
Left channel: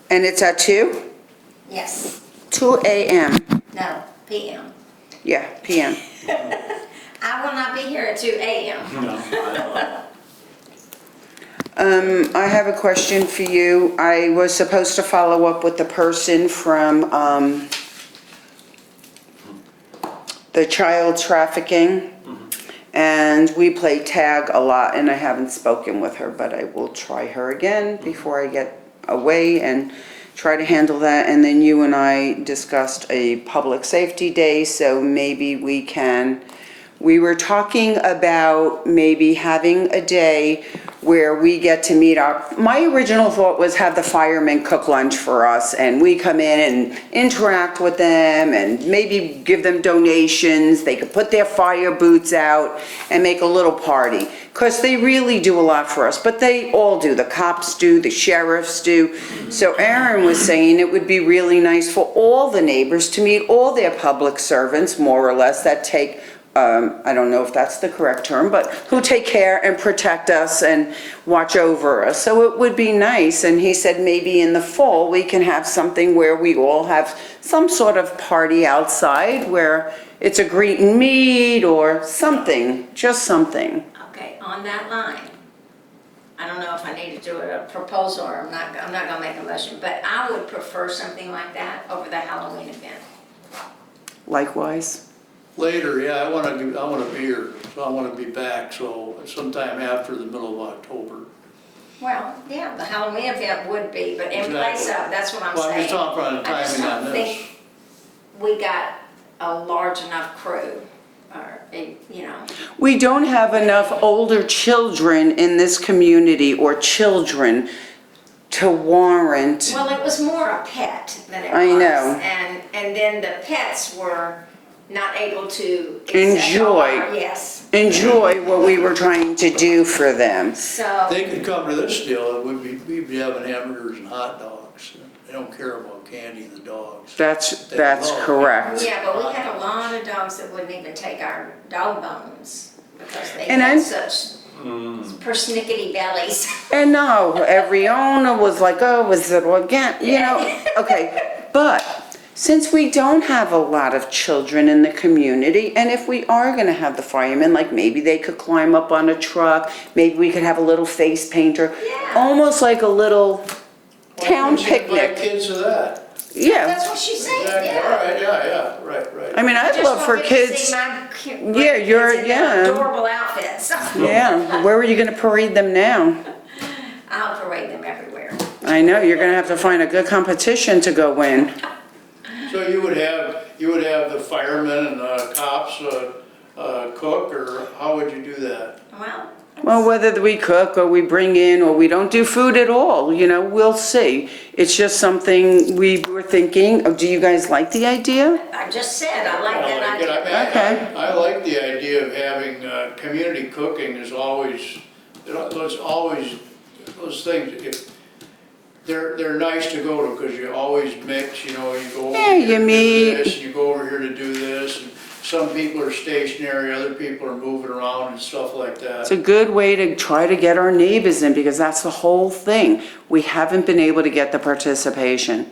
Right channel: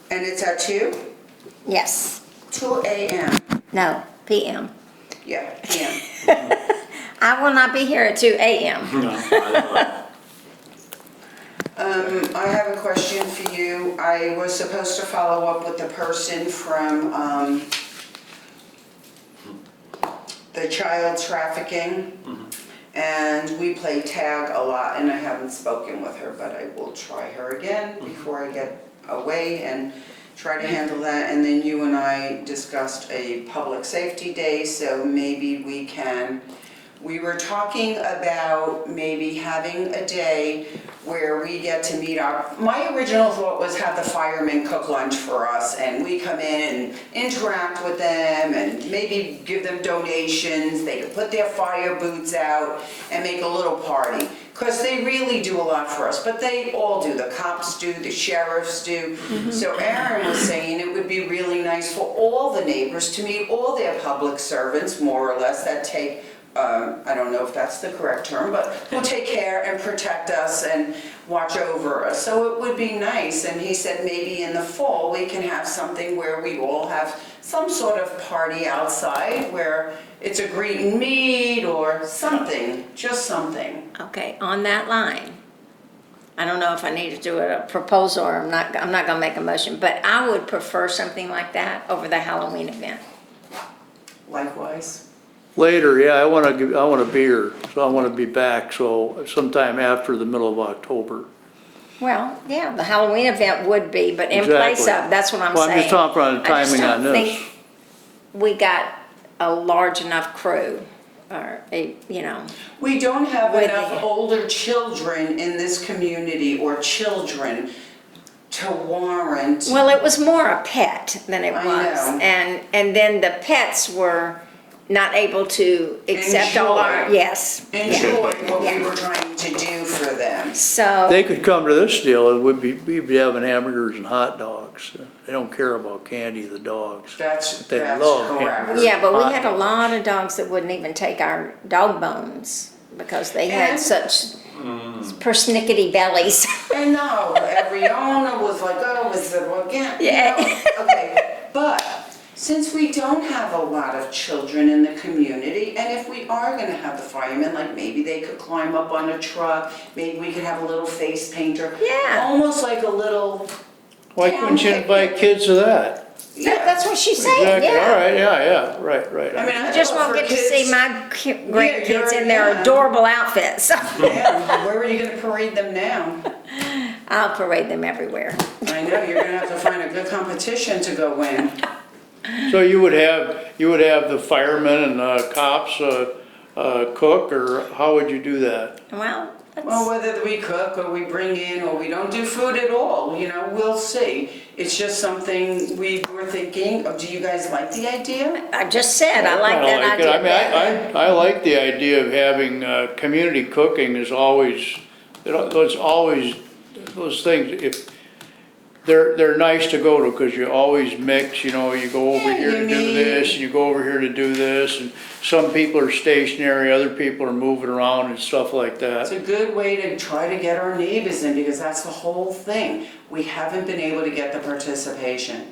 And it's at 2? Yes. 2 a.m. No, PM. Yeah, p.m. I will not be here at 2 a.m. I have a question for you. I was supposed to follow up with the person from, the child trafficking. And we play tag a lot, and I haven't spoken with her, but I will try her again before I get away and try to handle that. And then you and I discussed a public safety day, so maybe we were talking about maybe having a day where we get to meet my original thought was have the firemen cook lunch for us, and we come in and interact with them and maybe give them donations. They could put their fire boots out and make a little party, because they really do a lot for us, but they all do. The cops do, the sheriffs do. So Aaron was saying it would be really nice for all the neighbors to meet all their public servants, more or less, that take I don't know if that's the correct term, but who take care and protect us and watch over us. So it would be nice, and he said maybe in the fall we can have something where we all have some sort of party outside where it's a greet and meet or something, just something. Okay, on that line, I don't know if I need to do a proposal or I'm not gonna make a motion, but I would prefer something like that over the Halloween event. Likewise. Later, yeah, I want a beer, so I want to be back, so sometime after the middle of October. Well, yeah, the Halloween event would be, but in place Exactly. of, that's what I'm Well, saying. I'm just talking about the I just timing on don't this. think we got a large enough crew, or We don't have enough older children in this community or children to warrant. Well, it was more a pet than it was. I know. And then the pets were not able to accept all our, Enjoy. yes. Enjoy what we were trying to do for them. So, They could come to this deal, we'd be having hamburgers and hot dogs. They don't care about candy, the dogs. That's They love correct. yeah, but we had a lot of dogs that wouldn't even take our dog bones because they And had I'm- such persnickety bellies. And no, every owner was like, oh, is it again, you know? Okay, but since we don't have a lot of children in the community, and if we are gonna have the firemen, like maybe they could climb up on a truck, maybe we could have a little face painter. Yeah. Almost like a little Why town couldn't you invite picnic. kids to that? Yeah, That's what she's saying, Exactly, all yeah. right, yeah, right. I mean, I I'd just love for won't get to see kids. my you're- grandkids in their yeah. adorable outfits. Yeah, where are you gonna parade them now? I'll parade them everywhere. I know, you're gonna have to find a good competition to go win. So you would have the firemen and the cops, cook, or how would you do that? Well, Well, whether we cook or we bring in or we don't do food at all, you know, we'll see. It's just something we were thinking, do you guys like the idea? I just said, I like that I idea. mean, I like the idea of having, community cooking is always, there's always those things, if, they're nice to go to, because you always mix, you know, you go over Yeah, here you to do meet. this, and you go over here to do this, and some people are stationary, other people are moving around and stuff like It's that. a good way to try to get our neighbors in, because that's the whole thing. We haven't been able to get the participation.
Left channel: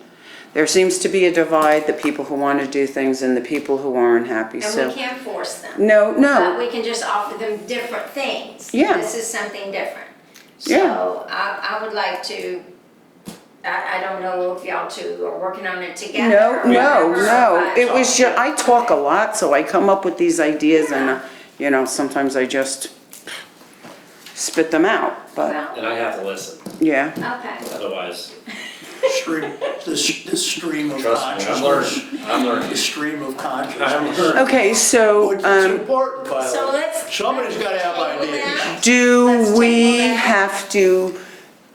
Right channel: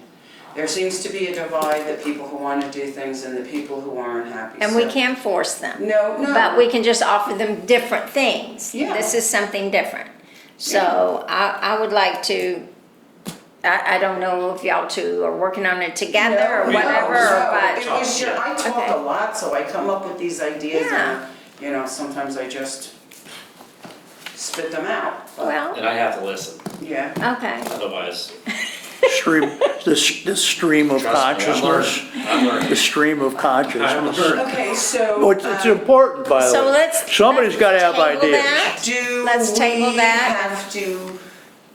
There seems to be a divide, the people who want to do things and the people who aren't happy, And so. we can't force them. No, But no, we can just offer them different things. Yeah. This is something different. Yeah. So I would like to, I don't know if y'all two are working on it together no, or no, whatever. no. but- It was just, I talk a Okay. lot, so I come up with these ideas Yeah. and, you know, sometimes I just spit them out, but, Well, And I have to listen, yeah. okay. otherwise, Stream, the stream of trust me, I'm consciousness, learning, I'm the learning. stream of I'm consciousness. learning. Okay, so, It's important, by the So way. let's. Somebody's gotta have table ideas. that. do Let's table we that. have to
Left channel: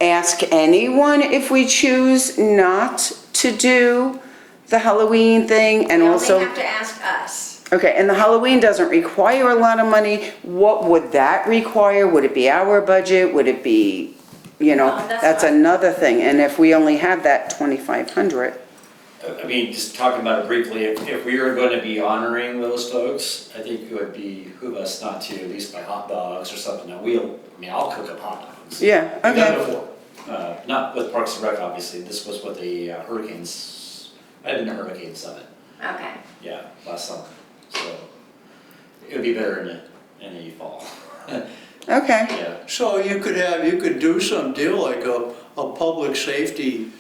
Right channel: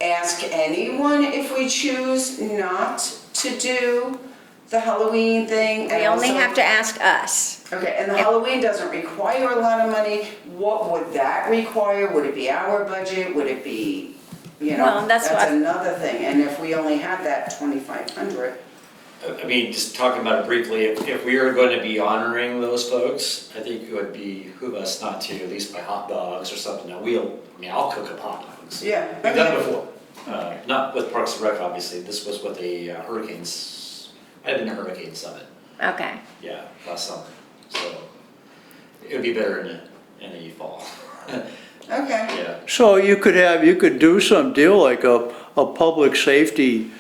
ask anyone if we choose not to do the Halloween thing? And We only also, have to ask us. okay, and the Halloween doesn't require a lot of money. What would that require? Would it be our budget? Would it be, you know, Well, that's that's what- another thing. And if we only have that 2,500, I mean, just talking about it briefly, if we are going to be honoring those folks, I think it would behoove us not to at least buy hot dogs or something. Now, I'll cook up hot dogs. yeah, We've done it okay. before. Not with Parks and Rec, obviously. This was with the Hurricanes, I had been to Hurricane Summit, Okay. yeah, last summer. So it would be better in the fall. Okay, Yeah. So you could do some deal like a public safety,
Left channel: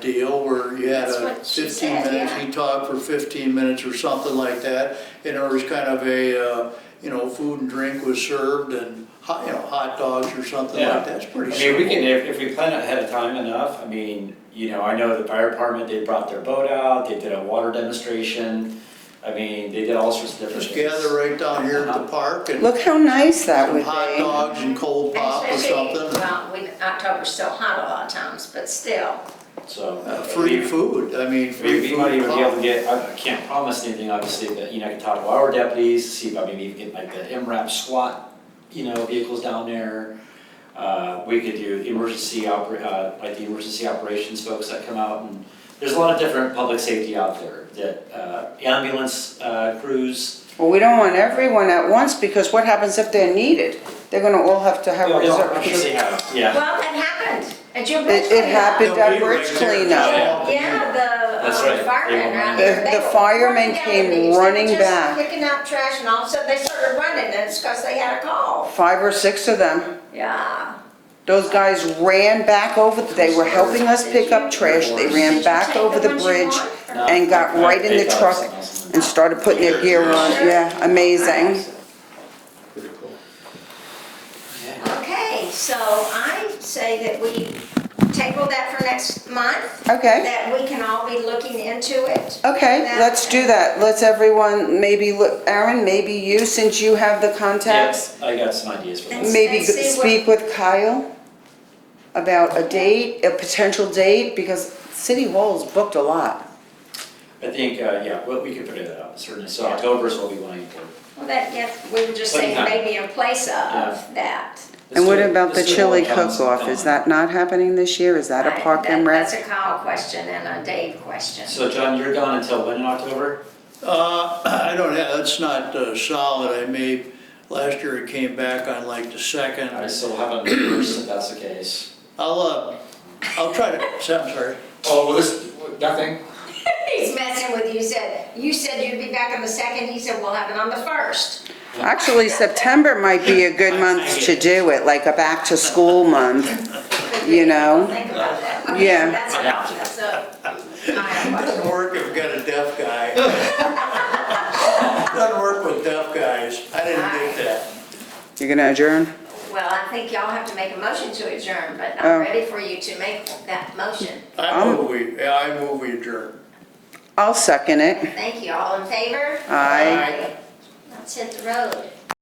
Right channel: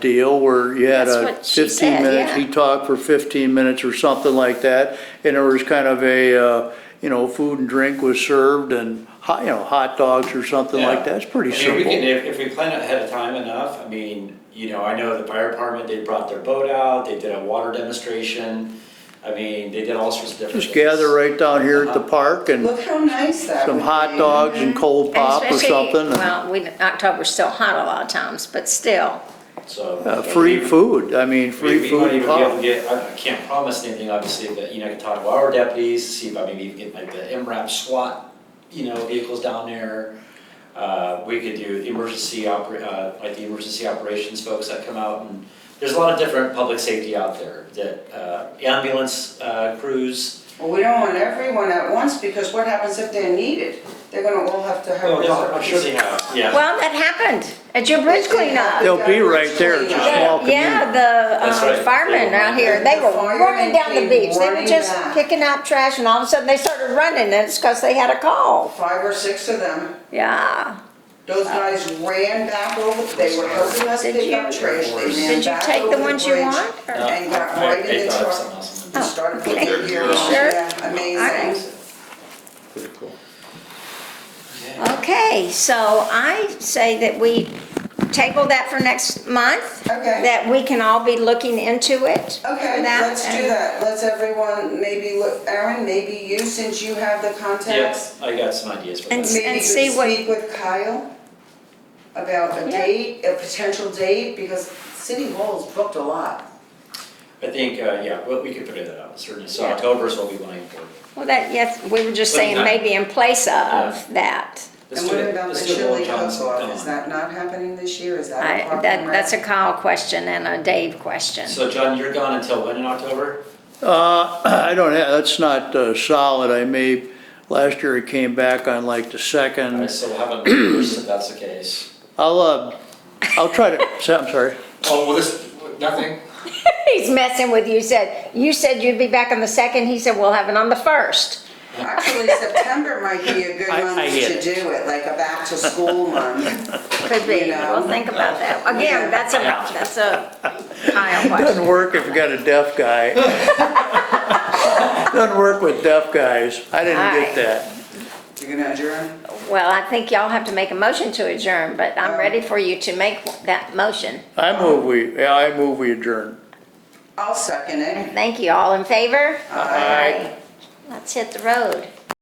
deal where you had That's a what she 15 said, minutes, yeah. he talked for 15 minutes or something like that. And there was kind of a, you know, food and drink was served and hot, you know, hot dogs or something Yeah. like that. It's pretty I mean, we can, simple. if we plan ahead of time enough, I mean, you know, I know the fire department, they brought their boat out, they did a water demonstration. I mean, they did all sorts of different Just things. gather right down here at the park and look how nice that would some be. hot dogs and cold And pop or especially- something. October's still hot a lot of times, but still. So. Free food, I mean, We free might food even and be able to pop. get, I can't promise anything obviously, but, you know, I can talk to our deputies, see if I maybe even get like the MRAP SWAT, you know, vehicles down there. We could do like the emergency operations folks that come out, and there's a lot of different public safety out there, that, ambulance, crews. Well, we don't want everyone at once, because what happens if they're needed? They're gonna all have to have. Well, I'm sure they have, yeah. Well, that happened at your bridge It cleanup. happened They'll at be Bridge right there. Cleanup. Small Yeah, That's the right. firemen They around were here, they The were firemen running down the came beach, they were running just back. picking out trash, and all of a sudden they started running, and it's because they had a call. 5 or 6 of them. Yeah. Those guys ran back over, they were helping us pick up trash, they Did ran you back take over the the ones you bridge want? or- No, and got I- right in they the thought truck something else. and started putting their gear on. Sure. Yeah, amazing. Yeah. Okay, so I say that we table that for next month. Okay. That we can all be looking into it. Okay, That- let's do that. Let's everyone, maybe, Aaron, maybe you, since you have the contacts, Yes, I got some ideas for And this. maybe could see what- speak with Kyle about a Yeah. date, a potential date, because City Hall's booked a lot. I think, yeah, well, we could figure that out, certainly. So Yeah. October is what we want to for. Well, that, yes, we were just saying Sometime. maybe in place of that. And what about the chili cook-off? Is that not happening this year? Is that a Park and That's Rec? a Kyle question and a Dave question. So John, you're gone until when in October? I don't have, that's not solid. I may, last year it came back on like the All right, second. so we'll have it reversed if that's the case. I'll try to, I'm sorry. Oh, well, this, nothing? He's messing with you. You said you'd be back on the second. He said we'll have it on the first. Actually, September might be a good I month get to it. do it, like a back-to-school month. Could be. You know? We'll think about that. Yeah. Again, that's a Kyle Doesn't question. work if you got a deaf guy. Doesn't work with deaf guys. I didn't get that. You're gonna adjourn? Well, I think y'all have to make a motion to adjourn, but I'm Oh. ready for you to make that motion. I move we adjourn. I'll second it. And thank you. All in favor? Aye. Let's hit the road.